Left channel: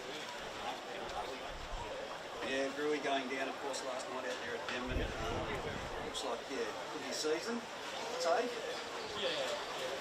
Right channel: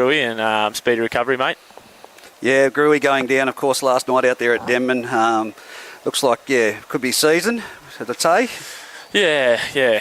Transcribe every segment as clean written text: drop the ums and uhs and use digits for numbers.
Gruey, and speedy recovery, mate. Yeah, Gruey going down, of course, last night out there at Denman. Looks like, could be season, as I say. Yeah.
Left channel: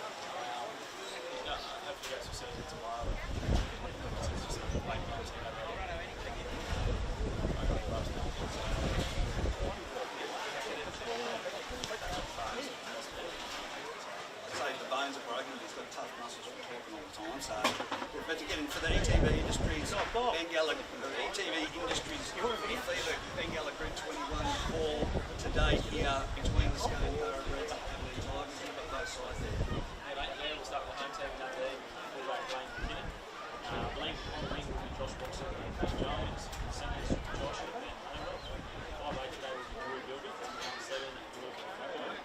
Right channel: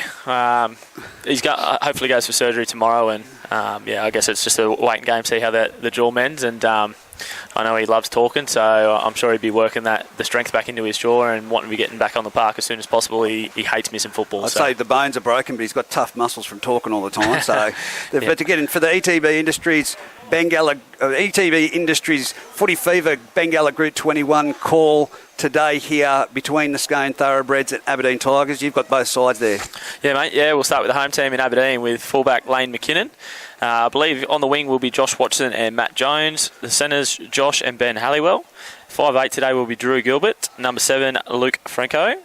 He's got hopefully goes for surgery tomorrow, and I guess it's just a waiting game, see how the jaw mends. And I know he loves talking, so I'm sure he'd be working the strength back into his jaw and wanting to be getting back on the park as soon as possible. He hates missing football. I'd say the bones are broken, but he's got tough muscles from talking all the time. So, yeah. But to get in for the ETB Industries Bengalla, ETB Industries Footy Fever Bengalla Group 21 call today here between the Scone Thoroughbreds and Aberdeen Tigers. You've got both sides there. Yeah, mate. Yeah, we'll start with the home team in Aberdeen with fullback Lane McKinnon. I believe on the wing will be Josh Watson and Matt Jones. The centres, Josh and Ben Halliwell. 5'8" today will be Drew Gilbert. Number 7, Luke Franco.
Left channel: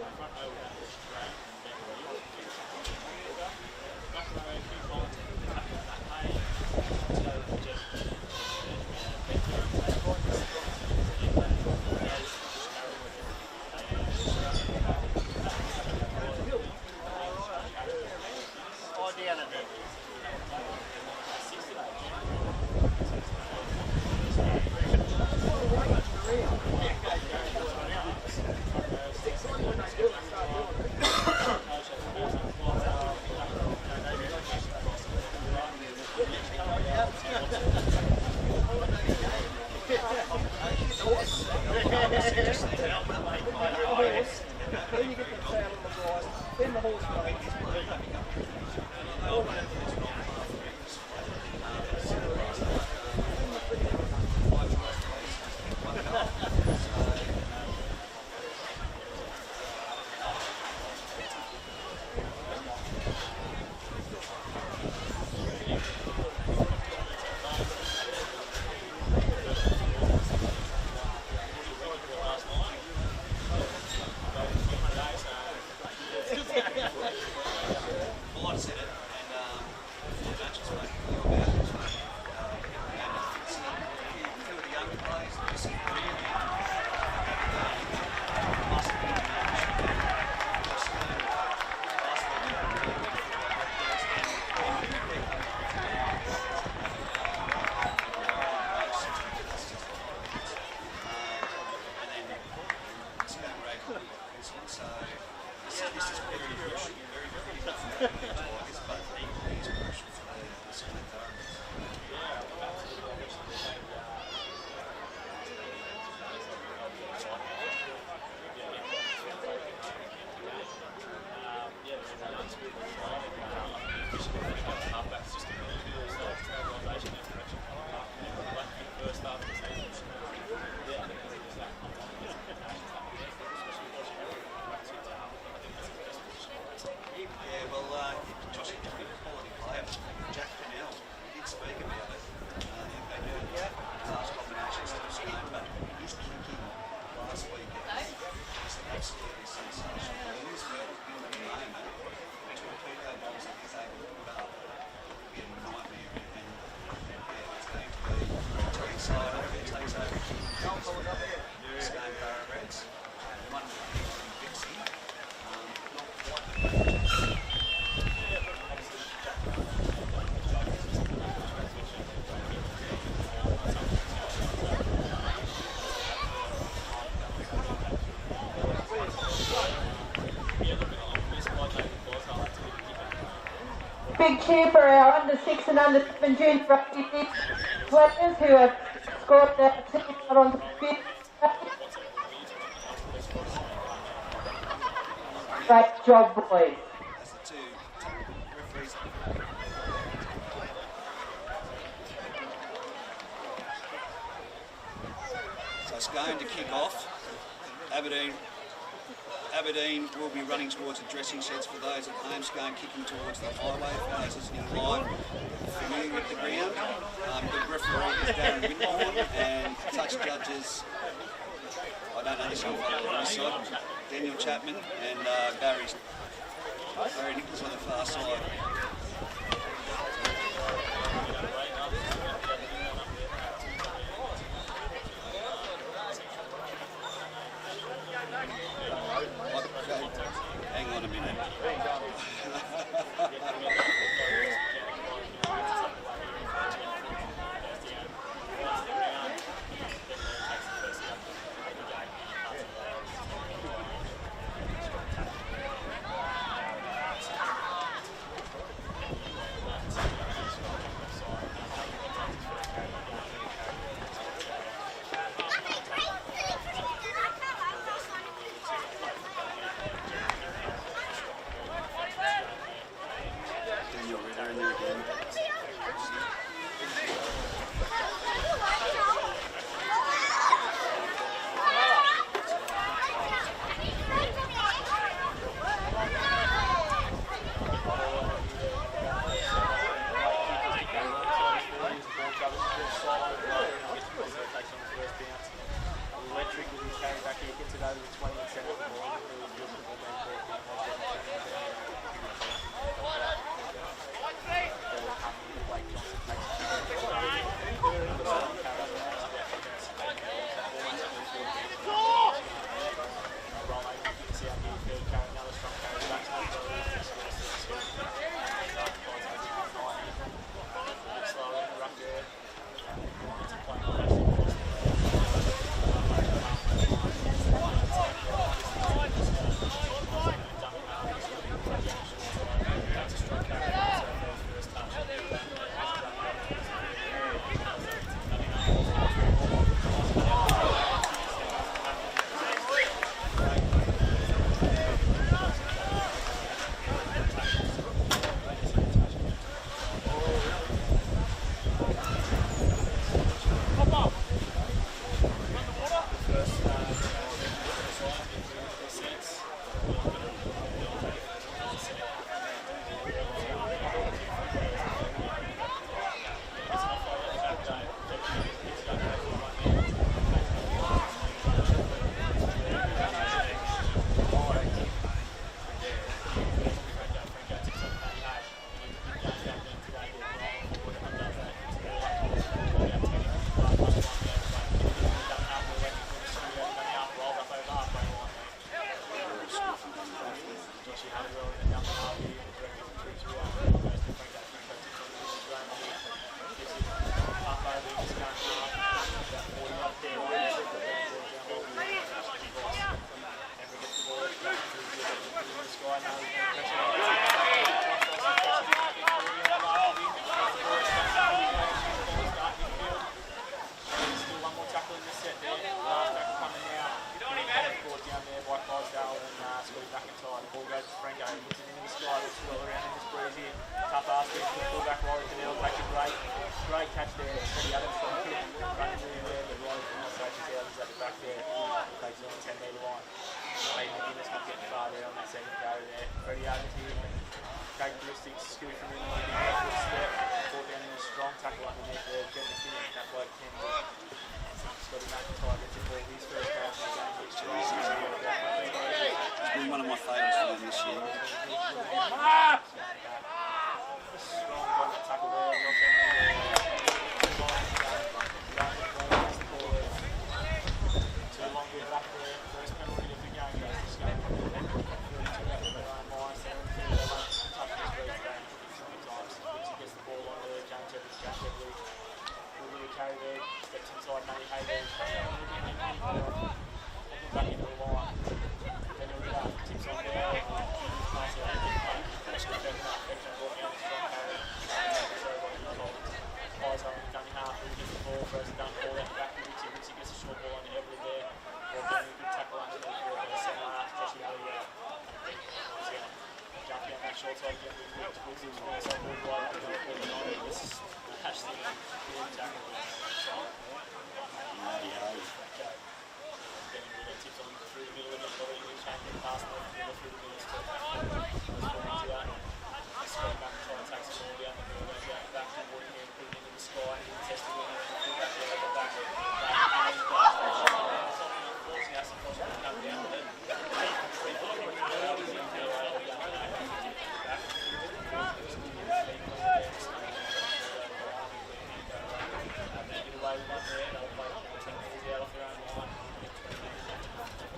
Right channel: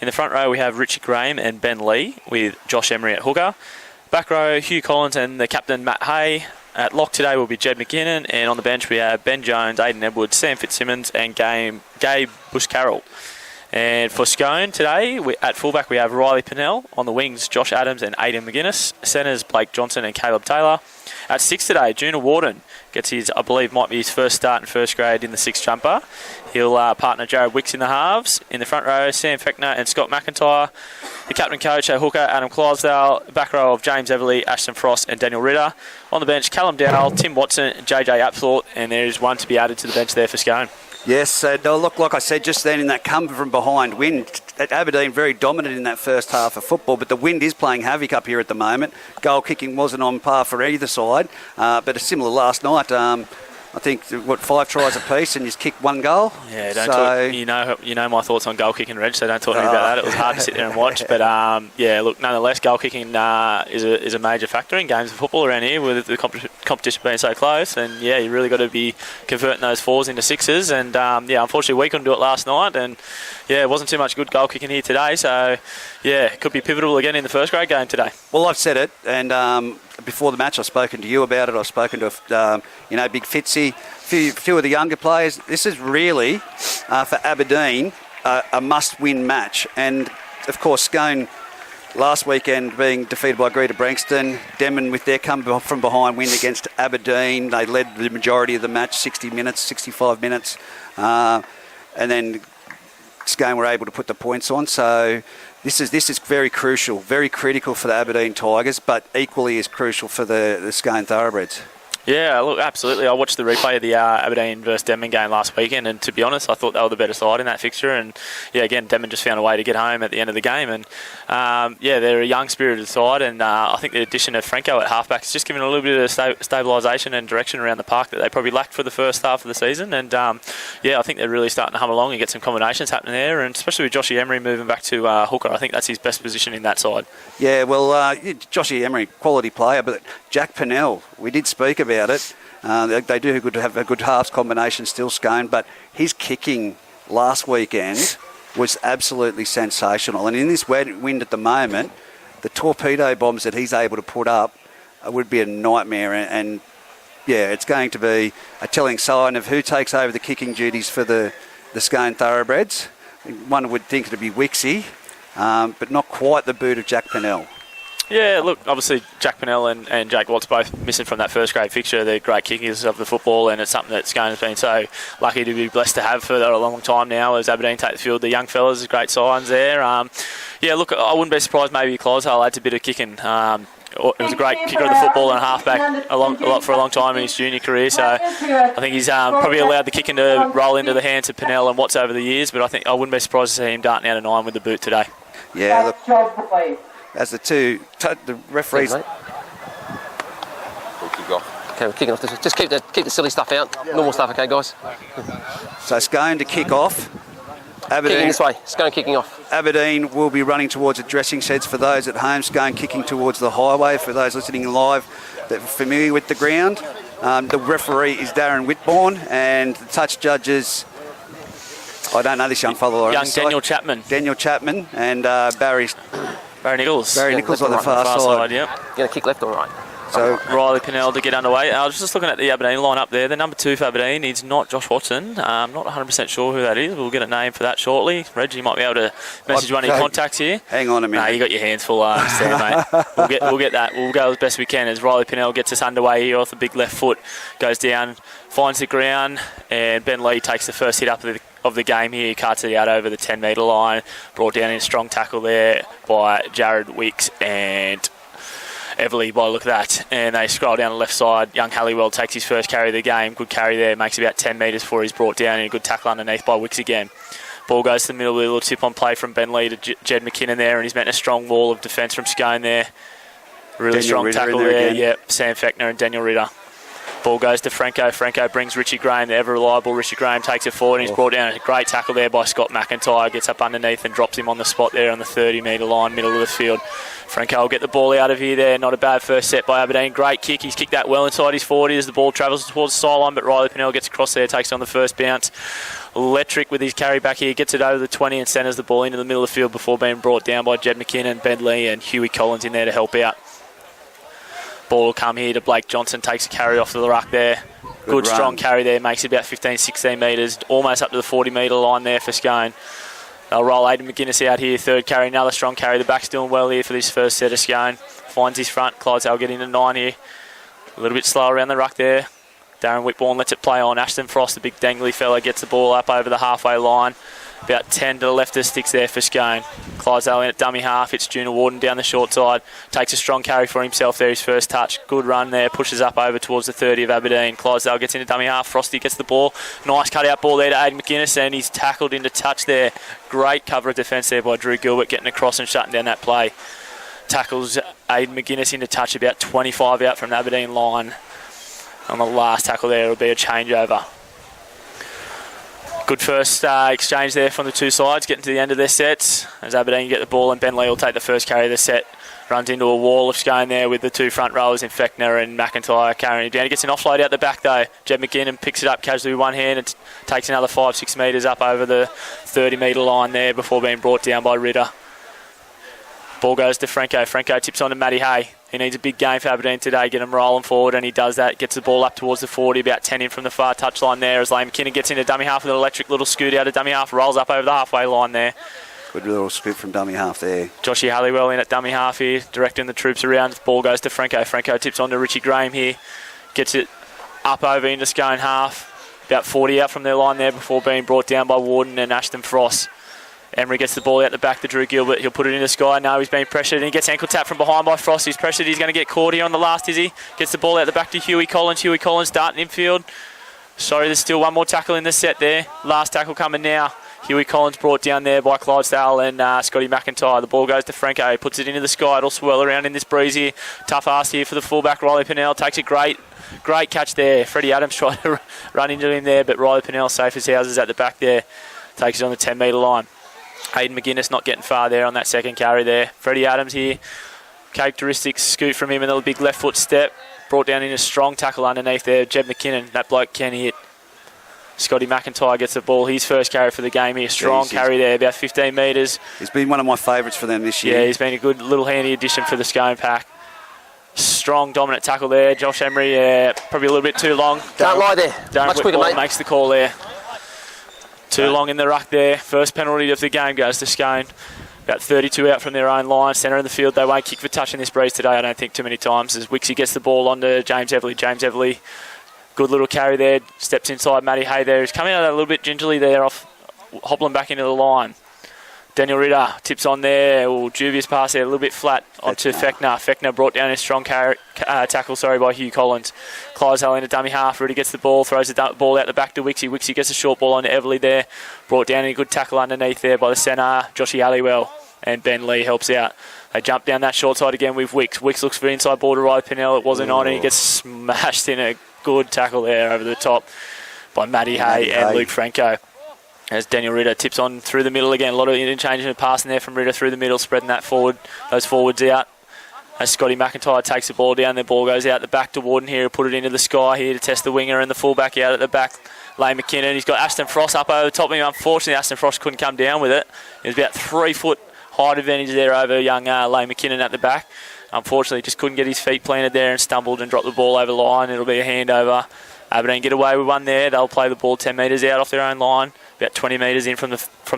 In the front row, we have Richie Graham and Ben Lee with Josh Emery at hooker. Back row, Hugh Collins and the captain, Matt Hay. At lock today will be Jed McKinnon. And on the bench, we have Ben Jones, Aidan Edwards, Sam Fitzsimmons and Gabe Bush-Carroll. And for Scone today, at fullback we have Riley Pennell. On the wings, Josh Adams and Aidan McGuinness. Centres, Blake Johnson and Caleb Taylor. At 6 today, Juna Warden gets his, I believe, might be his first start in first grade in the 6 jumper. He'll partner Jared Wicks in the halves. In the front row, Sam Fechner and Scott McIntyre. The captain coach at hooker, Adam Clydesdale. Back row of James Everly, Ashton Frost and Daniel Ritter. On the bench, Callum Dowell, Tim Watson, JJ Apthorpe, and there is one to be added to the bench there for Scone. Yes, they'll look, like I said just then, in that come from behind wind. At Aberdeen, very dominant in that first half of football, but the wind is playing havoc up here at the moment. Goal kicking wasn't on par for either side, but a similar last night. I think, 5 tries apiece and just kicked 1 goal. Yeah, don't talk, you know my thoughts on goal kicking, Reg, so don't talk to me about that. It was hard to sit there and watch, but look, nonetheless, goal kicking is a major factor in games of football around here with the competition being so close, and you really got to be converting those 4s into 6s, and unfortunately we couldn't do it last night, and it wasn't too much good goal kicking here today, so it could be pivotal again in the first grade game today. Well, I've said it, and before the match I've spoken to you about it, I've spoken to Big Fitzy, few of the younger players. This is really for Aberdeen a must-win match, and of course Scone last weekend being defeated by Greater Branxton, Denman with their come from behind win against Aberdeen. They led the majority of the match, 60 minutes, 65 minutes, and then Scone were able to put the points on. So this is very crucial, very critical for the Aberdeen Tigers, but equally as crucial for the Scone Thoroughbreds. Yeah, look, absolutely. I watched the replay of the Aberdeen versus Denman game last weekend, and to be honest, I thought they were the better side in that fixture. And again, Denman just found a way to get home at the end of the game. And they're a young spirited side, and I think the addition of Franco at halfback has just given a little bit of stabilisation and direction around the park that they probably lacked for the first half of the season. And I think they're really starting to hum along and get some combinations happening there, and especially with Joshy Emery moving back to hooker, I think that's his best position in that side. Yeah, well, Joshy Emery, quality player, but Jack Pennell, we did speak about it. They do have a good halves combination still, Scone, but his kicking last weekend was absolutely sensational. And in this wind at the moment, the torpedo bombs that he's able to put up would be a nightmare. And it's going to be a telling sign of who takes over the kicking duties for the Scone Thoroughbreds. One would think it'd be Wixie, but not quite the boot of Jack Pennell. Yeah, look, obviously Jack Pennell and Jake Watts both missing from that first grade fixture. They're great kickers of the football, and it's something that Scone has been so lucky to be blessed to have for a long time now as Aberdeen take the field. The young fellas, great signs there. Look, I wouldn't be surprised maybe Clydesdale adds a bit of kicking. He was a great kicker of the football and halfback for a long time in his junior career, so I think he's probably allowed the kicking to roll into the hands of Pennell and Watts over the years, but I wouldn't be surprised to see him darting out of 9 with the boot today. Yeah, look, as the referees... We'll kick off. Okay, we're kicking off. Just keep the silly stuff out. Normal stuff, okay, guys? So Scone to kick off. Aberdeen, kicking this way. Scone kicking off. Aberdeen will be running towards the dressing sheds for those at home. Scone kicking towards the highway for those listening live that are familiar with the ground. The referee is Darren Whitbourne, and the touch judges... I don't know this young fellow. Daniel Chapman. Daniel Chapman and Barry Nichols. Barry Nichols on the far side. Yep. You're going to kick left or right? So Riley Pinnell to get underway. I was just looking at the Aberdeen line up there. The number 2 for Aberdeen is not Josh Watson. I'm not 100% sure who that is. We'll get a name for that shortly. Reg, you might be able to message one of your contacts here. hang on a minute. No, you got your hands full there, mate. We'll get that. We'll go as best we can as Riley Pinnell gets us underway here off the big left foot. Goes down, finds the ground, and Ben Lee takes the first hit up of the game here. He cuts it out over the 10-metre line. Brought down in a strong tackle there by Jared Wicks and Everly by the look of that. And they scroll down the left side. Young Halliwell takes his first carry of the game. Good carry there. Makes about 10 metres before he's brought down, and a good tackle underneath by Wicks again. Ball goes to the middle with a little tip on play from Ben Lee to Jed McKinnon there, and he's met a strong wall of defence from Scone there. Really Daniel strong Ritter tackle in there there. again. Yep, Sam Fechner and Daniel Ritter. Ball goes to Franco. Franco brings Richie Graham, the ever-reliable Richie Graham, takes it forward, and he's brought down a great tackle there by Scott McIntyre. Gets up underneath and drops him on the spot there on the 30-metre line, middle of the field. Franco will get the ball out of here there. Not a bad first set by Aberdeen. Great kick. He's kicked that well inside his 40 as the ball travels towards the sideline, but Riley Pinnell gets across there, takes it on the first bounce. Electric with his carry back here, gets it over the 20 and centres the ball into the middle of the field before being brought down by Jed McKinnon, Ben Lee and Huey Collins in there to help out. Ball will come here to Blake Johnson, takes a carry off to the ruck there. Good strong carry there, makes it about 15-16 metres, almost up to the 40-metre line there for Scone. They'll roll Aidan McGuinness out here, third carry, another strong carry. The back's doing well here for this first set of Scone. Finds his front, Clydesdale get into 9 here. A little bit slow around the ruck there. Darren Whitbourne lets it play on. Ashton Frost, the big dangly fella, gets the ball up over the halfway line. About 10 to the left of sticks there for Scone. Clydesdale in at dummy half. It's Junior Warden down the short side. Takes a strong carry for himself there, his first touch. Good run there. Pushes up over towards the 30 of Aberdeen. Clydesdale gets into dummy half. Frosty gets the ball. Nice cut-out ball there to Aidan McGuinness, and he's tackled into touch there. Great cover of defence there by Drew Gilbert, getting across and shutting down that play. Tackles Aidan McGuinness into touch, about 25 out from the Aberdeen line. On the last tackle there, it'll be a changeover. Good first exchange there from the two sides, getting to the end of their sets. As Aberdeen get the ball, and Ben Lee will take the first carry of the set. Runs into a wall of Scone there with the two front rowers in Fechner and McIntyre carrying it down. He gets an offload out the back though. Jed McKinnon picks it up casually with one hand and takes another 5-6 metres up over the 30-metre line there before being brought down by Ritter. Ball goes to Franco. Franco tips on to Matty Hay. He needs a big game for Aberdeen today, get him rolling forward, and he does that. Gets the ball up towards the 40, about 10 in from the far touchline there as Lane McKinnon gets into dummy half with an electric little scoot out of dummy half, rolls up over the halfway line there. Good little scoop from dummy half there. Joshy Halliwell in at dummy half here, directing the troops around. Ball goes to Franco. Franco tips on to Richie Graham here. Gets it up over into Scone half. About 40 out from their line there before being brought down by Warden and Ashton Frost. Emery gets the ball out the back to Drew Gilbert. He'll put it in the sky. No, he's being pressured and he gets ankle tap from behind by Frost. He's pressured. He's going to get caught here on the last, is he? Gets the ball out the back to Huey Collins. Huey Collins starting infield. Sorry, there's still one more tackle in the set there. Last tackle coming now. Huey Collins brought down there by Clydesdale and Scotty McIntyre. The ball goes to Franco. He puts it into the sky. It'll swirl around in this breeze here. Tough ass here for the fullback. Riley Pinnell takes a great catch there. Freddie Adams tried to run into him there, but Riley Pinnell safe as houses at the back there. Takes it on the 10-metre line. Aidan McGuinness not getting far there on that second carry there. Freddie Adams here. Characteristic scoot from him and a big left foot step. Brought down in a strong tackle underneath there. Jed McKinnon, that bloke can hit. Scotty McIntyre gets the ball. His first carry for the game here. Strong carry there, about 15 metres. He's been one of my favourites for them this year. Yeah, he's been a good little handy addition for the Scone pack. Strong, dominant tackle there. Josh Emery, probably a little bit too long. Can't lie there. Much quicker, mate. Makes the call there. Too long in the ruck there. First penalty of the game goes to Scone. About 32 out from their own line. Centre of the field. They won't kick for touch in this breeze today, I don't think, too many times. As Wixie gets the ball onto James Everly. James Everly, good little carry there. Steps inside Matty Hay there. He's coming out a little bit gingerly there, off hobbling back into the line. Daniel Ritter tips on there. Dubious pass there, a little bit flat onto Fechner. Fechner brought down a strong tackle by Hugh Collins. Clydesdale into dummy half. Rudy gets the ball, throws the ball out the back to Wixie. Wixie gets a short ball onto Everly there. Brought down a good tackle underneath there by the centre, Joshy Halliwell, and Ben Lee helps out. They jump down that short side again with Wicks. Wicks looks for inside ball to Riley Pinnell. It wasn't on, and he gets smashed in a good tackle there over the top by Matty Hay and Luke Franco. As Daniel Ritter tips on through the middle again. A lot of interchange and passing there from Ritter through the middle, spreading that forward, those forwards out. As Scotty McIntyre takes the ball down, the ball goes out the back to Warden here. He'll put it into the sky here to test the winger and the fullback out at the back. Lane McKinnon, he's got Ashton Frost up over the top of him. Unfortunately, Ashton Frost couldn't come down with it. There's about 3 foot height advantage there over young Lane McKinnon at the back. unfortunately just couldn't get his feet planted there and stumbled and dropped the ball over the line. It'll be a handover. Aberdeen get away with one there. They'll play the ball 10 metres out off their own line, about 20 metres in from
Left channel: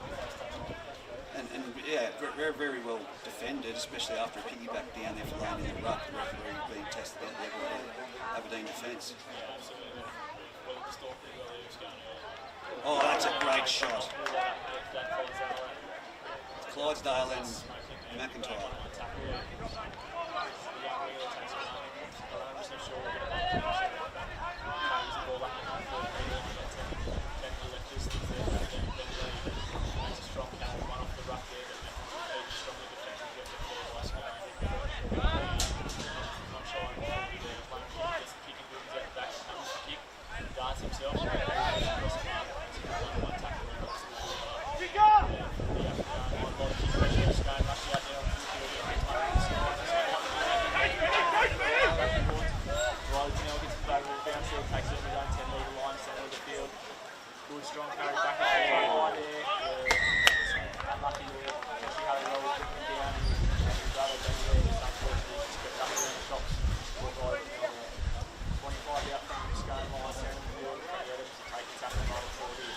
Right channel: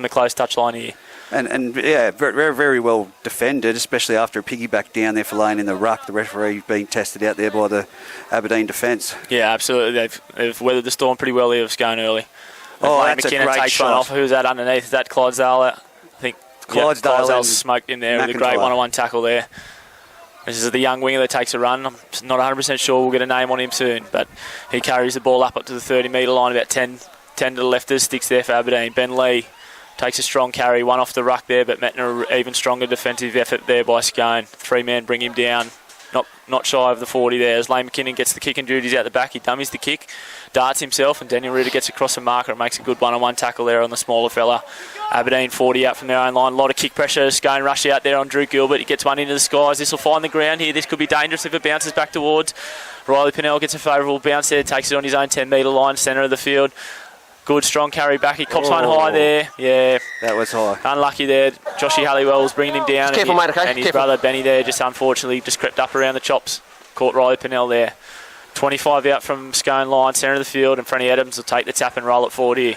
the close touch line here. And yeah, very, very well defended, especially after a piggyback down there for laying in the ruck. The referee being tested out there by the Aberdeen defence. Yeah, absolutely. They've weathered the storm pretty well here with Scone early. Oh, that's McKinnon a great takes shot. one off. Who's that underneath? Is that Clydesdale? I think Clydesdale smoked him there with a great one-on-one tackle there. This is the young winger that takes a run. I'm not 100% sure we'll get a name on him soon, but he carries the ball up to the 30-metre line, about 10 to the left. There's sticks there for Aberdeen. Ben Lee takes a strong carry, one off the ruck there, but met an even stronger defensive effort there by Scone. 3-man bring him down, not shy of the 40 there. As Lane McKinnon gets the kick and duties out the back, he dummies the kick, darts himself, and Daniel Ritter gets across the marker and makes a good one-on-one tackle there on the smaller fella. Aberdeen 40 out from their own line. A lot of kick pressure. Scone rush out there on Drew Gilbert. He gets one into the skies. This will find the ground here. This could be dangerous if it bounces back towards. Riley Pinnell gets a favourable bounce there, takes it on his own 10-metre line, centre of the field. Good strong carry back. He cops one high there. Yeah. That was high. Unlucky there. Joshy Halliwell was bringing him down. Careful, mate, okay? And his Careful. brother Benny there just unfortunately just crept up around the chops. Caught Riley Pinnell there. 25 out from Scone line, centre of the field, and Freddie Adams will take the tap and roll it forward here.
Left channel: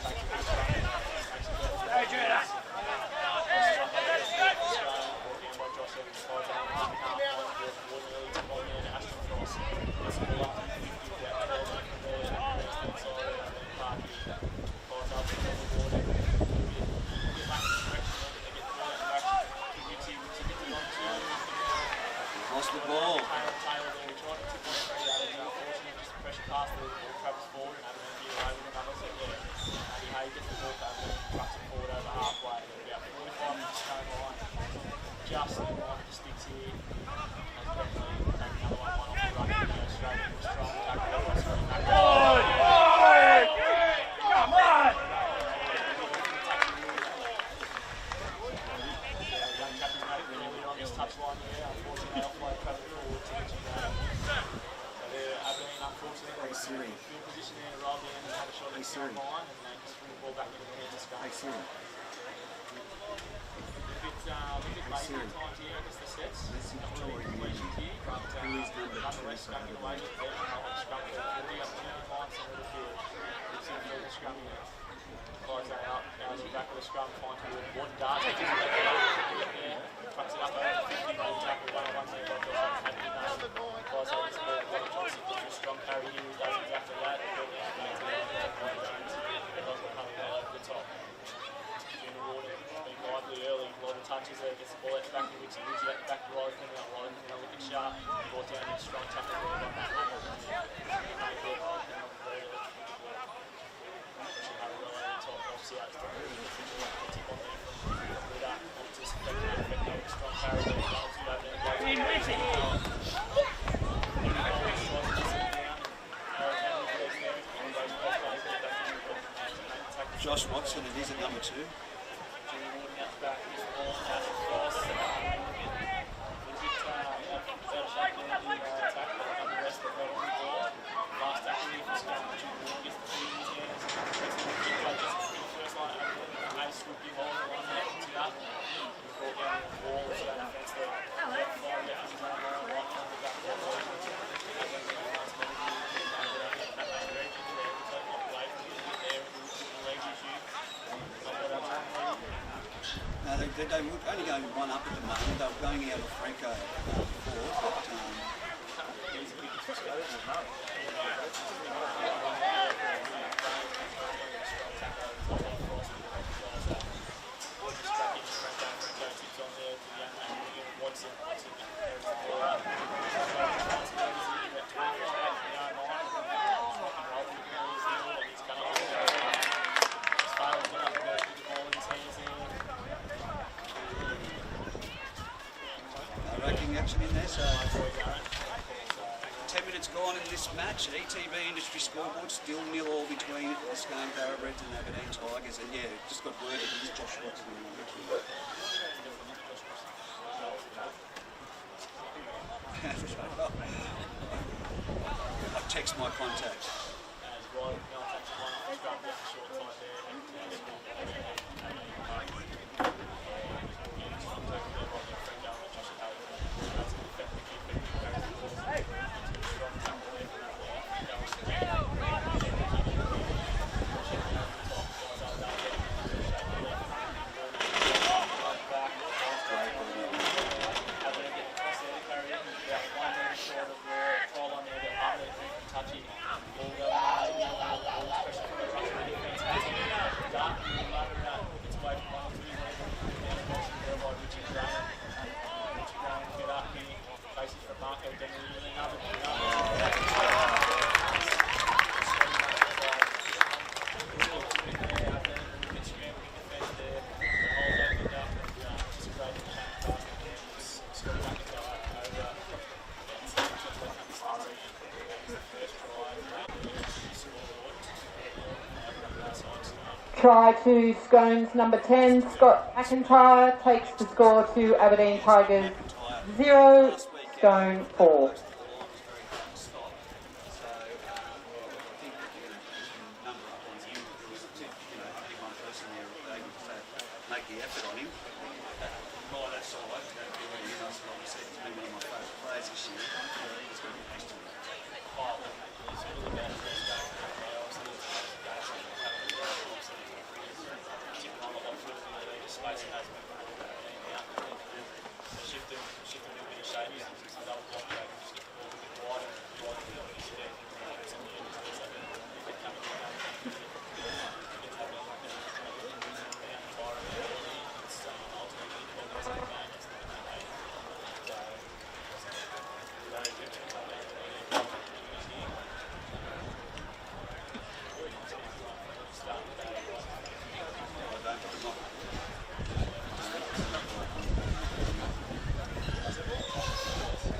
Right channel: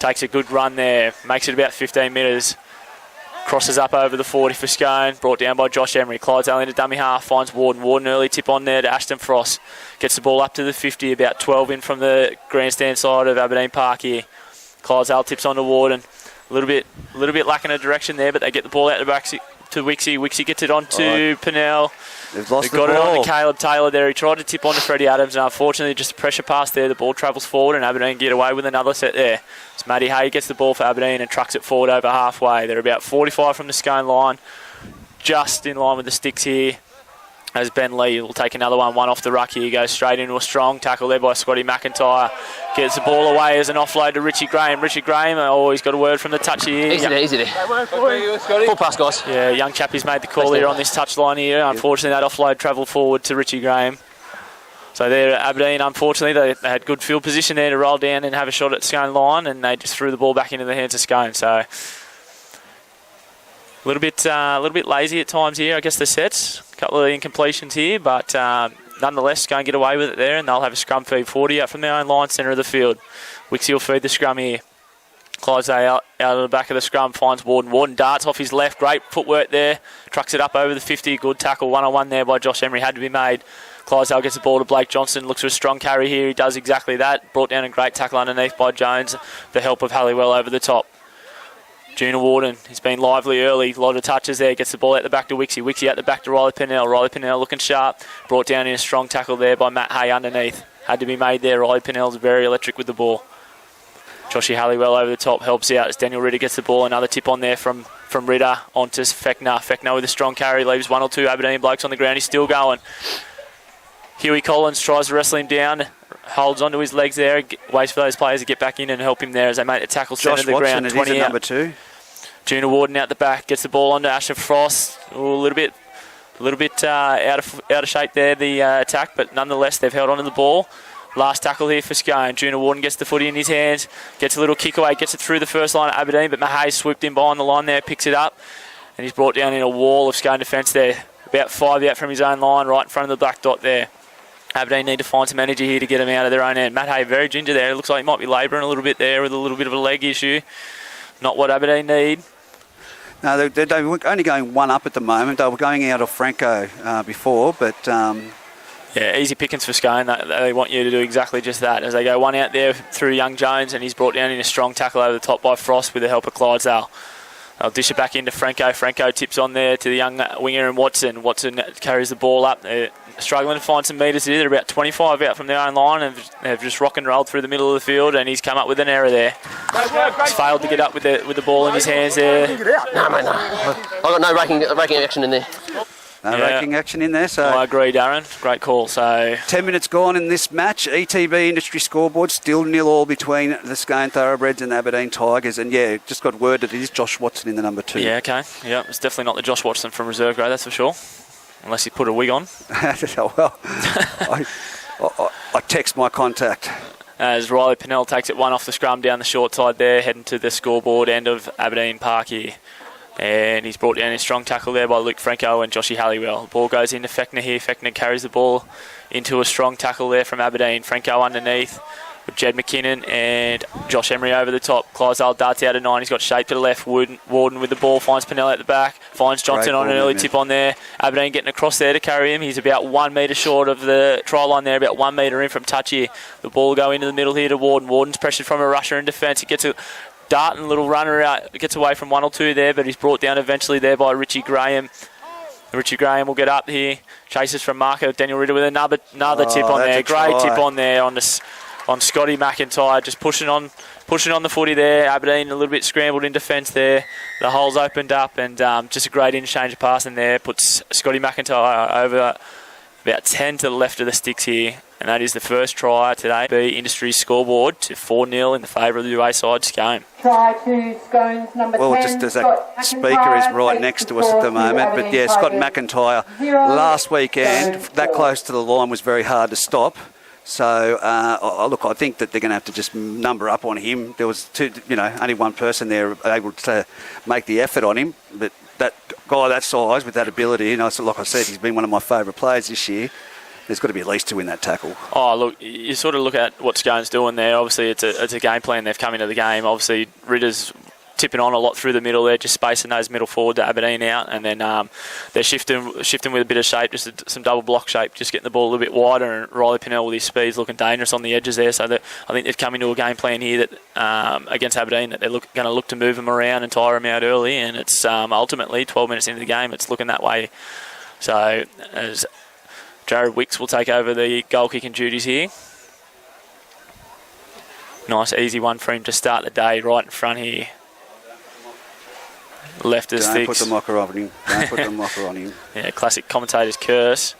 Takes a good run there. Makes it about 15 metres. Crosses up over the 40 for Scone. Brought down by Josh Emery. Clydesdale into dummy half. Finds Warden. Warden early tip on there to Ashton Frost. Gets the ball up to the 50. About 12 in from the grandstand side of Aberdeen Park here. Clydesdale tips on to Warden. A little bit lacking a direction there, but they get the ball out the back to Wixie. Wixie gets it on to Pinnell. They've lost They've got the ball. it on to Caleb Taylor there. He tried to tip on to Freddie Adams, and unfortunately just a pressure pass there. The ball travels forward, and Aberdeen get away with another set there. So Matty Hay gets the ball for Aberdeen and trucks it forward over halfway. They're about 45 from the Scone line, just in line with the sticks here. As Ben Lee will take another one off the ruck here. He goes straight into a strong tackle there by Scotty McIntyre. Gets the ball away as an offload to Richie Graham. Richie Graham, he's got a word from the touch here. Easy there. Full pass, guys. Yeah, young chap has made the call here on this touch line here. Unfortunately, that offload travelled forward to Richie Graham. So there, Aberdeen, unfortunately, they had good field position there to roll down and have a shot at Scone line, and they just threw the ball back into the hands of Scone. So a little bit lazy at times here, I guess, the sets. A couple of incompletions here, but nonetheless, go and get away with it there, and they'll have a scrum feed 40 out from their own line, centre of the field. Wixie will feed the scrum here. Clydesdale out of the back of the scrum, finds Warden. Warden darts off his left, great footwork there, trucks it up over the 50, good tackle, one-on-one there by Josh Emery, had to be made. Clydesdale gets the ball to Blake Johnson, looks for a strong carry here, he does exactly that, brought down a great tackle underneath by Jones, the help of Halliwell over the top. Junior Warden, he's been lively early, a lot of touches there, gets the ball out the back to Wixie. Wixie out the back to Riley Pinnell. Riley Pinnell looking sharp, brought down in a strong tackle there by Matt Hay underneath. Had to be made there. Riley Pinnell's very electric with the ball. Joshy Halliwell over the top helps out as Daniel Ritter gets the ball. Another tip on there from Ritter onto Fechner. Fechner with a strong carry, leaves one or two Aberdeen blokes on the ground. He's still going. Huey Collins tries to wrestle him down, holds onto his legs there, waits for those players to get back in and help him there as they make the tackle centre of the ground. 20 out. Number 2. Junior Warden out the back, gets the ball onto Ashton Frost. A little bit out of shape there, the attack, but nonetheless they've held onto the ball. Last tackle here for Scone. Junior Warden gets the footy in his hands, gets a little kick away, gets it through the first line of Aberdeen, but Mahay swooped in behind the line there, picks it up, and he's brought down in a wall of Scone defence there. About 5 out from his own line, right in front of the black dot there. Aberdeen need to find some energy here to get him out of their own end. Matt Hay very ginger there. It looks like he might be labouring a little bit there with a little bit of a leg issue. Not what Aberdeen need. No, they were only going one up at the moment. They were going out of Franco before, but... Yeah, easy pickings for Scone. They want you to do exactly just that. As they go one out there through young Jones, and he's brought down in a strong tackle over the top by Frost with the help of Clydesdale. They'll dish it back into Franco. Franco tips on there to the young winger and Watson. Watson carries the ball up. They're struggling to find some metres here. They're about 25 out from their own line and have just rock and rolled through the middle of the field, and he's come up with an error there. He's failed to get up with the ball in his hands there. No, mate, no. I've got no raking action in there. No raking action in there, so... I agree, Darren. Great call. So 10 minutes gone in this match. ETB Industry Scoreboard still 0-0 between the Scone Thoroughbreds and the Aberdeen Tigers. And, yeah, just got word that it is Josh Watson in the number 2. Yeah, okay. Yeah, it's definitely not the Josh Watson from reserve grade, that's for sure. Unless he put a wig on. Well, I text my contact. As Riley Pinnell takes it one off the scrum down the short side there, heading to the scoreboard end of Aberdeen Park here. And he's brought down a strong tackle there by Luke Franco and Joshy Halliwell. The ball goes into Fechner here. Fechner carries the ball into a strong tackle there from Aberdeen. Franco underneath with Jed McKinnon and Josh Emery over the top. Clydesdale darts out of 9. He's got shape to the left. Warden with the ball finds Pinella at the back. Finds Johnson on an early tip on there. Aberdeen getting across there to carry him. He's about 1 metre short of the try line there, about 1 metre in from touch here. The ball will go into the middle here to Warden. Warden's pressured from a rusher in defence. He gets a dart and little runner out. Gets away from 1 or 2 there, but he's brought down eventually there by Richie Graham. Richie Graham will get up here. Chases from Marco. Daniel Ritter with another tip on there. Great tip on there on Scotty McIntyre. Just pushing on the footy there. Aberdeen a little bit scrambled in defence there. The hole's opened up and just a great interchange of passing there. Puts Scotty McIntyre over about 10 to the left of the sticks here. And that is the first try today. The industry scoreboard to 4-0 in the favour of the UA side, Scone. Try to Scone's number 10. Well, just as that speaker is right next to us at the moment. But yeah, Scott McIntyre last weekend, that close to the line was very hard to stop. So, look, I think that they're going to have to just number up on him. There was only one person there able to make the effort on him. But that guy that size with that ability, like I said, he's been one of my favourite players this year. There's got to be at least 2 in that tackle. Oh, look, you sort of look at what Scone's doing there. Obviously, it's a game plan. They've come into the game. Obviously, Ritter's tipping on a lot through the middle there, just spacing those middle forward to Aberdeen out, and then they're shifting with a bit of shape, just some double block shape, just getting the ball a little bit wider, and Riley Pinnell with his speed's looking dangerous on the edges there, so that I think they've come into a game plan here that against Aberdeen that they're going to look to move them around and tire them out early, and it's ultimately 12 minutes into the game, it's looking that way. So as Jared Wicks will take over the goal kicking duties here. Nice easy one for him to start the day right in front here. Left as Don't put the mocker on him. Don't put the mocker on him. Yeah, classic commentator's curse.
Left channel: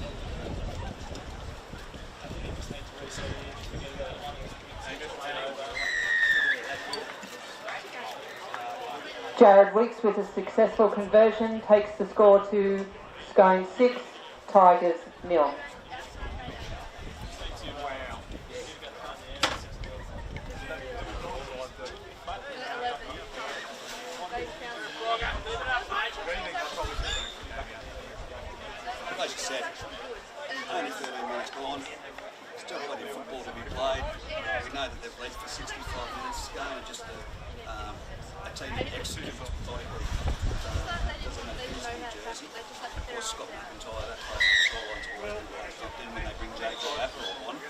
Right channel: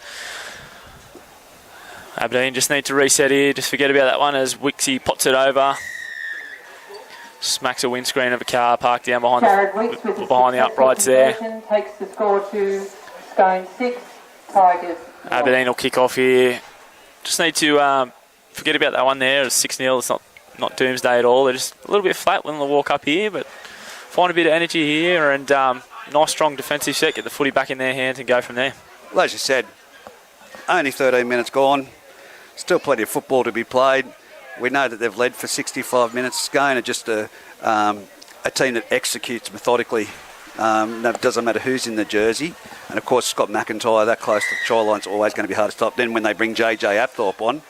Aberdeen just need to reset here. Just forget about that one as Wixie pots it over. Smacks a windscreen of a car parked down behind the uprights there. Takes the score to Scone 6, Tigers 0. Aberdeen will kick off here. Just need to forget about that one there. It was 6-0. It's not doomsday at all. They're just a little bit flat when they walk up here, but find a bit of energy here and nice strong defensive set, get the footy back in their hands and go from there. Well, as you said, only 13 minutes gone, still plenty of football to be played. We know that they've led for 65 minutes. Scone are just a team that executes methodically. It doesn't matter who's in the jersey. And of course, Scott McIntyre, that close to the try line's always going to be hard to stop. Then when they bring JJ Apthorpe on,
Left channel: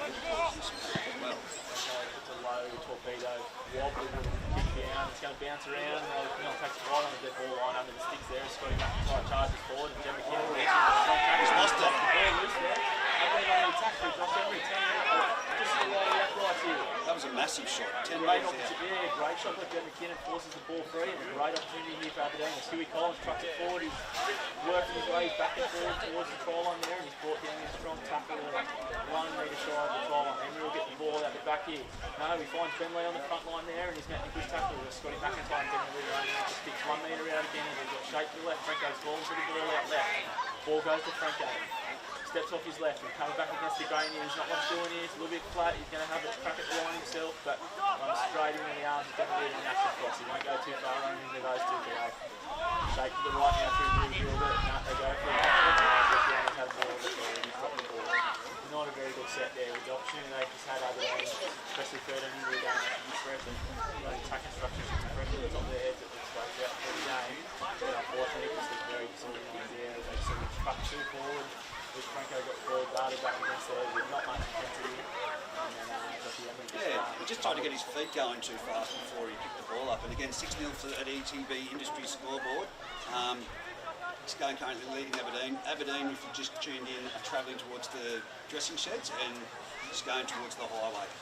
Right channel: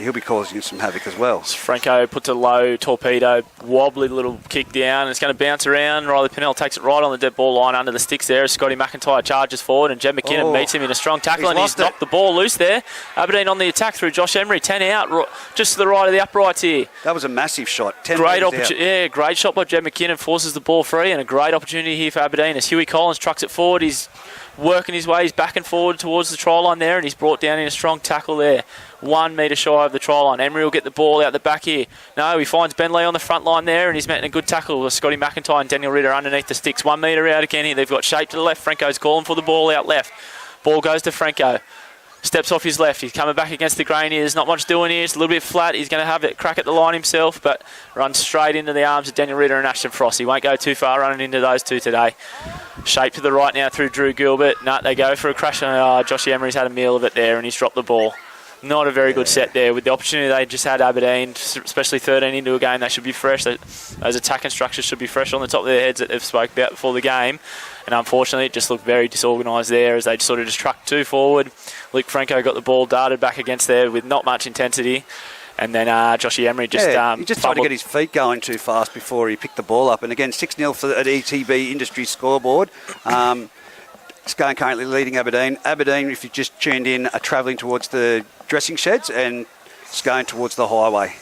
he'll be causing you some havoc as well. Franco puts a low torpedo, wobbly little kick down. It's going to bounce around. Riley Pinnell takes it right on the dead ball line under the sticks there as Scotty McIntyre charges forward and Jed McKinnon meets him in a strong tackle and he's knocked the ball loose there. Aberdeen on the attack through Josh Emery, 10 out, just to the right of the uprights here. That was a massive shot. Great opportunity. Yeah, great shot by Jed McKinnon, forces the ball free and a great opportunity here for Aberdeen as Huey Collins trucks it forward. He's working his way, he's back and forward towards the try line there and he's brought down in a strong tackle there. 1 metre shy of the try line. Emery will get the ball out the back here. No, he finds Bentley on the front line there and he's met in a good tackle with Scotty McIntyre and Daniel Ritter underneath the sticks. 1 metre out again here. They've got shape to the left. Franco's calling for the ball out left. Ball goes to Franco. Steps off his left. He's coming back against the grain here. There's not much doing here. It's a little bit flat. He's going to have that crack at the line himself, but runs straight into the arms of Daniel Ritter and Ashton Frost. He won't go too far running into those two today. Shape to the right now through Drew Gilbert. They go for a crash. Joshy Emery's had a meal of it there and he's dropped the ball. Not a very good set there. With the opportunity they just had, Aberdeen, especially 13 into a game, they should be fresh. Those attacking structures should be fresh on the top of their heads that they've spoke about before the game. And unfortunately, it just looked very disorganised there as they sort of just trucked 2 forward. Luke Franco got the ball darted back against there with not much intensity. And then Joshy Emery just he just tried to get his feet going too fast before he picked the ball up. And again, 6-0 for at ETB Industry scoreboard. Scone currently leading Aberdeen. Aberdeen, if you just tuned in, are travelling towards the dressing sheds and Scone towards the highway.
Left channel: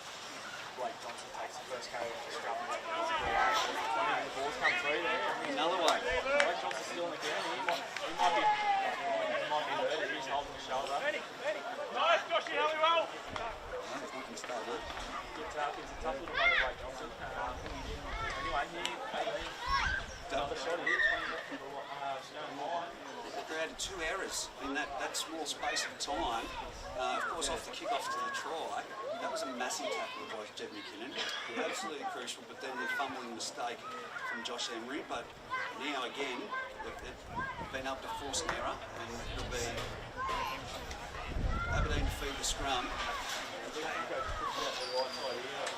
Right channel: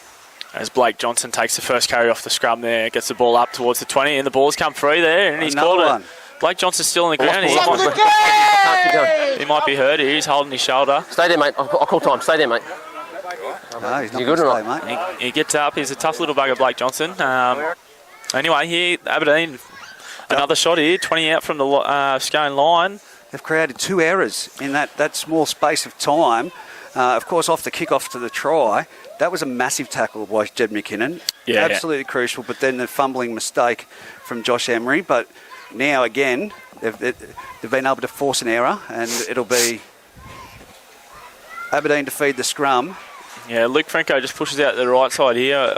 As Blake Johnson takes the first carry off the scrum there, gets the ball up towards the 20 and the ball's come through there and he's called it. Blake Johnson's still on the ground. He might be hurt here. He's holding his shoulder. Stay there, mate. I'll call time. Stay there, mate. No, he's not good going to stay, mate. He gets up. He's a tough little bugger, Blake Johnson. Anyway, here, Aberdeen, another shot here. 20 out from the Scone line. They've created 2 errors in that small space of time. Of course, off the kick-off to the try, that was a massive tackle by Jed McKinnon. Yeah, absolutely crucial. But then the fumbling mistake from Josh Emery. But now again, they've been able to force an error, and it'll be Aberdeen to feed the scrum. Yeah, Luke Franco just pushes out the right side here.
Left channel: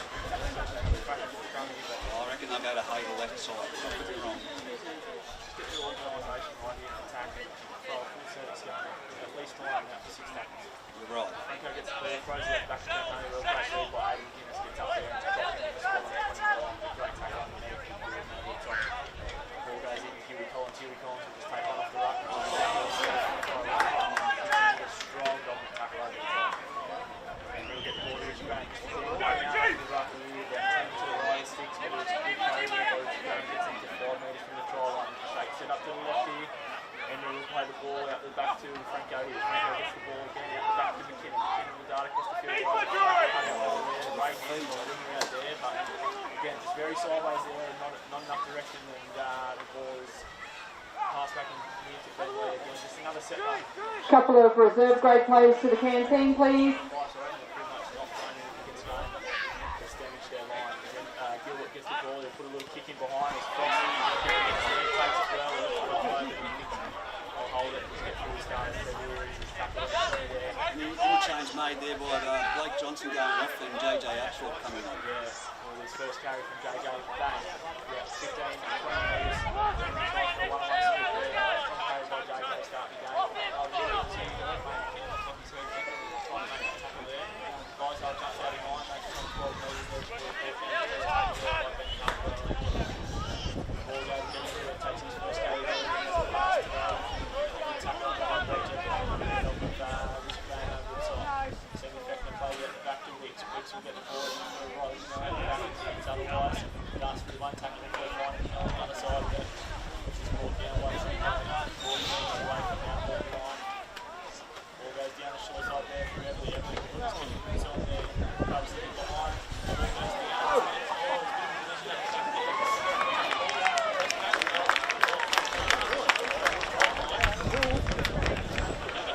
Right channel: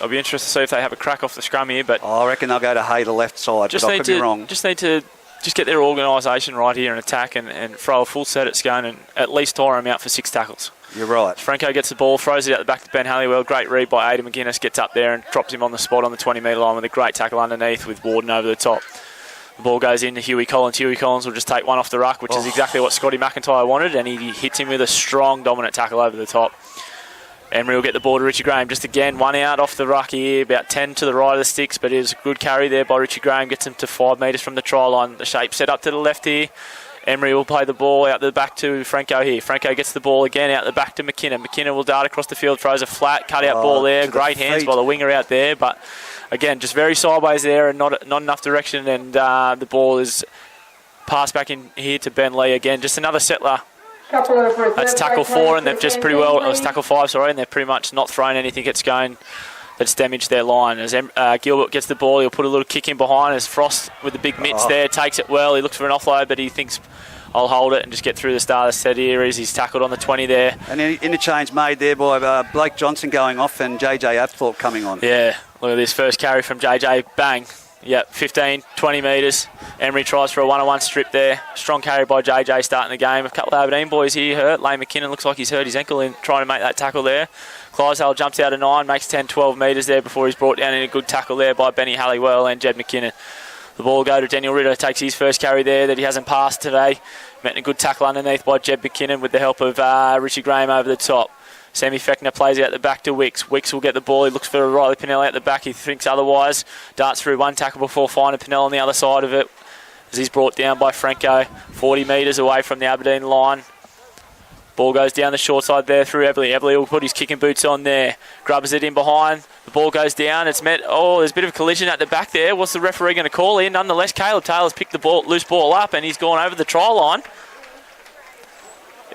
I'll be interested to see if they have a crack off the scrum here, but I reckon they'll go to Hay the left side, but I could be wrong. Just need to get their organisation right here and attack and throw a full set at Scone and at least tire him out for 6 tackles. You're right. Franco gets the ball, throws it out the back to Ben Halliwell. Great read by Aidan McGuinness, gets up there and drops him on the spot on the 20-metre line with a great tackle underneath with Warden over the top. The ball goes into Huey Collins. Huey Collins will just take one off the ruck, which is exactly what Scotty McIntyre wanted, and he hits him with a strong, dominant tackle over the top. Emery will get the ball to Richie Graham. Just again, one out off the ruck here, about 10 to the right of the sticks, but it is a good carry there by Richie Graham. Gets him to 5 metres from the try line. The shape set up to the left here. Emery will play the ball out the back to Franco here. Franco gets the ball again out the back to McKinnon. McKinnon will dart across the field, throws a flat cut-out ball there. Great hands by the winger out there, but again, just very sideways there and not enough direction, and the ball is passed back in here to Ben Lee again. Just another settler. That's tackle 4, and they've just pretty well, it was tackle 5, sorry, and they've pretty much not thrown anything at Scone that's damaged their line. As Gilbert gets the ball, he'll put a little kick in behind as Frost with the big mitts there, takes it well. He looks for an offload, but he thinks, I'll hold it and just get through the start of the set here. He's tackled on the 20 there. And an interchange made there by Blake Johnson going off and JJ Apthorpe coming on. Yeah, look at this first carry from JJ. Bang. Yep, 15, 20 metres. Emery tries for a one-on-one strip there. Strong carry by JJ starting the game. A couple of Aberdeen boys here hurt. Lane McKinnon looks like he's hurt his ankle in trying to make that tackle there. Clydesdale jumps out of 9, makes 10, 12 metres there before he's brought down in a good tackle there by Benny Halliwell and Jed McKinnon. The ball will go to Daniel Ritter, takes his first carry there that he hasn't passed today. Met a good tackle underneath by Jed McKinnon with the help of Richie Graham over the top. Sammy Fechner plays out the back to Wicks. Wicks will get the ball. He looks for Riley Pinnell out the back. He thinks otherwise. Darts through one tackle before finding Pinnell on the other side of it as he's brought down by Franco. 40 metres away from the Aberdeen line. Ball goes down the short side there through Ebley. Ebley will put his kicking boots on there. Grubs it in behind. The ball goes down. It's met. Oh, there's a bit of a collision at the back there. What's the referee going to call here? Nonetheless, Caleb Taylor's picked the loose ball up and he's gone over the try line.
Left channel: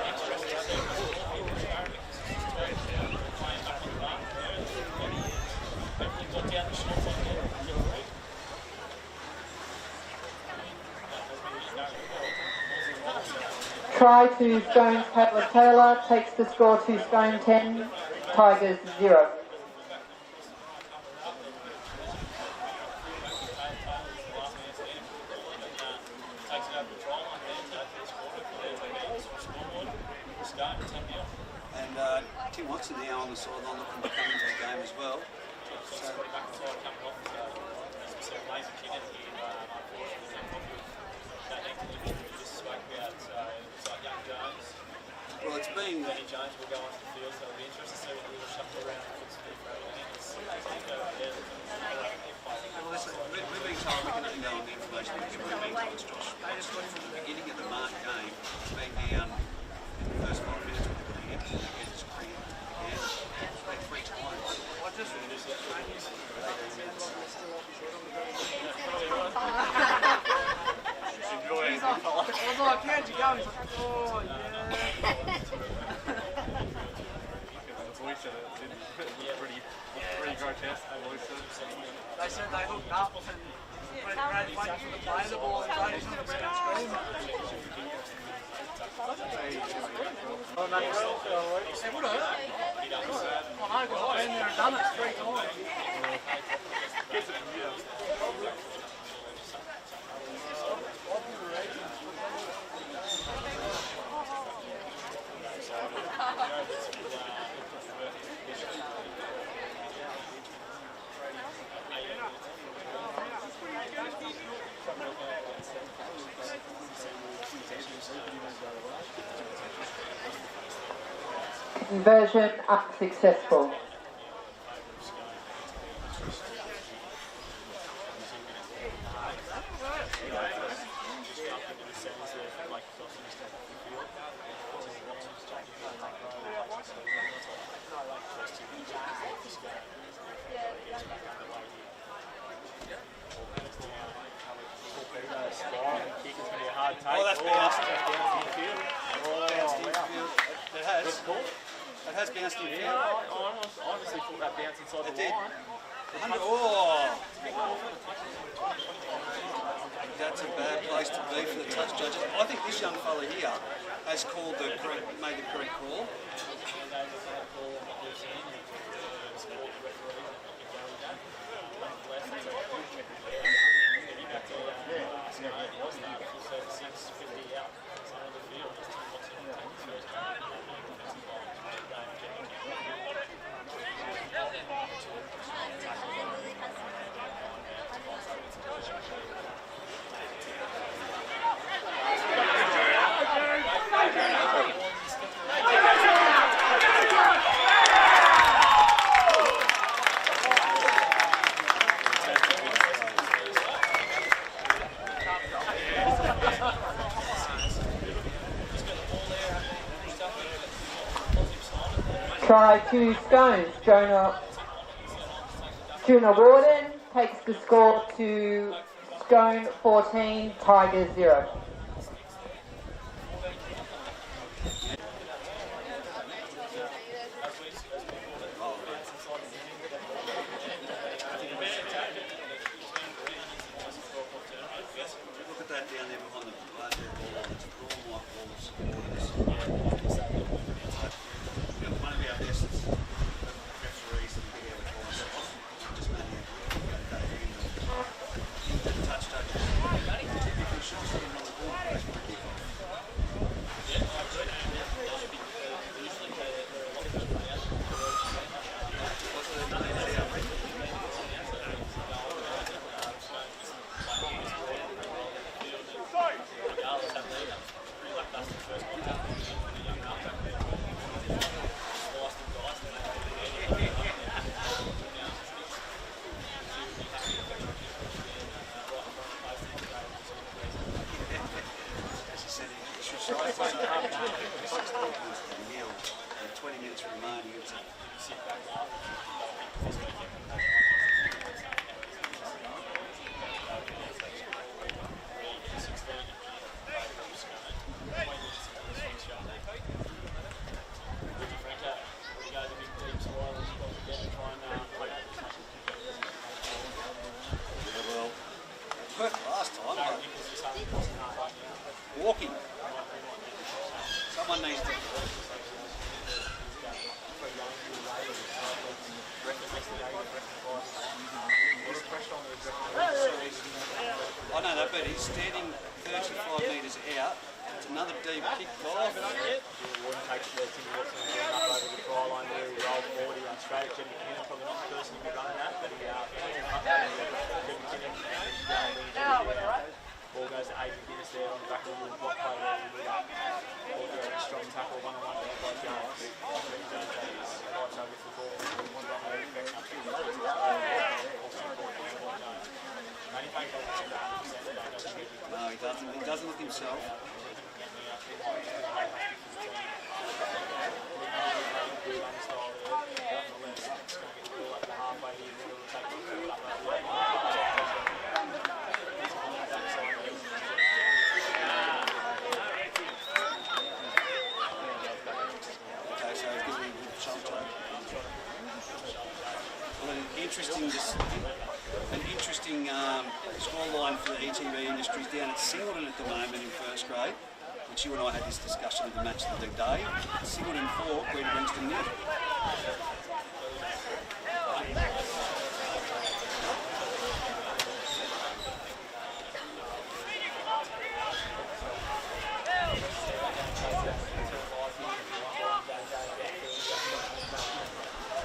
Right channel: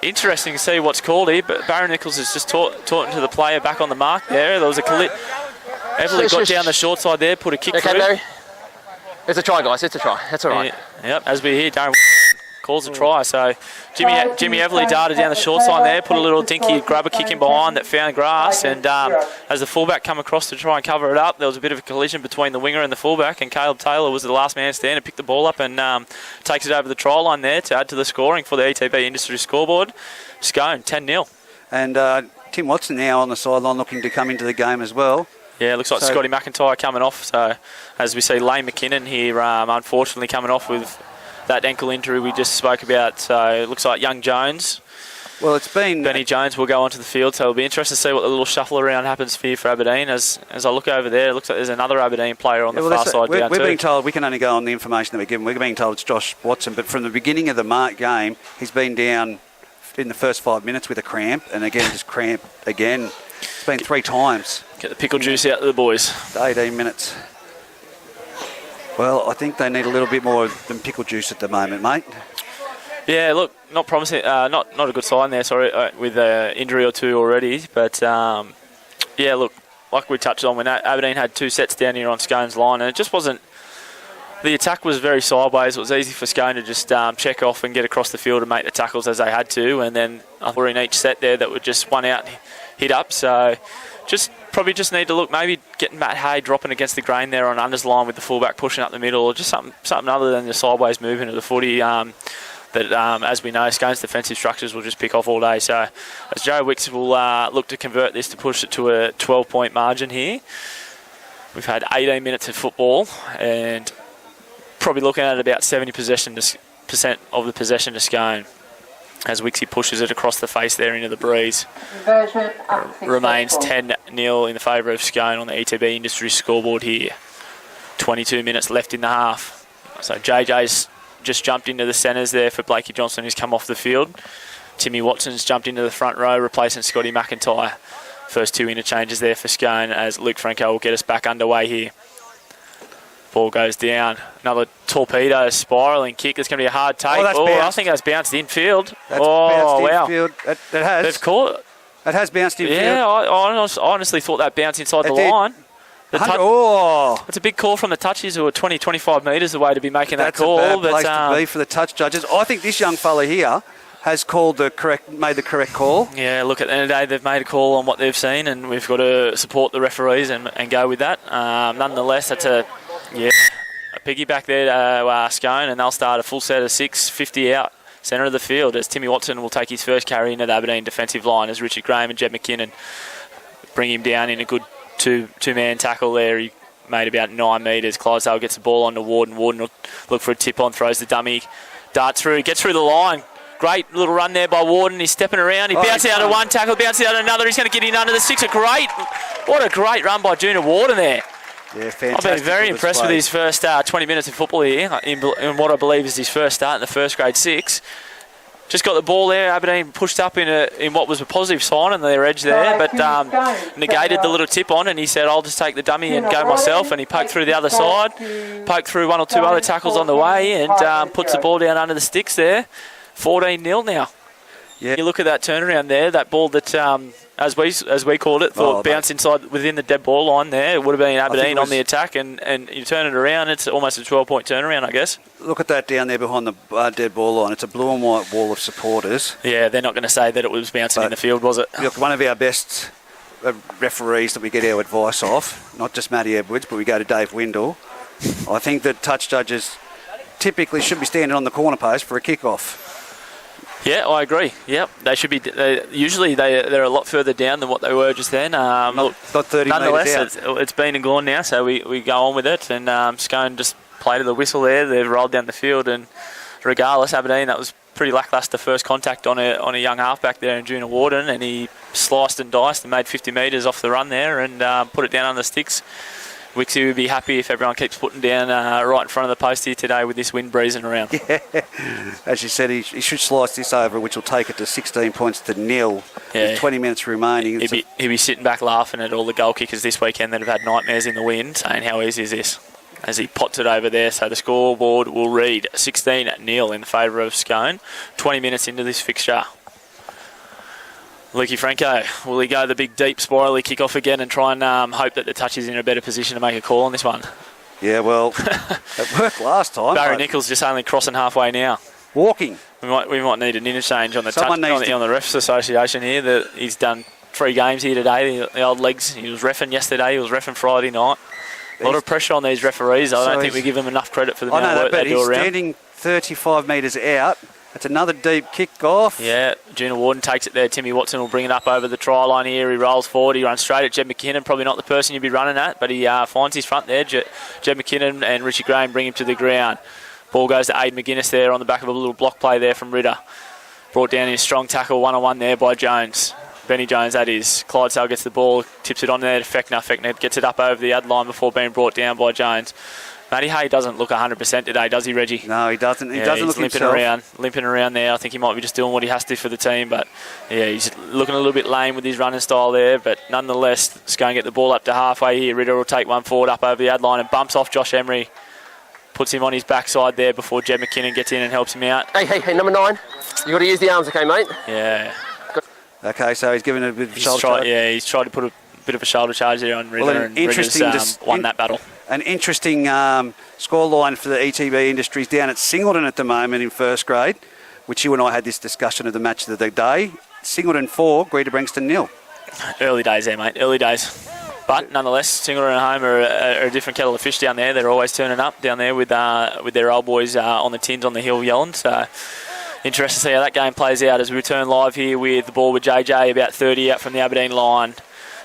Interesting to see what's called here, but Barry Nichols has just taught to the player back on the mark there. There was a collision. Ebley got down the short side there, put a kick through. Barry? It's a try, guys. It's a try. That's all right. Yep, as we hear, Darren calls a try. So Jimmy Ebley darted down the short side there, put a little dinky grubber kick in behind that found grass, and as the fullback come across to try and cover it up, there was a bit of a collision between the winger and the fullback, and Caleb Taylor was the last man standing and picked the ball up and takes it over the try line there to add to the scoring for the ETB Industry scoreboard. Scone, 10-0. And Tim Watson now on the sideline looking to come into the game as well. Yeah, it looks like Scotty McIntyre coming off. So as we see Lane McKinnon here, unfortunately coming off with that ankle injury we just spoke about. So it looks like young Jones. Well, it's been... Benny Jones will go onto the field, so it'll be interesting to see what the little shuffle around happens for Aberdeen. As I look over there, it looks like there's another Aberdeen player on the far side down We're being told, we can only go on the information that we're given. We're being told it's Josh Watson, but from the beginning of the game, he's been down in the first 5 minutes with a cramp, and again, just cramp again. It's been 3 times. Get the pickle juice out to the boys. 18 minutes. Well, I think they need a little bit more than pickle juice at the moment, mate. Yeah, look, not promising. Not a good sign there. Sorry, with an injury or 2 already. But yeah, look, like we touched on, when Aberdeen had 2 sets down here on Scone's line, and it just wasn't. The attack was very sideways. It was easy for Scone to just check off and get across the field and make the tackles as they had to, and then we're in each set there that were just one out, hit up. So probably just need to look, maybe get Matt Hay dropping against the grain there on Under's line with the fullback pushing up the middle, or just something other than the sideways movement of the footy that, as we know, Scone's defensive structures will just pick off all day. So as Joe Wicks will look to convert this to push it to a 12-point margin here. We've had 18 minutes of football and probably looking at about 70% of the possession to Scone as Wixie pushes it across the face there into the breeze. Remains 10-0 in the favour of Scone on the ETB Industries scoreboard here. 22 minutes left in the half. So JJ's just jumped into the centres there for Blakey Johnson, who's come off the field. Timmy Watson's jumped into the front row, replacing Scotty McIntyre. First 2 interchanges there for Scone as Luke Franco will get us back underway here. Ball goes down. Another torpedo spiralling kick. It's going to be a hard take. I think that's bounced infield. Bounced infield. It has. They've caught it. It has bounced infield. Yeah, I honestly thought that bounced inside the line. It's a big call from the touchies who are 20, 25 metres away to be making that call. That's a bad place to be for the touch judges. I think this young fella here has made the correct call. Yeah, look, at the end of the day, they've made a call on what they've seen, and we've got to support the referees and go with that. Nonetheless, that's a piggyback there to Scone, and they'll start a full set of 6, 50 out, centre of the field, as Timmy Watson will take his first carry into the Aberdeen defensive line as Richard Graham and Jed McKinnon bring him down in a good two-man tackle there. He made about 9 metres. Clydesdale gets the ball onto Warden. Warden will look for a tip-on, throws the dummy, darts through, gets through the line. Great little run there by Warden. He's stepping around. He bounces out of one tackle, bounces out of another. He's going to get in under the six. What a great run by Junior Warden there. Yeah, I've been very impressed with his first 20 minutes of football here in what I believe is his first start in the first grade 6. Just got the ball there. Aberdeen pushed up in what was a positive sign on their edge there, but negated the little tip on, and he said, I'll just take the dummy and go myself, and he poked through the other side, poked through 1 or 2 other tackles on the way, and puts the ball down under the sticks there. 14-0 now. Yeah. You look at that turnaround there, that ball that, as we called it, bounced inside within the dead ball line there. It would have been Aberdeen on the attack, and you turn it around, it's almost a 12-point turnaround, I guess. Look at that down there behind the dead ball line. It's a blue and white wall of supporters. Yeah, they're not going to say that it was bouncing in the field, was it? Look, one of our best referees that we get our advice off, not just Matty Edwards, but we go to Dave Windle. I think that touch judges typically should be standing on the corner post for a kick-off. Yeah, I agree. Yep, they should be. Usually they're a lot further down than what they were just then. Not 30 nonetheless, metres out. it's been and gone now, so we go on with it. And Scone just played to the whistle there. They've rolled down the field, and regardless, Aberdeen, that was pretty lacklustre first contact on a young halfback there in Junior Warden, and he sliced and diced and made 50 metres off the run there and put it down on the sticks. Wixie would be happy if everyone keeps putting down right in front of the post here today with this wind breezing around. Yeah, as you said, he should slice this over, which will take it to 16 points to 0. Yeah. With 20 minutes remaining. He'd be sitting back laughing at all the goal kickers this weekend that have had nightmares in the wind, saying how easy is this, as he pots it over there. So the scoreboard will read 16-0 in favour of Scone. 20 minutes into this fixture. Lukey Franco, will he go the big deep spirally kick off again and try and hope that the touch is in a better position to make a call on this one? Yeah, well, it worked last time. Barry Nichols just only crossing halfway now. Walking. We might need an interchange on the on the Refs Association here. That he's done 3 games here today. The old legs. He was reffing yesterday. He was reffing Friday night. A lot of pressure on these referees. I don't think we give them enough credit for the amount of work they do around. He's standing 35 metres out. It's another deep kick-off. Yeah, Junior Warden takes it there. Timmy Watson will bring it up over the try line here. He rolls forward. He runs straight at Jed McKinnon. Probably not the person you'd be running at, but he finds his front there. Jed McKinnon and Richie Graham bring him to the ground. Ball goes to Aiden McGuinness there on the back of a little block play there from Ritter. Brought down in a strong tackle, one-on-one there by Jones. Benny Jones, that is. Clydesdale gets the ball, tips it on there to Fechner. Fechner gets it up over the ad line before being brought down by Jones. Matty Hay doesn't look 100% today, does he, Reggie? No, he doesn't. He doesn't look limping around there. I think he might be just doing what he has to for the team, but yeah, he's looking a little bit lame with his running style there. But nonetheless, it's going to get the ball up to halfway here. Ritter will take one forward up over the ad line and bumps off Josh Emery. Puts him on his backside there before Jed McKinnon gets in and helps him out. Hey, number 9. You got to use the arms, okay, mate? Yeah. Okay, so he's given a bit of shoulder charge. Yeah, he's tried to put a bit of a shoulder charge there on Ritter, and Ritter's won that battle. An interesting scoreline for the ETB Industries down at Singleton at the moment in first grade, which you and I had this discussion of the match of the day. Singleton 4, Greta Brankston 0. Early days there, mate. Early days. But nonetheless, Singleton at home are a different kettle of fish down there. They're always turning up down there with their old boys on the tins on the hill yelling. So interested to see how that game plays out as we return live here with the ball with JJ about 30 out from the Aberdeen line.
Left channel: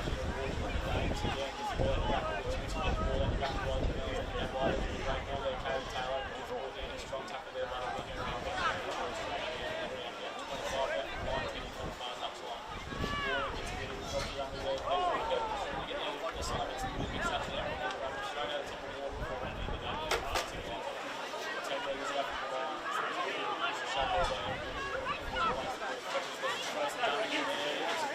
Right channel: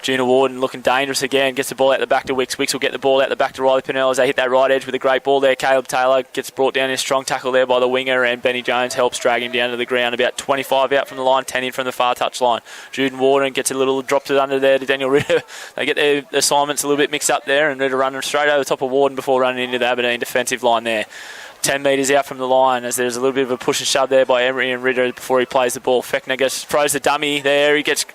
Junior Warden looking dangerous again, gets the ball out the back to Wicks. Wicks will get the ball out the back to Riley Pennell as they hit that right edge with a great ball there. Caleb Taylor gets brought down in a strong tackle there by the winger, and Benny Jones helps drag him down to the ground. About 25 out from the line, 10 in from the far touch line. Juden Warden gets a little, drops it under there to Daniel Ritter. They get their assignments a little bit mixed up there, and Ritter running straight over the top of Warden before running into the Aberdeen defensive line there. 10 metres out from the line as there's a little bit of a push and shove there by Emery and Ritter before he plays the ball. Fechner throws the dummy there. He gets,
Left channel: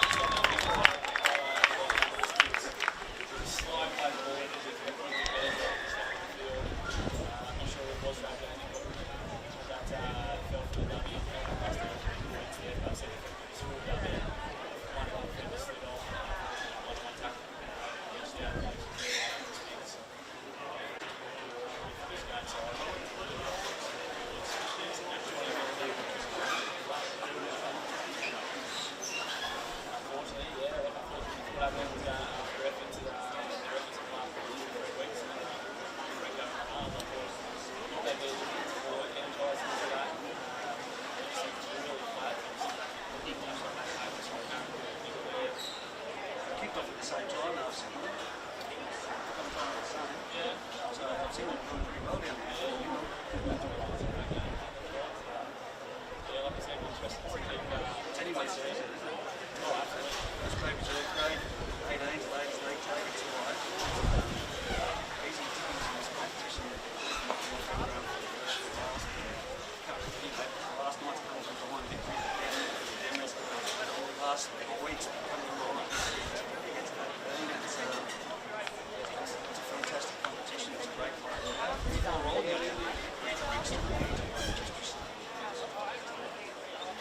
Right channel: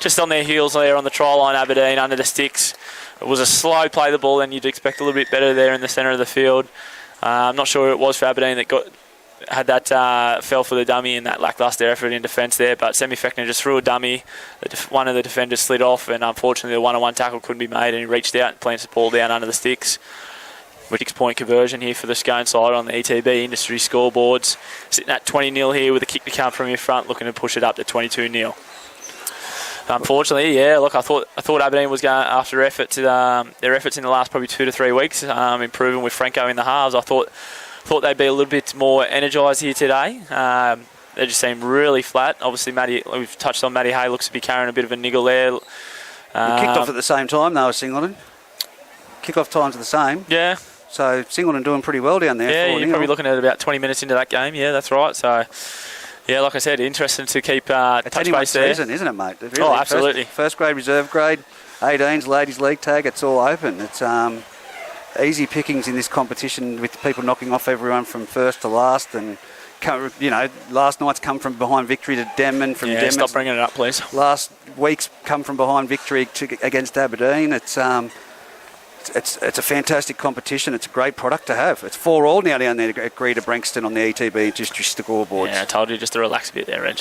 just on their heels there on the try line, Aberdeen under the sticks. It was a slow play the ball, and you'd expect a little bit better there in the centre of the field. I'm not sure who it was for Aberdeen that got had that fell for the dummy in that lacklustre effort in defence there, but Semi Fechner just threw a dummy. One of the defenders slid off, and unfortunately the one-on-one tackle couldn't be made, and he reached out and planted the ball down under the sticks. 6-point conversion here for the Scone side on the ETB industry scoreboards. Sitting at 20-0 here with a kick to come from your front, looking to push it up to 22-0. Unfortunately, yeah, look, I thought Aberdeen was going after their efforts in the last probably 2 to 3 weeks, improving with Franco in the halves. I thought they'd be a little bit more energised here today. They just seem really flat. Obviously, we've touched on Matty Hay, looks to be carrying a bit of a niggle there. We kicked off at the same time, though, Singleton. Kick-off times are the same. Yeah. So Singleton doing pretty well down there. Yeah, you're probably looking at about 20 minutes into that game. Yeah, that's right. So, yeah, like I said, interesting to keep touch base there. Season, isn't it, mate? Really, oh, absolutely. First grade, reserve grade, 18s, ladies league tag, it's all open. It's easy pickings in this competition with people knocking off everyone from first to last. And, last night's come from behind victory to Denman. Yeah, stop bringing it up, please. Last week's come from behind victory against Aberdeen. It's a fantastic competition. It's a great product to have. It's 4-all now down there at Greater Branxton on the ETB district scoreboards. Yeah, I told you just to relax a bit there, Reg.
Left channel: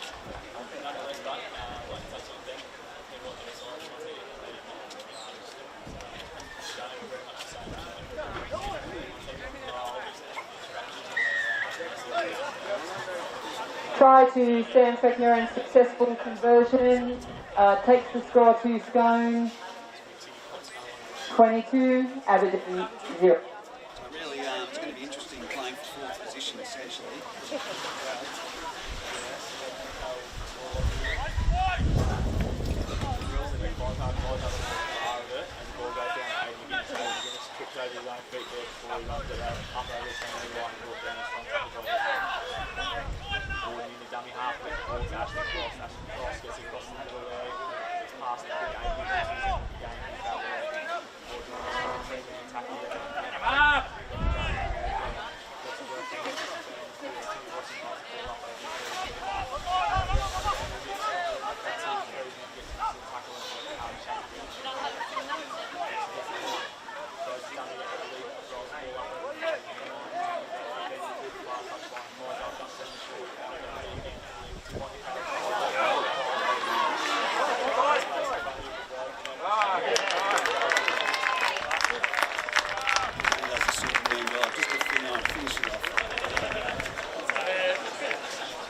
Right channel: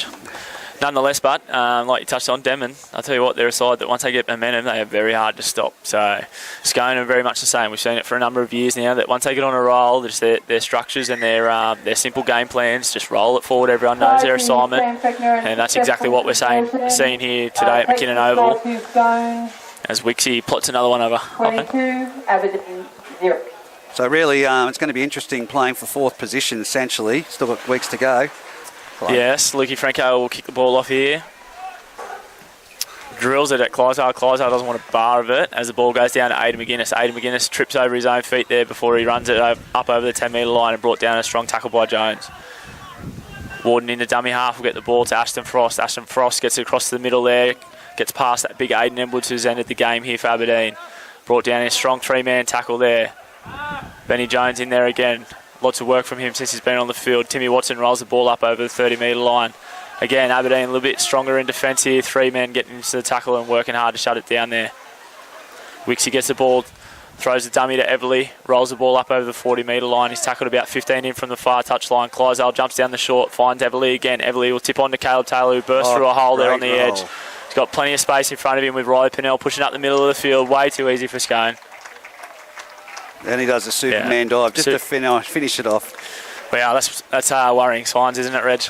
Nonetheless, but like you touched on, Denman, I'll tell you what, they're a side that once they get momentum, they are very hard to stop. So Scone are very much the same. We've seen it for a number of years now, that once they get on a roll, just their structures and their simple game plans, just roll it forward. Everyone knows their assignment. And that's exactly what we're seeing here today at McKinnon Oval. As Wixie plots another one over. 22, Aberdeen 0. So really, it's going to be interesting playing for fourth position, essentially. Still got weeks to go. Yes, Lukey Franco will kick the ball off here. Drills it at Clydesdale. Clydesdale doesn't want a bar of it as the ball goes down to Aidan McGuinness. Aidan McGuinness trips over his own feet there before he runs it up over the 10-metre line and brought down a strong tackle by Jones. Warden into dummy half will get the ball to Ashton Frost. Ashton Frost gets it across the middle there. Gets past that big Aidan Edwards who's ended the game here for Aberdeen. Brought down a strong 3-man tackle there. Benny Jones in there again. Lots of work from him since he's been on the field. Timmy Watson rolls the ball up over the 30-metre line. Again, Aberdeen a little bit stronger in defence here. 3 men getting into the tackle and working hard to shut it down there. Wixie gets the ball, throws the dummy to Everly, rolls the ball up over the 40-metre line. He's tackled about 15 in from the far touchline. Clydesdale jumps down the short, finds Everly again. Everly will tip on to Caleb Taylor, who bursts through a hole there on the edge. He's got plenty of space in front of him with Riley Pennell pushing up the middle of the field. Way too easy for Scone. And he does the Superman dive just to finish it off. Wow, that's worrying signs, isn't it, Reg?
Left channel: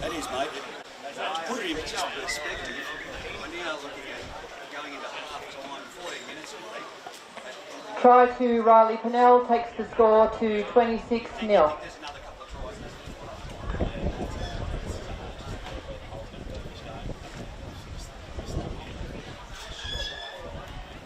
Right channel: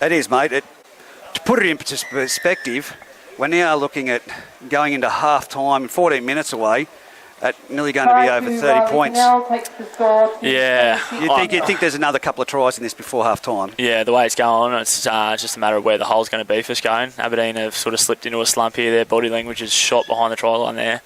It is, mate. To put it in perspective, we're now looking at going into half-time, 14 minutes away, at nearly going to be over 30 points. Yeah. You think there's another couple of tries in this before half-time? Yeah, the way it's going on, it's just a matter of where the hole's going to be for Scone. Aberdeen have sort of slipped into a slump here. Their body language is shot behind the try line there.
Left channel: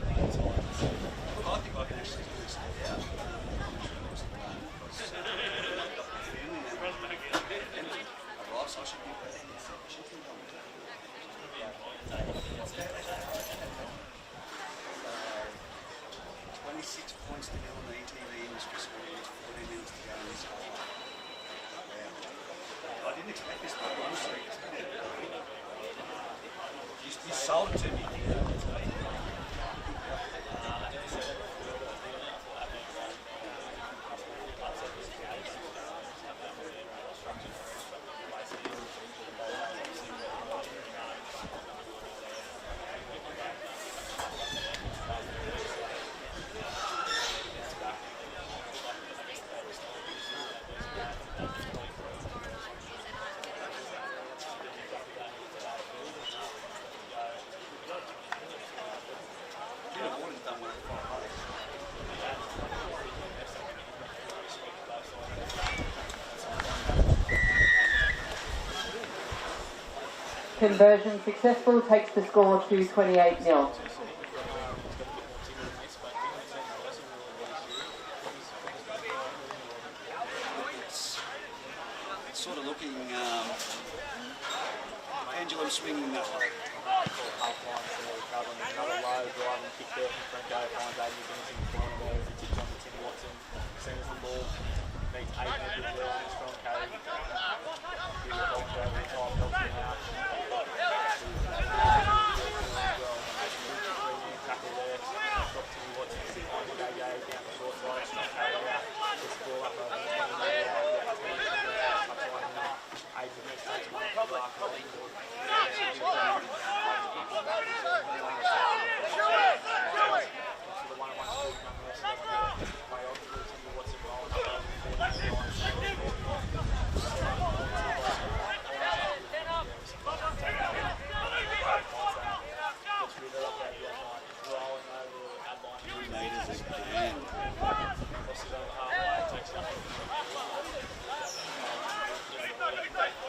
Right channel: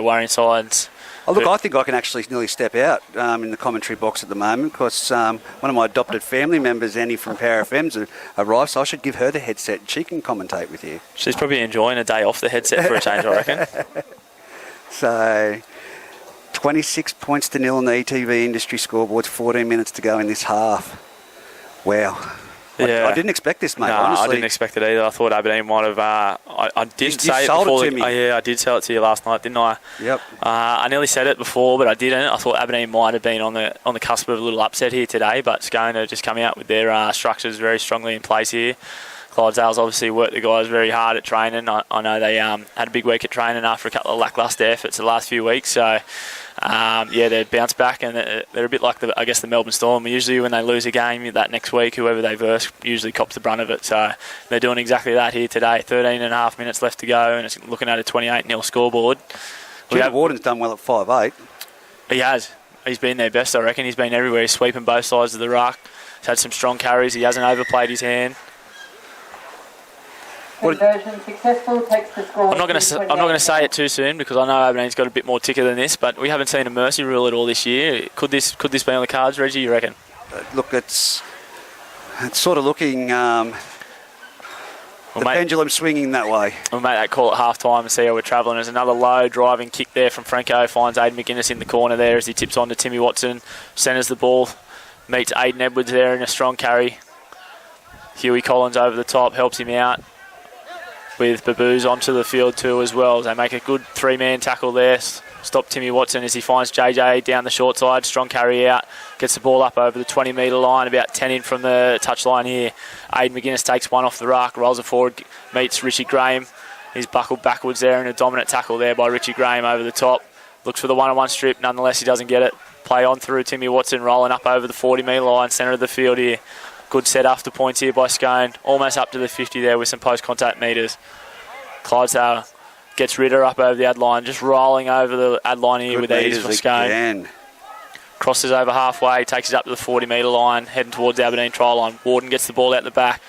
Worrying signs. Oh, look, I think I can actually nearly step out in the commentary box at the moment because one of my adopted family members, Annie from Power FM's, arrived, so I should give her the headset and she can commentate with you. She's probably enjoying a day off the headset for a change, I reckon. So, 26 points to 0 on the ETV industry scoreboards, 14 minutes to go in this half. Wow. Yeah. I didn't expect this, mate, no, honestly. I didn't expect it either. I thought Aberdeen might have... I did say it before. I did tell it to you last night, didn't I? Yep. I nearly said it before, but I didn't. I thought Aberdeen might have been on the cusp of a little upset here today, but Scone are just coming out with their structures very strongly in place here. Clydesdale's obviously worked the guys very hard at training. I know they had a big week at training after a couple of lacklustre efforts the last few weeks, so... they've bounced back and they're a bit like the Melbourne Storm. Usually when they lose a game that next week, whoever they verse usually cops the brunt of it. So they're doing exactly that here today. 13 and a half minutes left to go and it's looking at a 28-0 scoreboard. Warden's done well at 5'8". He has. He's been their best, I reckon. He's been everywhere. He's sweeping both sides of the ruck. He's had some strong carries. He hasn't overplayed his hand. Conversion successful, takes the score. I'm not going to say it too soon because I know Aberdeen's got a bit more ticker than this, but we haven't seen a mercy rule at all this year. Could this be on the cards, Reggie? You reckon? Look, it's sort of looking the pendulum swinging that way. We'll make that call at half time and see how we're travelling. There's another low driving kick there from Franco. Finds Aidan McGuinness in the corner there as he tips on to Timmy Watson. Centres the ball, meets Aidan Edwards there in a strong carry. Huey Collins over the top, helps him out. with Baboos onto the field too as well. They make a good 3-man tackle there. Stop Timmy Watson as he finds JJ down the short side. Strong carry out. Gets the ball up over the 20-metre line, about 10 in from the touchline here. Aidan McGuinness takes one off the ruck, rolls it forward, meets Richie Graham. He's buckled backwards there in a dominant tackle there by Richie Graham over the top. Looks for the one-on-one strip, nonetheless he doesn't get it. Play on through Timmy Watson, rolling up over the 40-metre line, centre of the field here. Good set after points here by Scone. Almost up to the 50 there with some post-contact metres. Clydesdale gets Ritter up over the ad line, just rolling over the ad line here with ease for Scone. Again. Crosses over halfway, takes it up to the 40-metre line, heading towards the Aberdeen try line. Warden gets the ball out the back,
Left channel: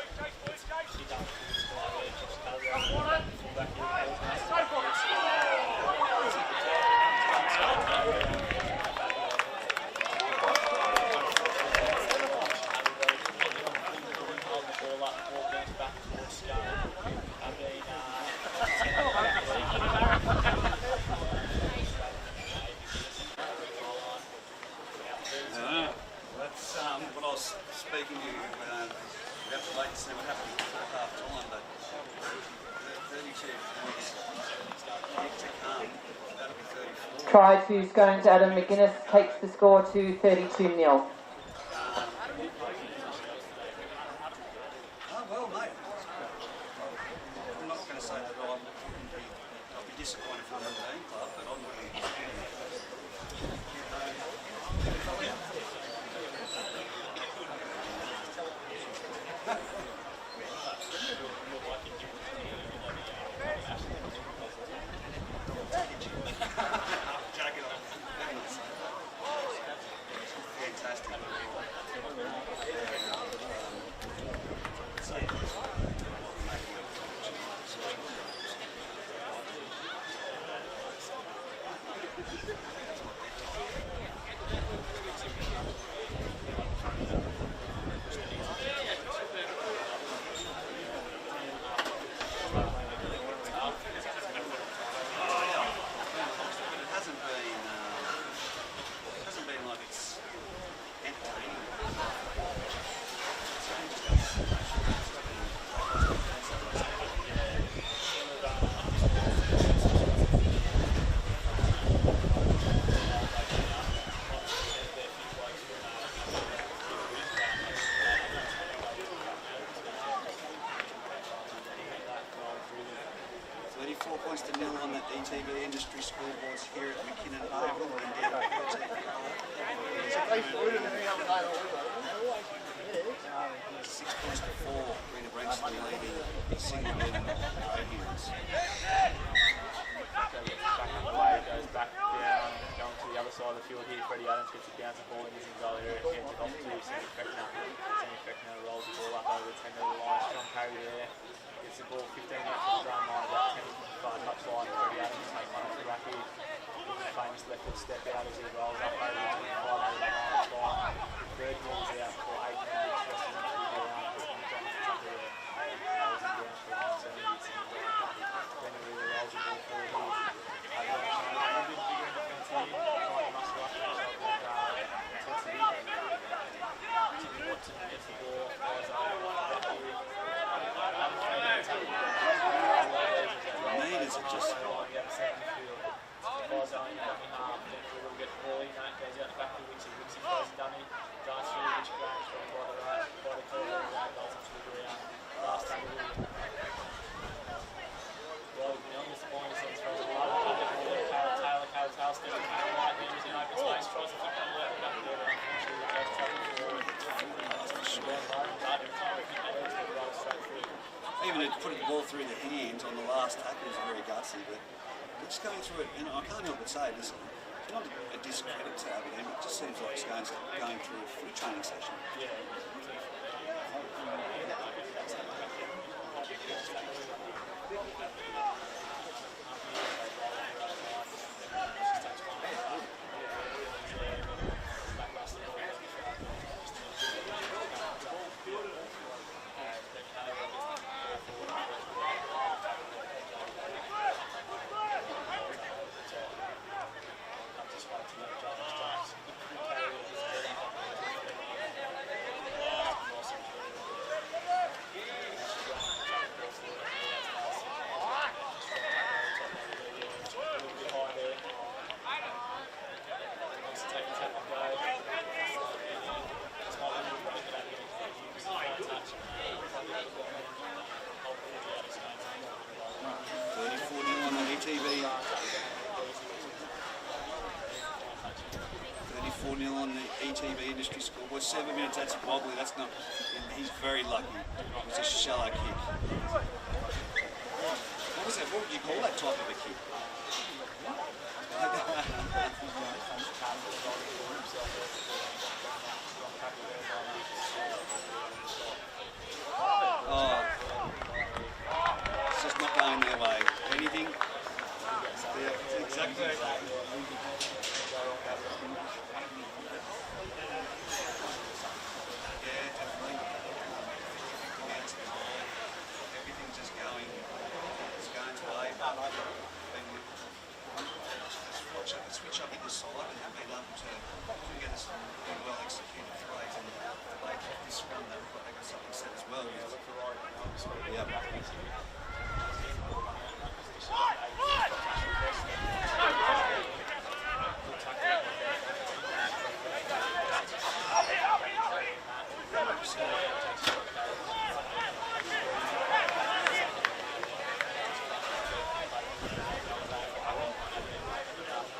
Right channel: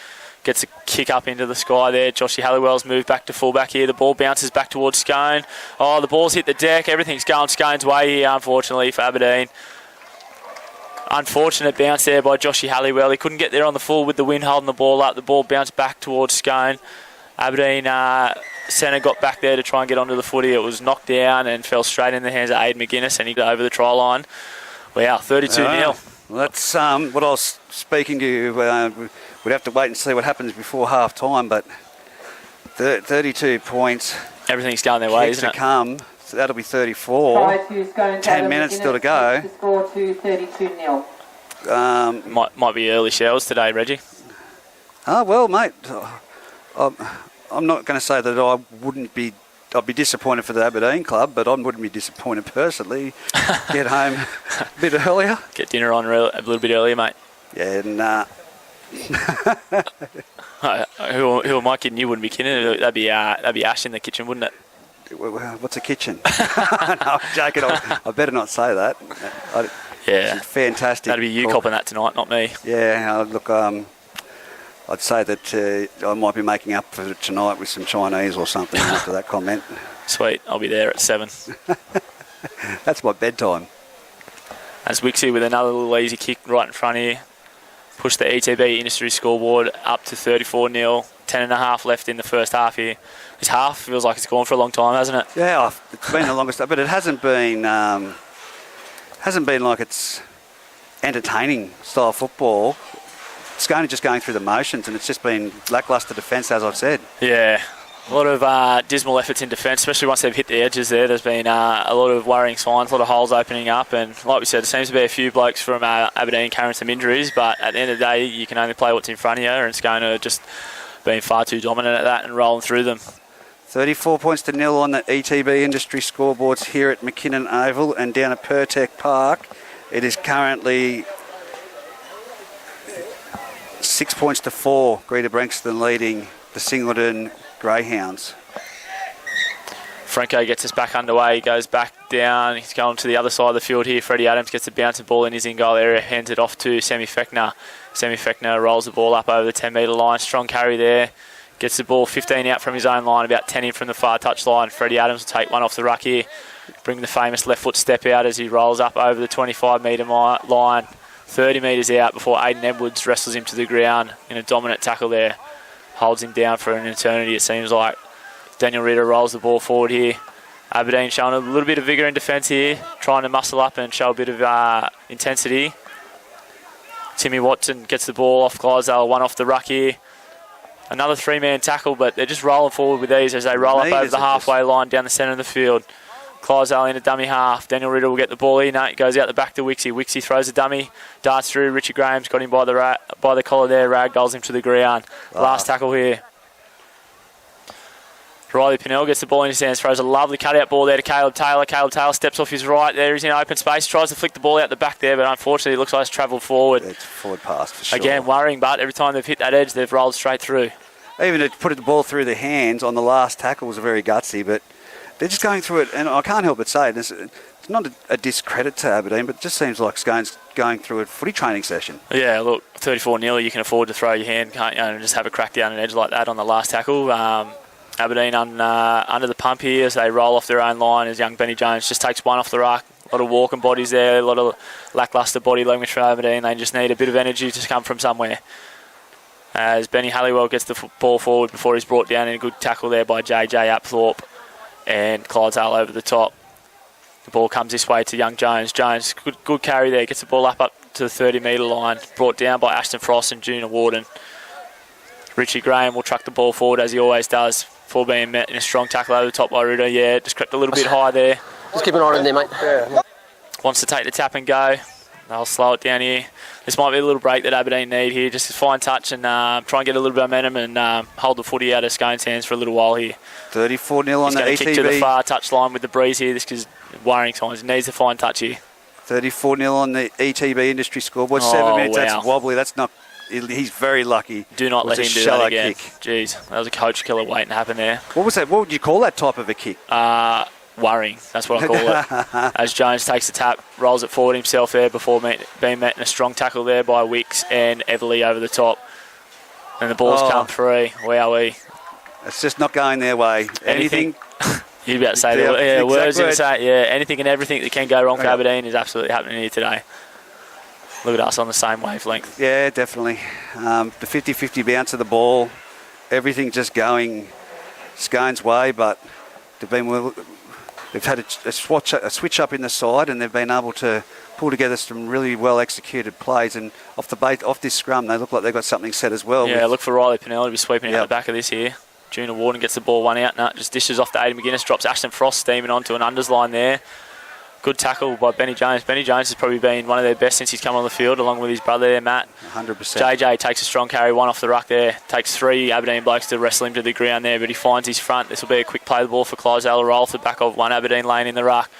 gets a kick up into the sky there. Joshy Halliwell's moved back to fullback here. The ball bounces back towards Scone. Oh, the ball's hit the deck. Everything's going Scone's way here, unfortunately, for Aberdeen. Unfortunate bounce there by Joshy Halliwell. He couldn't get there on the full with the wind holding the ball up. The ball bounced back towards Scone. Aberdeen centre got back there to try and get onto the footy. It was knocked down and fell straight in the hands of Aidan McGuinness, and he got over the try line. Wow, 32-0. Well, that's what I was speaking to you. We'd have to wait and see what happens before half-time, but 32 points. Everything's going their way, isn't it? To come. So that'll be 34. Try to Scone 10 minutes still to go. Takes the score to 32-0. Might be early shells today, Reggie. Oh, well, mate. I'm not going to say that I'd be disappointed for the Aberdeen club, but I wouldn't be disappointed personally. Get home a bit earlier. Get dinner on a little bit earlier, mate. Yeah, nah. Who am I kidding? You wouldn't be kidding. That'd be Ash in the kitchen, wouldn't it? What's a kitchen? No, I'm joking. I better not say that. Yeah. Fantastic. That'd be you copping that tonight, not me. Yeah, look, I'd say that I might be making up for it tonight with some Chinese or something after that comment. Sweet, I'll be there at 7. That's my bedtime. As Wixie with another little easy kick right in front here. Push the ETB industry scoreboard up to 34-0. 10.5 left in the first half here. This half feels like it's gone for a long time, hasn't it? Yeah, it's been the longest, but it hasn't been like it's entertaining style football. It's just going through the motions, and it's just been lacklustre defence, as I've said. Yeah, a lot of dismal efforts in defence, especially once they've hit the edges there. There's been a lot of worrying signs, a lot of holes opening up, and like we said, there seems to be a few blokes from Aberdeen carrying some injuries, but at the end of the day, you can only play what's in front of you, and it's going to just being far too dominant at that and rolling through them. 34 points to 0 on the ETB industry scoreboards here at McKinnon Oval, and down at Pertec Park, it is currently 6 points to 4. Greta Branxton leading the Singleton Greyhounds. Franco gets us back underway. He goes back down. He's going to the other side of the field here. Freddie Adams gets a bouncing ball in his in-goal area, hands it off to Sammy Fechner. Sammy Fechner rolls the ball up over the 10-metre line. Strong carry there. Gets the ball 15 out from his own line, about 10 in from the far touch line. Freddie Adams will take one off the ruck here. Bring the famous left foot step out as he rolls up over the 25-metre line. 30 metres out before Aidan Edwards wrestles him to the ground in a dominant tackle there. Holds him down for an eternity, it seems like. Daniel Ritter rolls the ball forward here. Aberdeen showing a little bit of vigour in defence here, trying to muscle up and show a bit of intensity. Timmy Watson gets the ball off Clydesdale, one off the ruck here. Another 3-man tackle, but they're just rolling forward with these as they roll up over the halfway line down the centre of the field. Clydesdale in a dummy half. Daniel Ritter will get the ball in. It goes out the back to Wixie. Wixie throws a dummy, darts through. Richie Graham's got him by the collar there. Ragdolls him to the ground. Last tackle here. Riley Pinnell gets the ball in his hands, throws a lovely cutout ball there to Caleb Taylor. Caleb Taylor steps off his right there. He's in open space, tries to flick the ball out the back there, but unfortunately it looks like it's travelled forward. It's forward pass for sure. Again, worrying, but every time they've hit that edge, they've rolled straight through. Even to put the ball through the hands on the last tackle was very gutsy, but they're just going through it, and I can't help but say it's not a discredit to Aberdeen, but it just seems like Scone's going through a footy training session. Yeah, look, 34-0, you can afford to throw your hand, can't you, and just have a crack down an edge like that on the last tackle. Aberdeen under the pump here as they roll off their own line as young Benny Jones just takes one off the ruck. A lot of walking bodies there, a lot of lacklustre body language from Aberdeen. They just need a bit of energy to come from somewhere. As Benny Halliwell gets the ball forward before he's brought down in a good tackle there by JJ Apthorpe and Clydesdale over the top. The ball comes this way to young Jones. Jones, good carry there, gets the ball up to the 30-metre line, brought down by Ashton Frost and Junior Warden. Richie Graham will truck the ball forward as he always does. before being met in a strong tackle over the top by Ritter. Yeah, just crept a little bit high there. Just keep an eye on him there, mate. Yeah. Wants to take the tap and go. They'll slow it down here. This might be a little break that Aberdeen need here. Just a fine touch and try and get a little bit of momentum and hold the footy out of Scone's hands for a little while here. 34-0 on the ETB. He's going to kick to the far touch line with the breeze here. This is worrying times. He needs a fine touch here. 34-0 on the ETB industry scoreboard. 7 minutes, wow. That's wobbly. That's not... He's very lucky. Do not let him do that again. Kick. Jeez, that was a coach killer waiting to happen there. What was that? What would you call that type of a kick? Worrying. That's what I call it. As Jones takes the tap, rolls it forward himself there before being met in a strong tackle there by Wicks and Everly over the top. And the ball's come free. Wowee. It's just not going their way. Anything? You're about to say the words to say. Yeah, anything and everything that can go wrong for Aberdeen is absolutely happening here today. Look at us on the same wavelength. Yeah, definitely. The 50-50 bounce of the ball, everything just going Scone's way, but they've had a switch up in the side, and they've been able to pull together some really well executed plays. And off this scrum, they look like they've got something set as well. Yeah, look for Riley Pennell to be sweeping out the back of this here. Junior Warden gets the ball one out, just dishes off to Aidan McGuinness, drops Ashton Frost steaming onto an unders line there. Good tackle by Benny Jones. Benny Jones has probably been one of their best since he's come on the field, along with his brother there, Matt. 100%. JJ takes a strong carry, one off the ruck there. Takes 3 Aberdeen blokes to wrestle him to the ground there, but he finds his front. This will be a quick play the ball for Clydesdale to roll off the back of one Aberdeen lane in the ruck.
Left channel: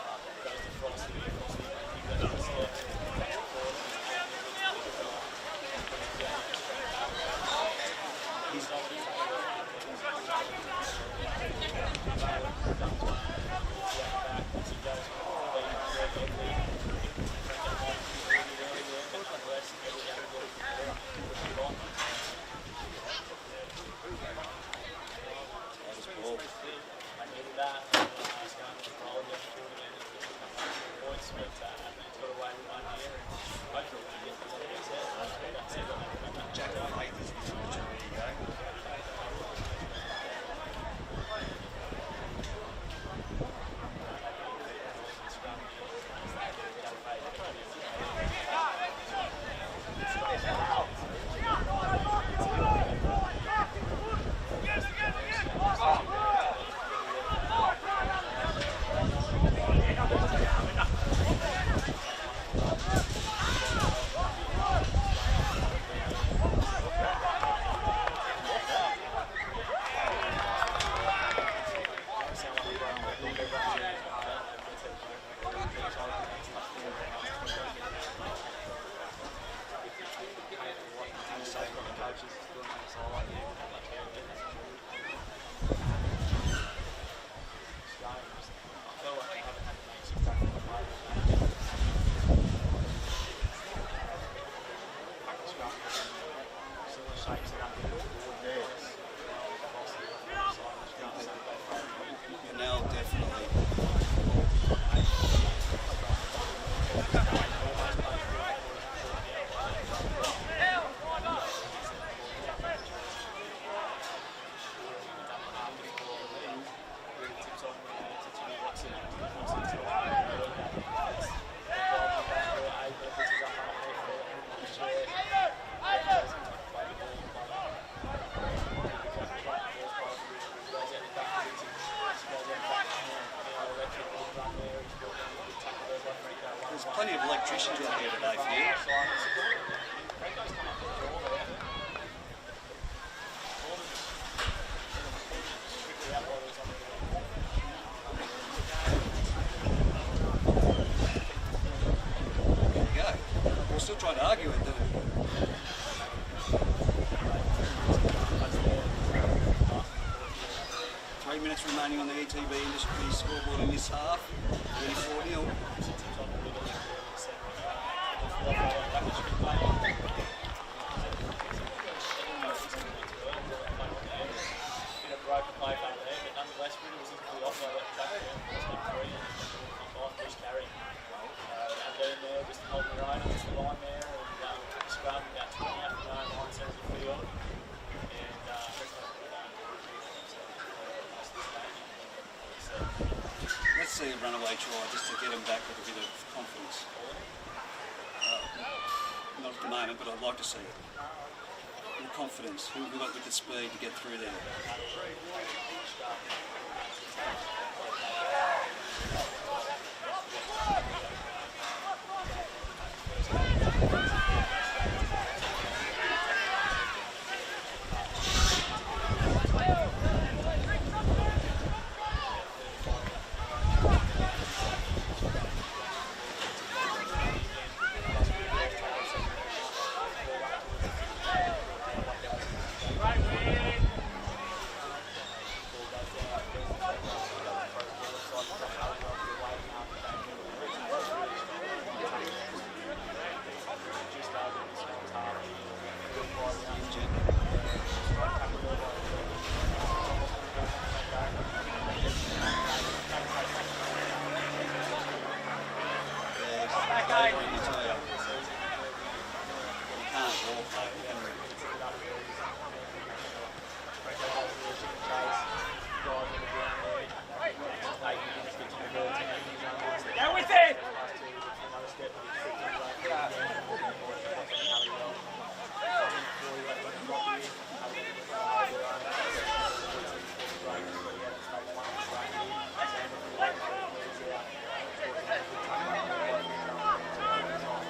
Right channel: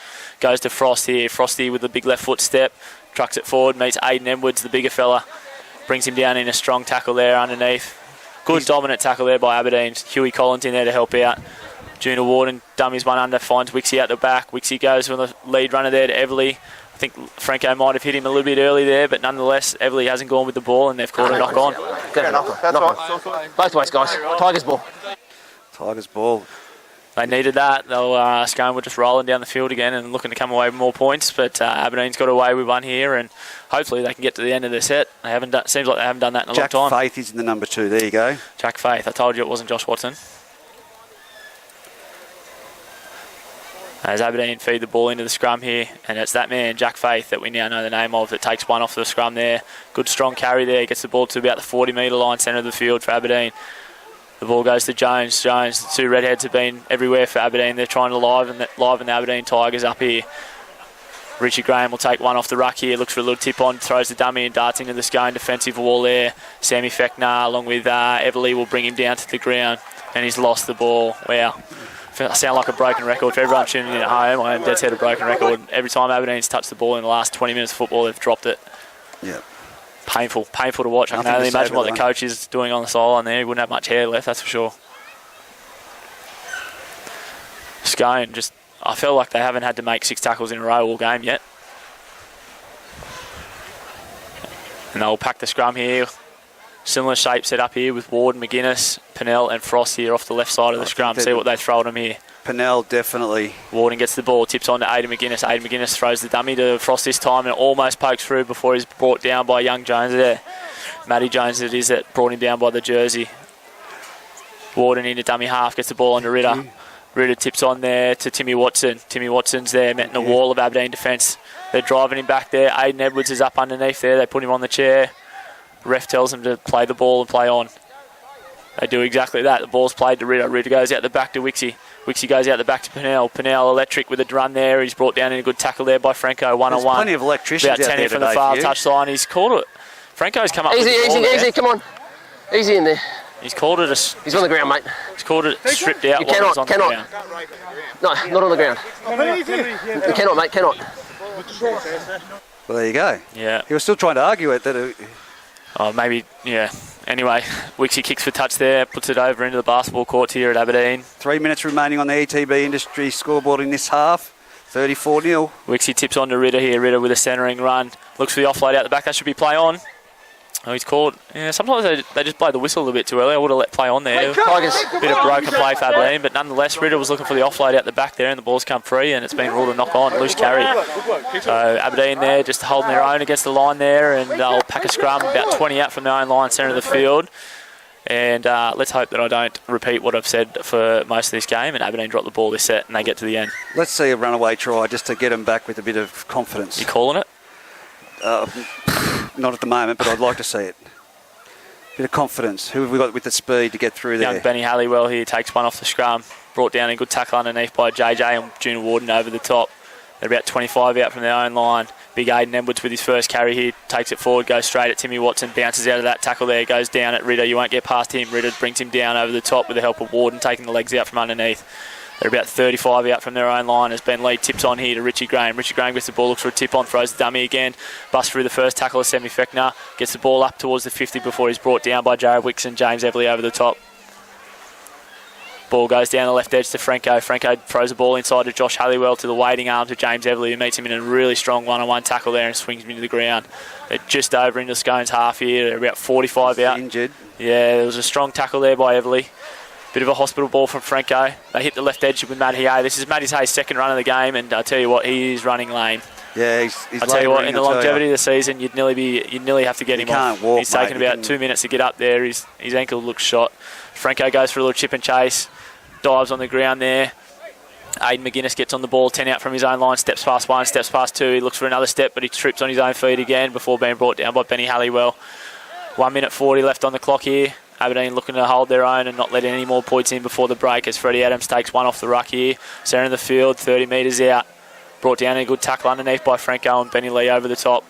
Goes to Frost here. Frosty with the big left foot step. Trucks it forward, meets Aidan Edwards, the bigger fella. Brings him down in a strong tackle there underneath. Good dominant tackle there by Aberdeen. Huey Collins in there to help out. Junior Warden dummies one under, finds Wixie out the back. Wixie goes from the lead runner there to Everly. I think Franco might have hit him a little bit early there, but nonetheless, Everly hasn't gone with the ball and they've caught a knock on. That's right. Both ways, guys. Tigers ball. Tigers ball. They needed that. Scone were just rolling down the field again and looking to come away with more points, but Aberdeen's got away with one here, and hopefully they can get to the end of their set. Seems like they haven't done that in a long time. Jack Faith is in the number 2. There you go. Jack Faith. I told you it wasn't Josh Watson. As Aberdeen feed the ball into the scrum here, and it's that man, Jack Faith, that we now know the name of, that takes one off the scrum there. Good strong carry there, gets the ball to about the 40-metre line, centre of the field for Aberdeen. The ball goes to Jones. Jones, the 2 redheads have been everywhere for Aberdeen. They're trying to liven the Aberdeen Tigers up here. Richie Graham will take one off the ruck here, looks for a little tip on, throws the dummy and darts into the Scone defensive wall there. Sammy Fechner along with Everly will bring him down to the ground, and he's lost the ball. Wow. I sound like a broken record. For everyone tuning in at home, I am dead set a broken record. Every time Aberdeen's touched the ball in the last 20 minutes of football, they've dropped it. Yeah. Painful to watch. I can only imagine what the coach is doing on the sideline there. He wouldn't have much hair left, that's for sure. Scone, I feel like they haven't had to make 6 tackles in a row all game yet. And they'll pack the scrum here. Similar shape set up here with Ward, McGuinness, Pennell and Frost here off the left side of the scrum. See what they throw at them here. Pennell, definitely. Warden gets the ball, tips on to Aidan McGuinness. Aidan McGuinness throws the dummy to Frost this time and almost pokes through before he's brought down by young Jones there. Matty Jones it is that brought him down by the jersey. Warden into dummy half, gets the ball onto Ritter. Ritter tips on there to Timmy Watson. Timmy Watson's there, met in a wall of Aberdeen defence. They're driving him back there. Aidan Edwards is up underneath there. They put him on the chair. Ref tells them to play the ball and play on. They do exactly that. The ball's played to Ritter. Ritter goes out the back to Wixie. Wixie goes out the back to Pennell. Pennell electric with a run there. He's brought down in a good tackle there by Franco, one-on-one. Plenty of electricians about 10 in from the far touchline. He's called it. Franco's come up with the ball easy, come on. Easy in there. He's called it He's on the ground, mate. He's called it stripped out. You cannot. No, not on the ground. You cannot, mate, cannot. Well, there you go. Yeah. He was still trying to argue it. Oh, maybe, yeah. Anyway, Wixie kicks for touch there, puts it over into the basketball court here at Aberdeen. 3 minutes remaining on the ETB industry scoreboard in this half. 34-0. Wixie tips on to Ritter here. Ritter with a centering run. Looks for the offload out the back. That should be play on. Oh, he's called. Yeah, sometimes they just blow the whistle a little bit too early. I would have let play on there. Tigers. Bit of broken play for Aberdeen, but nonetheless, Ritter was looking for the offload out the back there, and the ball's come free, and it's been ruled a knock on, loose carry. So Aberdeen there, just holding their own against the line there, and they'll pack a scrum about 20 out from their own line, centre of the field. And let's hope that I don't repeat what I've said for most of this game, and Aberdeen drop the ball this set, and they get to the end. Let's see a runaway try just to get them back with a bit of confidence. You calling it? Not at the moment, but I'd like to see it. Bit of confidence. Who have we got with the speed to get through there? Young Benny Halliwell here takes one off the scrum. Brought down a good tackle underneath by JJ and Junior Warden over the top. They're about 25 out from their own line. Big Aiden Edwards with his first carry here, takes it forward, goes straight at Timmy Watson, bounces out of that tackle there, goes down at Ritter. You won't get past him. Ritter brings him down over the top with the help of Warden, taking the legs out from underneath. They're about 35 out from their own line as Ben Lee tips on here to Richie Graham. Richie Graham gets the ball, looks for a tip on, throws the dummy again. Busts through the first tackle of Semi Fechner. Gets the ball up towards the 50 before he's brought down by Jared Wicks and James Everly over the top. Ball goes down the left edge to Franco. Franco throws the ball inside to Josh Halliwell to the waiting arm to James Everly, who meets him in a really strong one-on-one tackle there and swings him into the ground. They're just over into Scone's half here. They're about 45 out. Injured. Yeah, there was a strong tackle there by Everly. Bit of a hospital ball from Franco. They hit the left edge with Matty Hay. This is Matty Hay's second run of the game, and I tell you what, he is running lame. Yeah, he's I tell you what, in the longevity of the season, you'd nearly have to get him off. Walk, he's taken about 2 minutes to get up there. His ankle looks shot. Franco goes for a little chip and chase, dives on the ground there. Aiden McGuinness gets on the ball, 10 out from his own line, steps past one, steps past two. He looks for another step, but he trips on his own feet again before being brought down by Benny Halliwell. 1 minute 40 left on the clock here. Aberdeen looking to hold their own and not let any more points in before the break as Freddie Adams takes one off the ruck here. Centre of the field, 30 metres out. Brought down a good tackle underneath by Franco and Benny Lee over the top.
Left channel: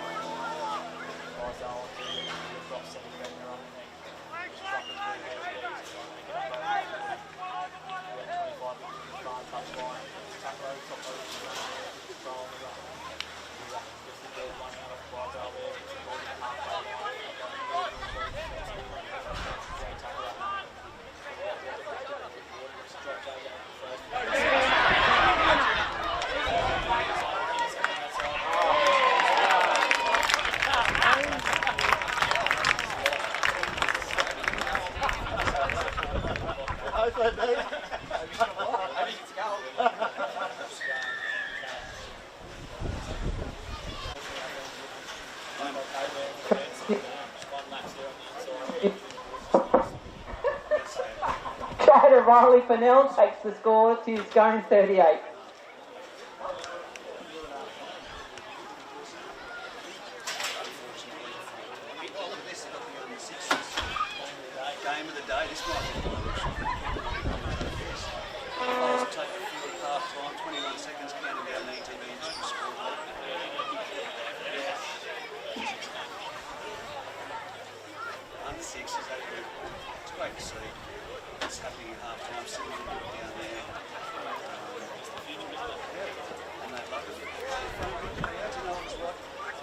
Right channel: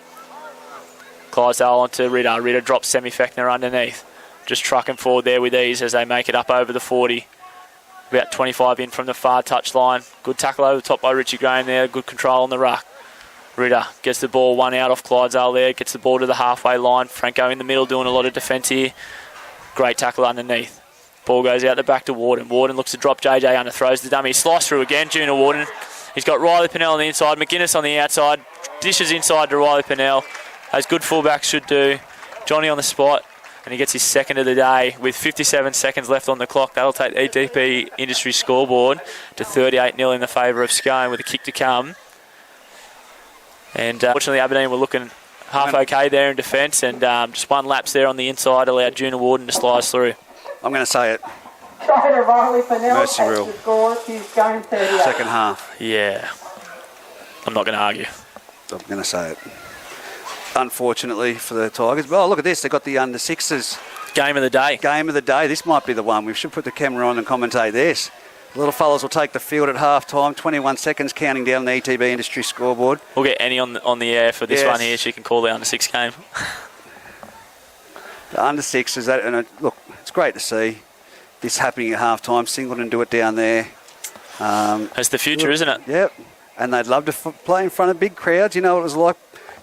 Clydesdale onto Ritter. Ritter drops Semi Fechner underneath. Just trucking forward there with ease as they make it up over the 40. About 25 in from the far touchline. Good tackle over the top by Richie Graham there. Good control on the ruck. Ritter gets the ball one out off Clydesdale there. Gets the ball to the halfway line. Franco in the middle doing a lot of defence here. Great tackle underneath. Ball goes out the back to Warden. Warden looks to drop JJ under, throws the dummy, slice through again. Junior Warden. He's got Riley Pennell on the inside, McGuinness on the outside. Dishes inside to Riley Pennell, as good fullbacks should do. Johnny on the spot, and he gets his second of the day with 57 seconds left on the clock. That'll take the EDP Industry scoreboard to 38-0 in the favour of Scone with a kick to come. And fortunately, Aberdeen were looking half okay there in defence, and just one lapse there on the inside allowed Junior Warden to slice through. I'm going to say it. Mercy rule. Second half. Yeah. I'm not going to argue. I'm going to say it. Unfortunately for the Tigers. Well, look at this. They've got the under-6s. Game of the day. Game of the day. This might be the one. We should put the camera on and commentate this. The little fellas will take the field at half-time. 21 seconds counting down the ETB Industry scoreboard. We'll get Annie on the air for this one here. She can call the under-6 game. The under-6s, look, it's great to see this happening at half-time. Singleton do it down there. It's the future, isn't it? Yep. And they'd love to play in front of big crowds. You know what it was like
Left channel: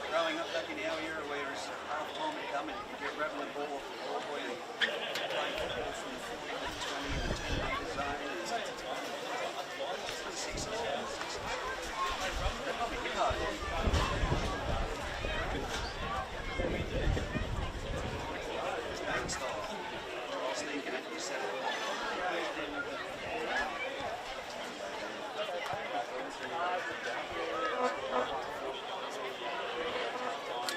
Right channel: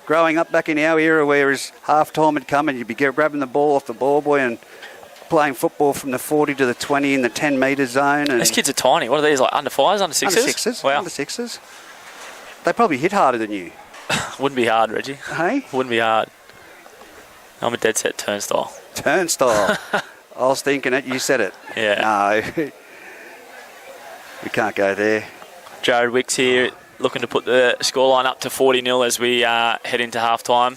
growing up back in our era, whereas half-time had come and you'd be grabbing the ball off the ball boy and playing football from the 40 to the 20 in the 10-metre zone. And these kids are tiny. What are these, like under 5s, under 6s? Under 6s. Wow. Under 6s. They probably hit harder than you. Wouldn't be hard, Reggie. Hey? Wouldn't be hard. I'm a dead set turnstile. Turnstile. I was thinking it. You said it. Yeah. No. We can't go there. Jared Wicks here looking to put the scoreline up to 40-0 as we head into half-time.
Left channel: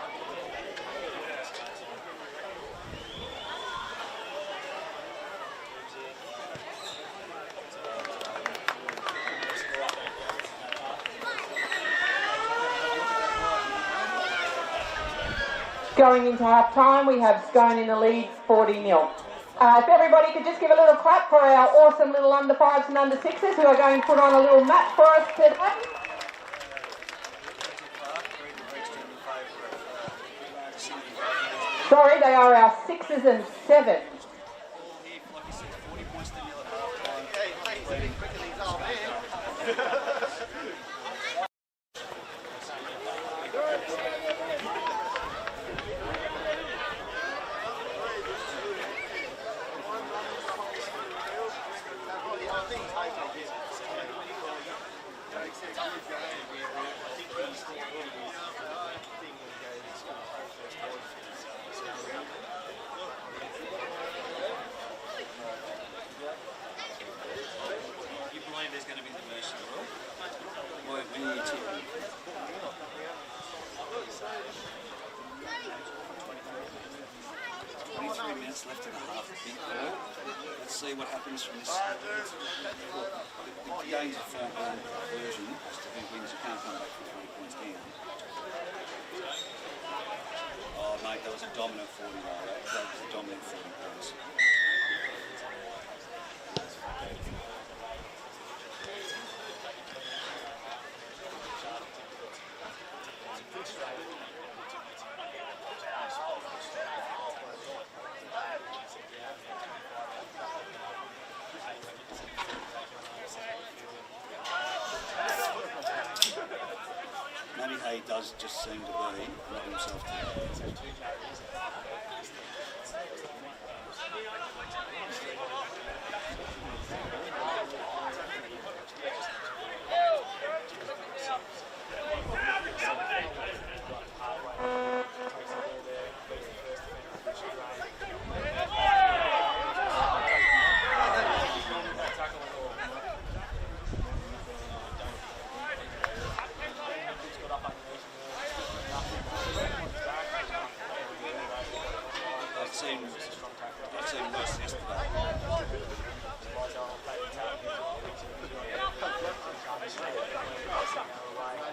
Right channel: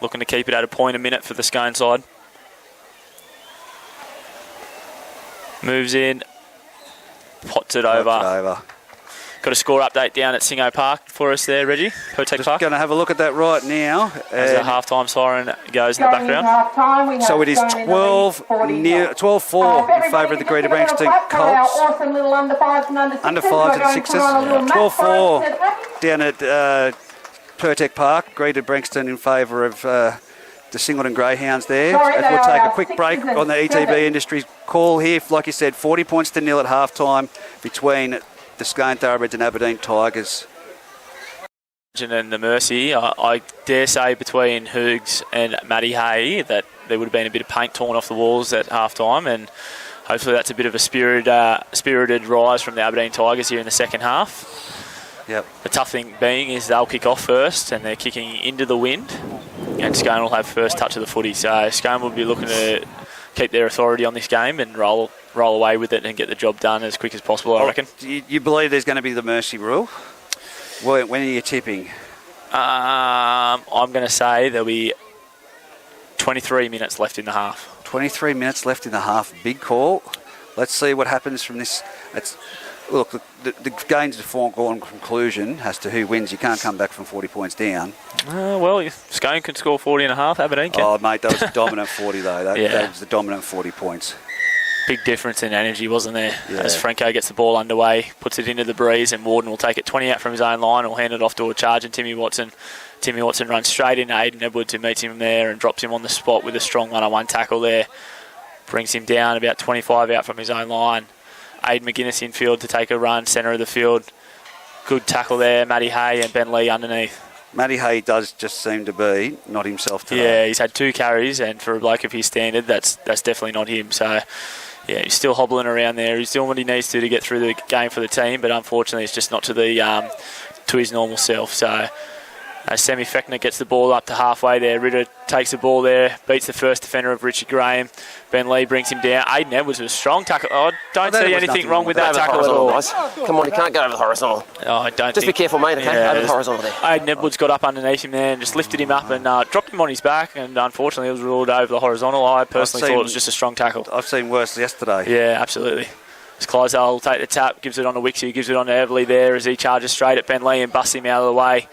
Looking to keep it at a point a minute for the Scone side. Moves in, pots it over. Got a score update down at Singo Park for us there, Reggie. Just going to have a look at that right now. As the half-time siren goes in the background. So it is 12-4 in favour of the Greater Branxton Colts. Under 5s and 6s. 12-4 down at Pertec Park. Greater Branxton in favour of the Singleton Greyhounds there. And we'll take a quick break on the ETB Industries call here. Like you said, 40 points to nil at half-time between the Scone Thoroughbreds and Aberdeen Tigers. And the Mercy, I dare say between Hoogs and Matty Hay that there would have been a bit of paint torn off the walls at half-time, and hopefully that's a bit of a spirited rise from the Aberdeen Tigers here in the second half. Yep. The tough thing being is they'll kick off first and they're kicking into the wind, and Scone will have first touch of the footy. So Scone will be looking to keep their authority on this game and roll away with it and get the job done as quick as possible, I reckon. You believe there's going to be the mercy rule? When are you tipping? I'm going to say there'll be 23 minutes left in the half. 23 minutes left in the half. Big call. Let's see what happens from this. Look, the game's a foregone conclusion as to who wins. You can't come back from 40 points down. Well, Scone can score 40 and a half. Aberdeen can. Oh, mate, that was a dominant 40, though. That was the dominant 40 points. Big difference in energy, wasn't there? Yeah. As Franco gets the ball underway, puts it into the breeze, and Warden will take it 20 out from his own line and will hand it off to a charge, and Timmy Watson runs straight into Aiden Edwards, who meets him there and drops him on the spot with a strong one-on-one tackle there. Brings him down about 25 out from his own line. Aiden McGuinness in field to take a run, centre of the field. Good tackle there, Matty Hay and Ben Lee underneath. Matty Hay does just seem to be not himself today. Yeah, he's had 2 carries, and for a bloke of his standard, that's definitely not him. So, yeah, he's still hobbling around there. He's doing what he needs to get through the game for the team, but unfortunately it's just not to his normal self. So, Sammy Fechner gets the ball up to halfway there. Ritter takes the ball there, beats the first defender of Richard Graham. Ben Lee brings him down. Aiden Edwards was a strong tackle. I don't see anything wrong with that tackle at all. Guys. Come on, you can't go over the horizontal. Oh, I don't Just be careful, mate, okay? Over the horizontal there. Aiden Edwards got up underneath him there and just lifted him up and dropped him on his back, and unfortunately it was ruled over the horizontal. I personally thought it was just a strong tackle. I've seen worse yesterday. Yeah, absolutely. As Clydesdale will take the tap, gives it on to Wixie, gives it on to Everly there as he charges straight at Ben Lee and busts him out of the way.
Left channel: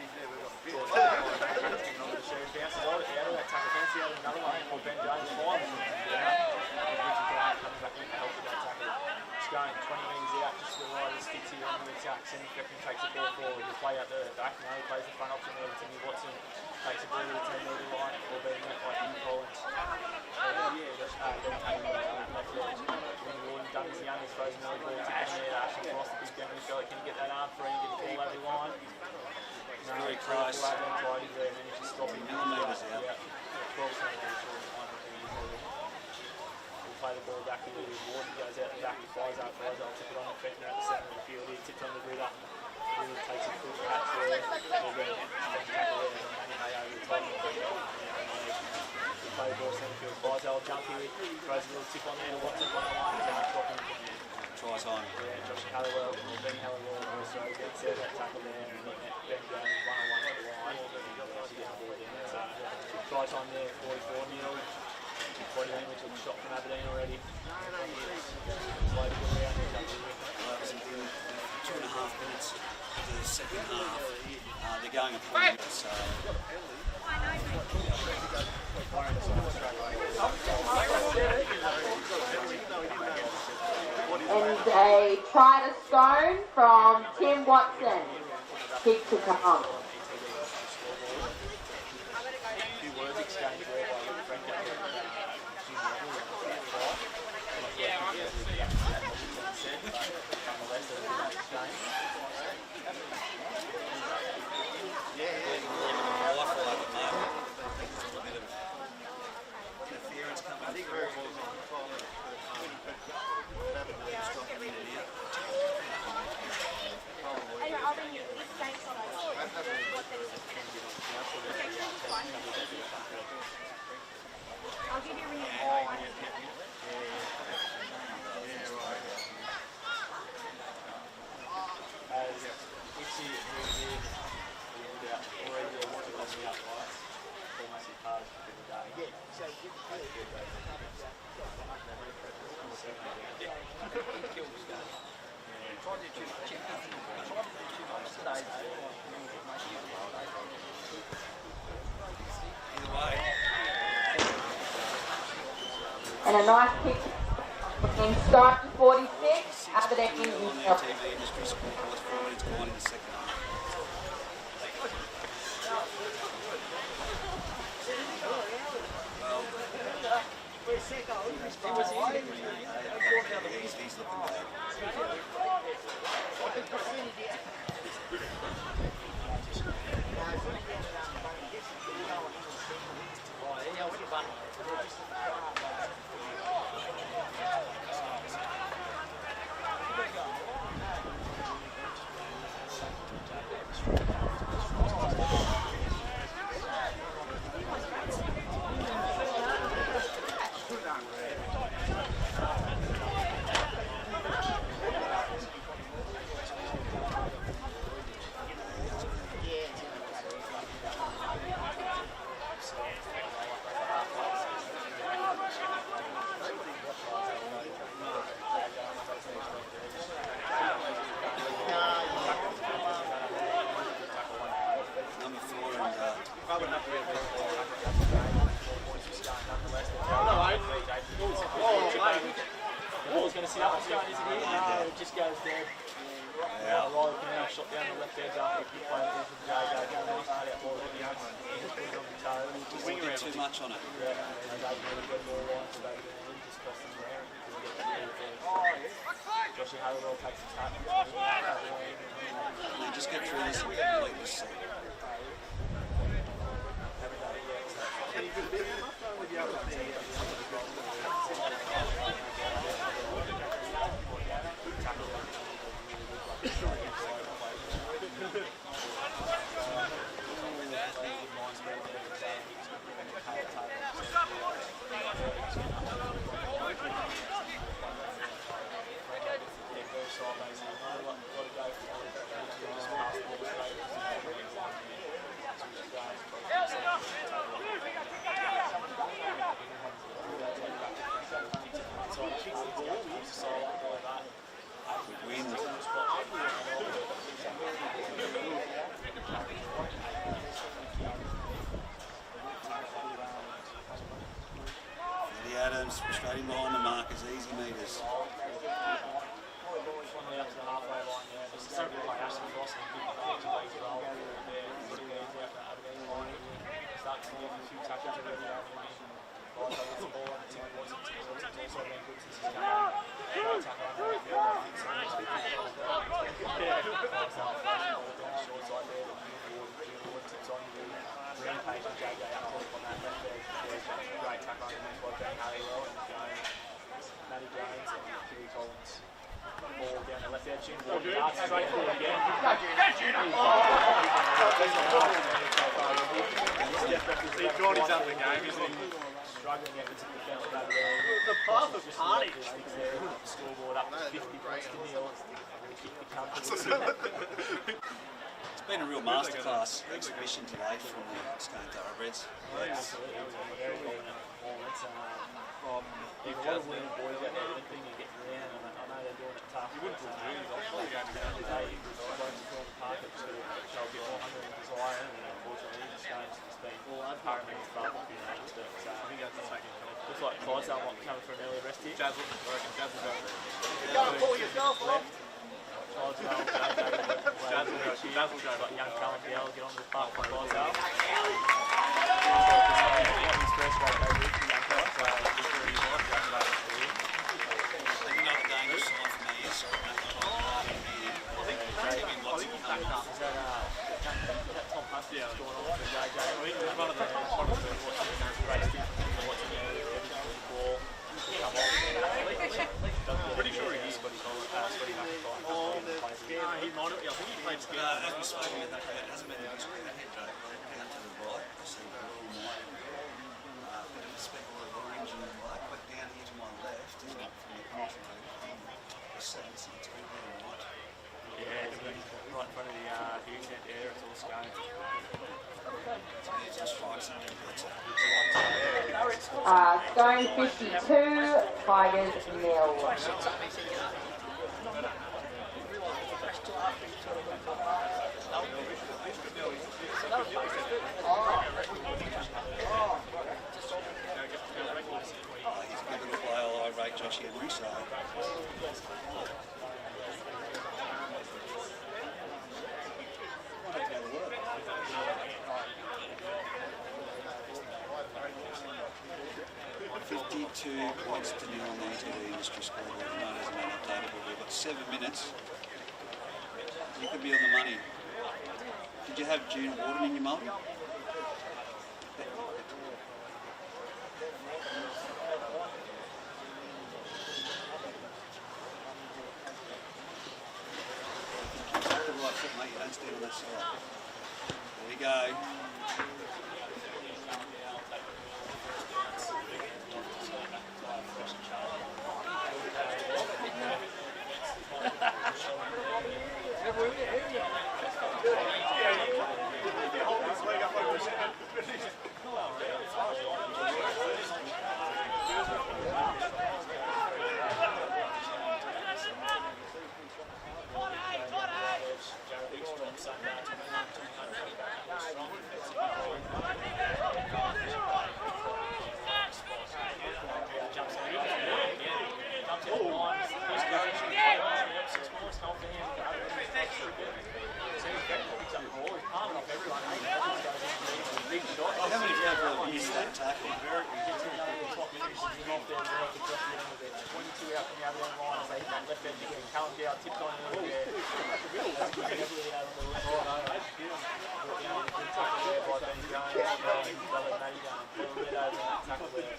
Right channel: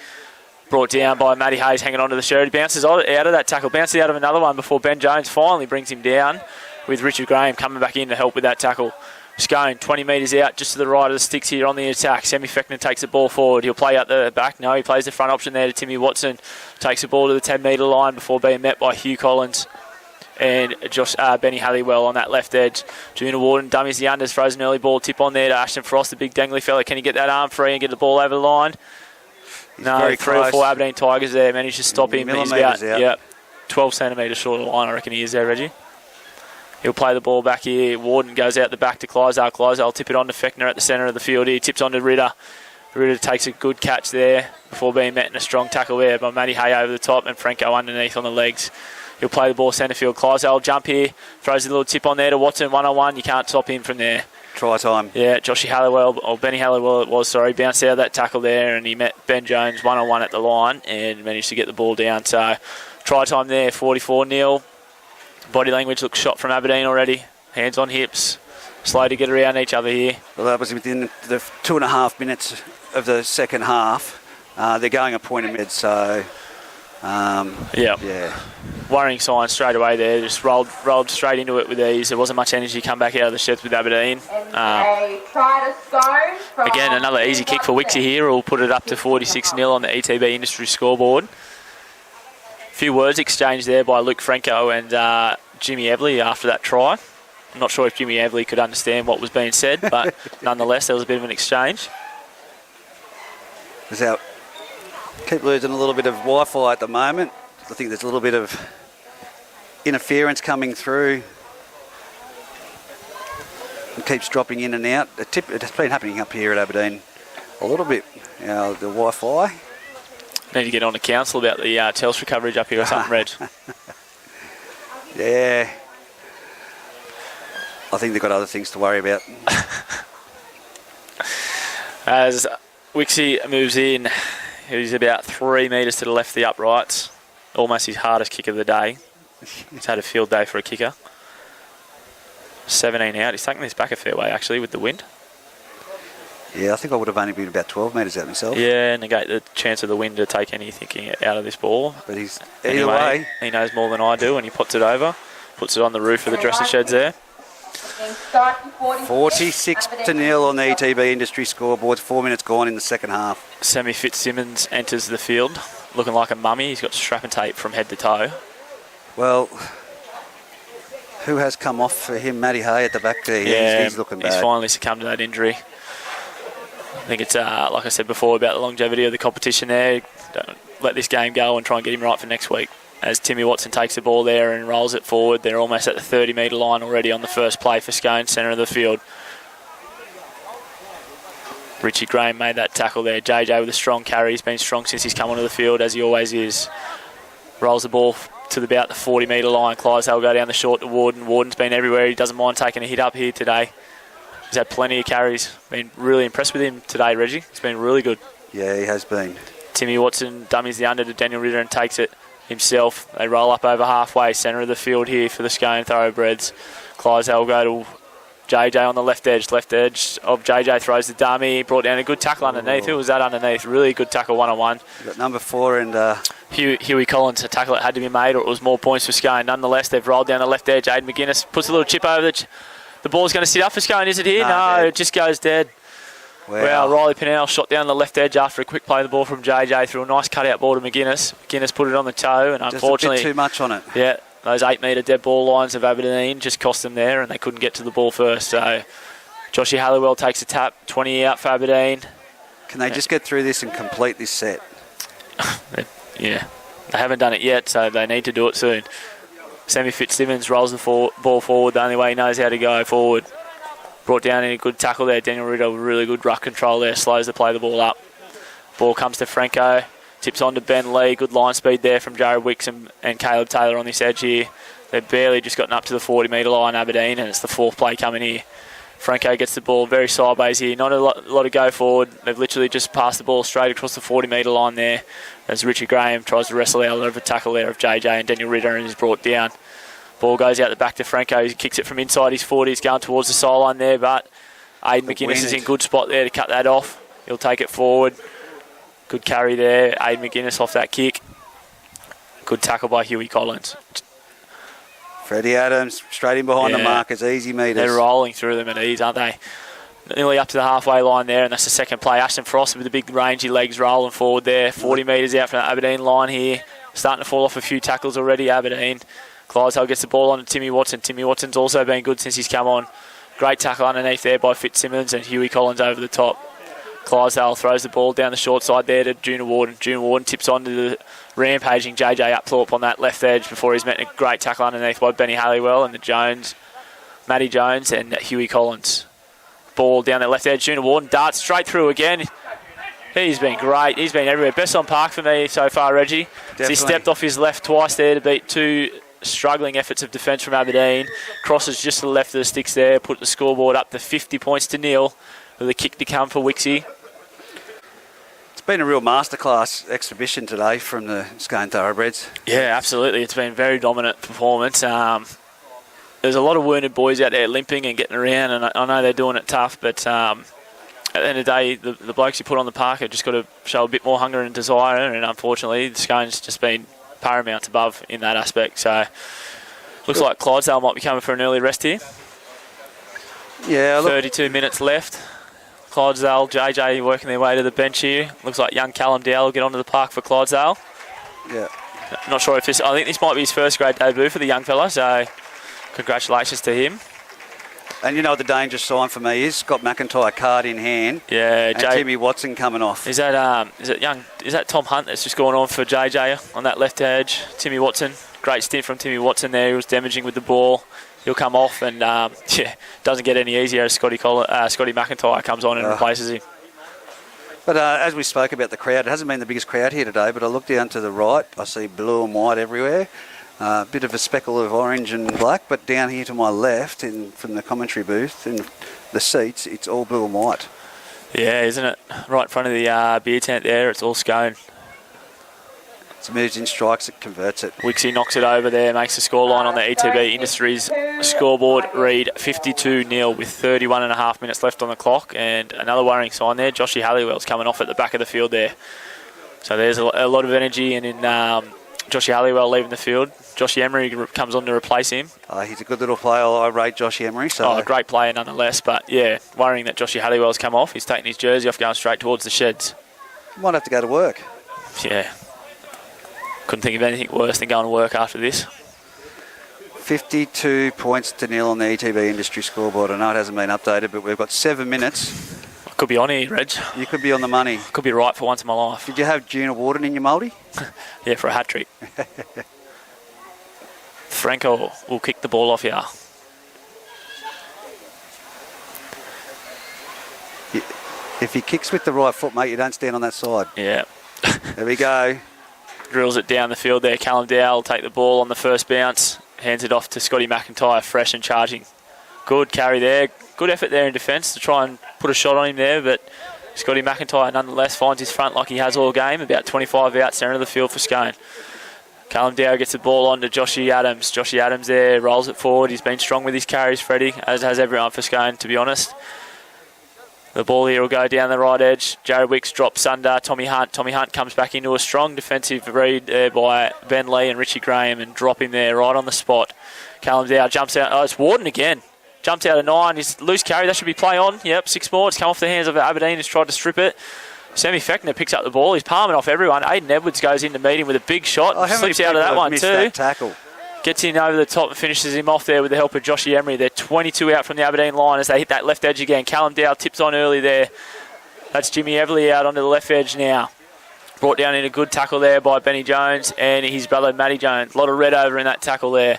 Brought down by Matty Hayes, hanging on to the shirt. He bounces out of that tackle, bounces out of another one before Ben Jones finally brings him down, with Richard Graham coming back in to help with that tackle. Scone 20 metres out, just to the right of the sticks here on the attack. Sammy Fechner takes the ball forward. He'll play out the back. No, he plays the front option there to Timmy Watson. Takes the ball to the 10-metre line before being met by Hugh Collins and Benny Halliwell on that left edge. Junior Warden dummies the unders, throws an early ball tip on there to Ashton Frost, the big dangly fella. Can he get that arm free and get the ball over the line? No, 3 or 4 Aberdeen Tigers there managed to stop him. He's about 12 centimetres short of the line, I reckon he is there, Reggie. He'll play the ball back here. Warden goes out the back to Clydesdale. Clydesdale will tip it on to Fechner at the centre of the field here. Tips on to Ritter. Ritter takes a good catch there before being met in a strong tackle there by Matty Hay over the top and Franco underneath on the legs. He'll play the ball centre field. Clydesdale will jump here. Throws a little tip on there to Watson, one-on-one. You can't stop him from there. Try time. Yeah, Joshy Halliwell, or Benny Halliwell it was, sorry, bounced out of that tackle there and he met Ben Jones one-on-one at the line and managed to get the ball down. So, try time there, 44-0. Body language looks shot from Aberdeen already. Hands on hips. Slow to get around each other here. Well, that was within the 2.5 minutes of the second half. They're going a point ahead, so... yeah. Worrying sign straight away there. Just rolled straight into it with ease. There wasn't much energy come back out of the sheds with Aberdeen. Again, another easy kick for Wixie here. We'll put it up to 46-0 on the ETB Industry scoreboard. A few words exchanged there by Luke Franco and Jimmy Everly after that try. I'm not sure if Jimmy Everly could understand what was being said, but nonetheless, there was a bit of an exchange. Keep losing a little bit of Wi-Fi at the moment. I think there's a little bit of interference coming through. It keeps dropping in and out. It's been happening up here at Aberdeen a little bit. The Wi-Fi. Need to get on to council about the Telstra coverage up here or something, Reg. Yeah. I think they've got other things to worry about. As Wixie moves in, he's about 3 metres to the left of the uprights. Almost his hardest kick of the day. He's had a field day for a kicker. 17 out. He's taken this back a fair way, actually, with the wind. Yeah, I think I would have only been about 12 metres out myself. Yeah, negate the chance of the wind to take anything out of this ball. But he's anyway, either way. He knows more than I do, and he puts it over. Puts it on the roof of the dressing sheds there. 46-0 on the ETB Industry scoreboard. 4 minutes gone in the second half. Sammy Fitzsimmons enters the field looking like a mummy. He's got strap and tape from head to toe. Well, who has come off for him? Matty Hay at the back there. Yeah, he's looking bad. He's finally succumbed to that injury. I think it's, like I said before, about the longevity of the competition there. Don't let this game go and try and get him right for next week. As Timmy Watson takes the ball there and rolls it forward. They're almost at the 30-metre line already on the first play for Scone, centre of the field. Richie Graham made that tackle there. JJ with a strong carry. He's been strong since he's come onto the field, as he always is. Rolls the ball to about the 40-metre line. Clydesdale will go down the short to Warden. Warden's been everywhere. He doesn't mind taking a hit up here today. He's had plenty of carries. Been really impressed with him today, Reggie. It's been really good. Yeah, he has been. Timmy Watson dummies the under to Daniel Ritter and takes it himself. They roll up over halfway, centre of the field here for the Scone Thoroughbreds. Clydesdale will go to JJ on the left edge of JJ throws the dummy, brought down a good tackle underneath. Who was that underneath? Really good tackle one-on-one. Got number 4 and... Huey Collins, a tackle that had to be made, or it was more points for Scone. Nonetheless, they've rolled down the left edge. Aiden McGuinness puts a little chip over the ball's going to sit up for Scone. Is it here? No, it just goes dead. Wow, Riley Pinnell shot down the left edge after a quick play of the ball from JJ through a nice cutout ball to McGuinness. McGuinness put it on the toe, and unfortunately... Just a bit too much on it. Yeah, those 8-metre dead ball lines of Aberdeen just cost them there, and they couldn't get to the ball first. So Joshy Halliwell takes a tap, 20 out for Aberdeen. Can they just get through this and complete this set? Yeah, they haven't done it yet, so they need to do it soon. Sammy Fitzsimmons rolls the ball forward the only way he knows how to go forward. Brought down in a good tackle there. Daniel Riddle, really good ruck control there. Slows the play the ball up. Ball comes to Franco. Tips on to Ben Lee. Good line speed there from Jared Wicks and Caleb Taylor on this edge here. They've barely just gotten up to the 40-metre line, Aberdeen, and it's the 4th play coming here. Franco gets the ball very sideways here. Not a lot of go forward. They've literally just passed the ball straight across the 40-metre line there as Richard Graham tries to wrestle out of a tackle there of JJ, and Daniel Ritter and is brought down. Ball goes out the back to Franco. He kicks it from inside his 40. He's going towards the sideline there, but Aiden McGuinness is in good spot there to cut that off. He'll take it forward. Good carry there. Aiden McGuinness off that kick. Good tackle by Huey Collins. Freddie Adams straight in behind the markers. Easy meters. They're rolling through them at ease, aren't they? Nearly up to the halfway line there, and that's the second play. Ashton Frost with the big rangy legs rolling forward there. 40 metres out from the Aberdeen line here. Starting to fall off a few tackles already, Aberdeen. Clydesdale gets the ball on to Timmy Watson. Timmy Watson's also been good since he's come on. Great tackle underneath there by Fitzsimmons and Huey Collins over the top. Clydesdale throws the ball down the short side there to Junior Warden. Junior Warden tips on to the rampaging JJ Upthorpe on that left edge before he's met a great tackle underneath by Benny Halliwell and Matty Jones and Huey Collins. Ball down that left edge. Junior Warden darts straight through again. He's been great. He's been everywhere. Best on park for me so far, Reggie. He stepped off his left twice there to beat 2 struggling efforts of defence from Aberdeen. Crosses just to the left of the sticks there. Put the scoreboard up to 50 points to nil with a kick to come for Wixie. It's been a real masterclass exhibition today from the Scone Thoroughbreds. Yeah, absolutely. It's been a very dominant performance. There's a lot of wounded boys out there limping and getting around, and I know they're doing it tough, but at the end of the day, the blokes you put on the park have just got to show a bit more hunger and desire, and unfortunately, Scone's just been paramount above in that aspect. So looks like Clydesdale might be coming for an early rest here. Yeah, 32 minutes left. Clydesdale, JJ working their way to the bench here. Looks like young Callum Dowell will get onto the park for Clydesdale. Yeah. Not sure if this... I think this might be his first grade debut for the young fella, so congratulations to him. And you know what the dangerous sign for me is? Scott McIntyre card in hand. Yeah, and Timmy Watson coming off. Is that Tom Hunt that's just gone on for JJ on that left edge? Timmy Watson, great stint from Timmy Watson there. He was damaging with the ball. He'll come off and doesn't get any easier as Scotty McIntyre comes on and replaces him. But as we spoke about the crowd, it hasn't been the biggest crowd here today, but I look down to the right, I see blue and white everywhere. A bit of a speckle of orange and black, but down here to my left, from the commentary booth, in the seats, it's all blue and white. Yeah, isn't it? Right in front of the beer tent there, it's all Scone. It moves in, strikes it, converts it. Wixie knocks it over there, makes the scoreline on the ETB Industries scoreboard read 52-0 with 31 and a half minutes left on the clock. And another worrying sign there, Joshy Halliwell's coming off at the back of the field there. So there's a lot of energy, and in Joshy Halliwell leaving the field. Joshy Emery comes on to replace him. He's a good little player. I rate Joshy Emery. So. A great player nonetheless, but yeah, worrying that Joshy Halliwell's come off. He's taking his jersey off, going straight towards the sheds. Might have to go to work. Yeah. Couldn't think of anything worse than going to work after this. 52 points to nil on the ETB Industry scoreboard. I know it hasn't been updated, but we've got 7 minutes. Could be on here, Reg. You could be on the money. Could be right for once in my life. Did you have Junior Warden in your multi? Yeah, for a hat-trick. Franco will kick the ball off here. If he kicks with the right foot, mate, you don't stand on that side. Yeah. There we go. Drills it down the field there. Callum Dowell will take the ball on the first bounce. Hands it off to Scotty McIntyre, fresh and charging. Good carry there. Good effort there in defence to try and put a shot on him there, but Scotty McIntyre nonetheless finds his front like he has all game. About 25 out centre of the field for Scone. Callum Dow gets the ball on to Joshy Adams. Joshy Adams there, rolls it forward. He's been strong with his carries, Freddie, as has everyone for Scone, to be honest. The ball here will go down the right edge. Jared Wicks drops under Tommy Hunt. Tommy Hunt comes back into a strong defensive read there by Ben Lee and Richie Graham and drop him there right on the spot. Callum Dow jumps out. Oh, it's Warden again. Jumps out of 9. He's loose carry. That should be play on. Yep, 6 more. It's come off the hands of Aberdeen, who's tried to strip it. Sammy Fechner picks up the ball. He's palming off everyone. Aiden Edwards goes in to meet him with a big shot. Slips out of that one too. That tackle. Gets in over the top and finishes him off there with the help of Joshy Emery. They're 22 out from the Aberdeen line as they hit that left edge again. Callum Dow tips on early there. That's Jimmy Everly out onto the left edge now. Brought down in a good tackle there by Benny Jones and his brother Matty Jones. A lot of red over in that tackle there.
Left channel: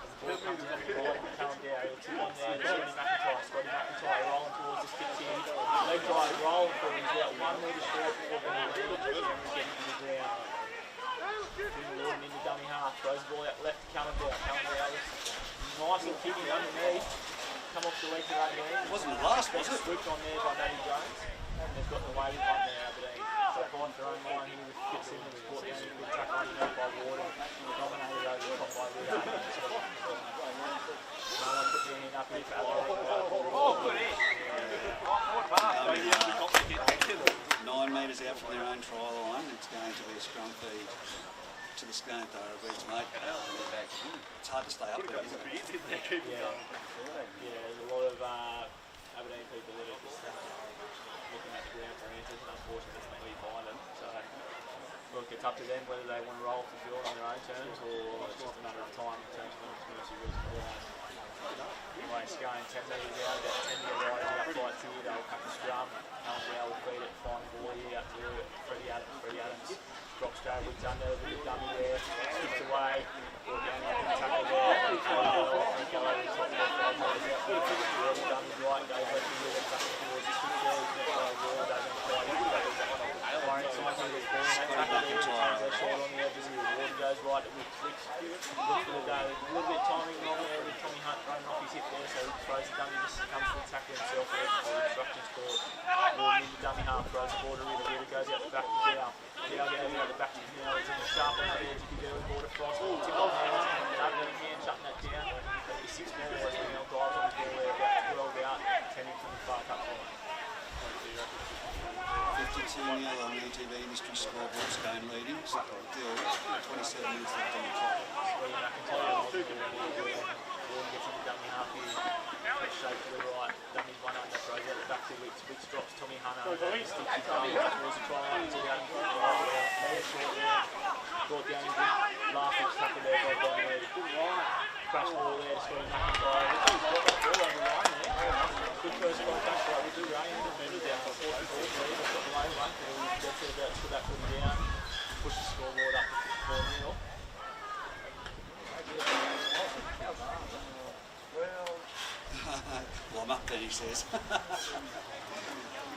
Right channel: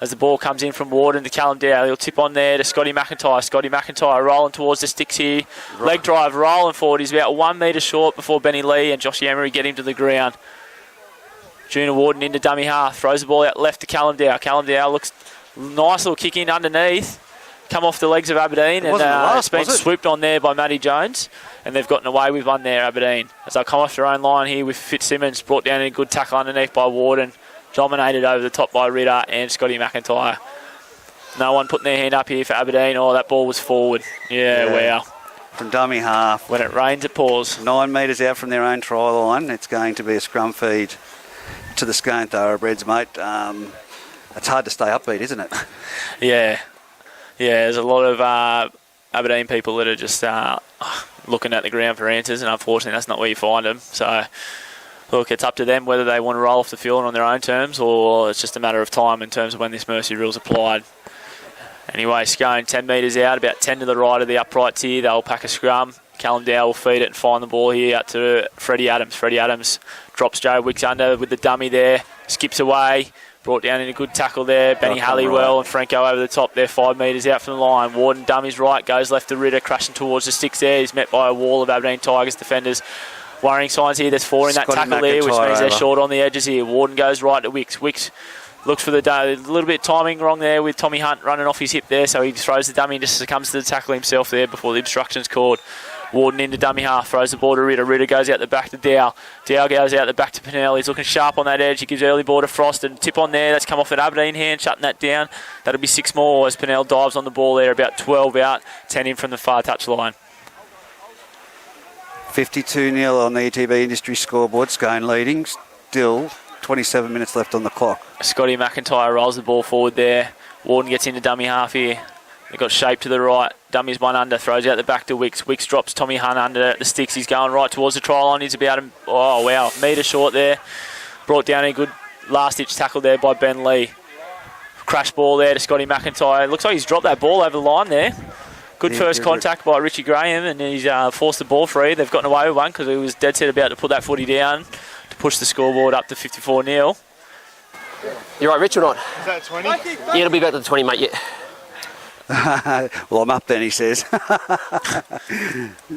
As the ball comes in from Warden to Callum Dow, he'll tip on there to Scotty McIntyre. Scotty McIntyre rolling towards the sticks here. Leg drive, rolling forward. He's about 1 metre short before Benny Lee and Joshy Emery get him to the ground. Junior Warden into dummy half. Throws the ball out left to Callum Dow. Callum Dow looks nice little kick in underneath. Come off the legs of Aberdeen and it's been swooped on there by Matty Jones. And they've gotten away with one there, Aberdeen. As they'll come off their own line here with Fitzsimmons. Brought down in a good tackle underneath by Warden. Dominated over the top by Ritter and Scotty McIntyre. No one putting their hand up here for Aberdeen. Oh, that ball was forward. Yeah, wow. From dummy half. When it rains, it pours. 9 metres out from their own try line. It's going to be a scrum feed to the Scone Thoroughbreds, mate. It's hard to stay upbeat, isn't it? Yeah. Yeah, there's a lot of Aberdeen people that are just looking at the ground for answers, and unfortunately that's not where you find them. So, look, it's up to them whether they want to roll off the field on their own terms or it's just a matter of time in terms of when this mercy rule's applied. Anyway, Scone 10 metres out, about 10 to the right of the uprights here. They'll pack a scrum. Callum Dow will feed it and find the ball here out to Freddie Adams. Freddie Adams drops Joe Wicks under with the dummy there. Skips away. Brought down in a good tackle there. Benny Halliwell and Franco over the top there, 5 metres out from the line. Warden dummies right, goes left to Ritter, crashing towards the sticks there. He's met by a wall of Aberdeen Tigers defenders. Worrying signs here, there's 4 in that tackle there, which means they're short on the edges here. Warden goes right to Wicks. Wicks looks for the a little bit of timing wrong there with Tommy Hunt running off his hip there, so he throws the dummy and just succumbs to the tackle himself there before the obstruction's called. Warden into dummy half, throws the ball to Ritter. Ritter goes out the back to Dow. Dow goes out the back to Pennell. He's looking sharp on that edge. He gives early ball to Frost and tip on there. That's come off an Aberdeen hand, shutting that down. That'll be 6 more as Pennell dives on the ball there, about 12 out, 10 in from the far touch line. 52-0 on the ETB Industry scoreboard. Scone leading. Still 27 minutes left on the clock. Scotty McIntyre rolls the ball forward there. Warden gets into dummy half here. They've got shape to the right. Dummy's one under. Throws out the back to Wicks. Wicks drops Tommy Hunt under the sticks. He's going right towards the try line. He's about, oh wow, metre short there. Brought down a good last-ditch tackle there by Ben Lee. Crash ball there to Scotty McIntyre. Looks like he's dropped that ball over the line there. Good first contact by Richie Graham, and he's forced the ball free. They've gotten away with one because he was dead set about to put that footy down to push the scoreboard up to 54-0. You right, Rich, or not? Is that 20? Yeah, it'll be about to 20, mate, yeah. Well, I'm up then, he says.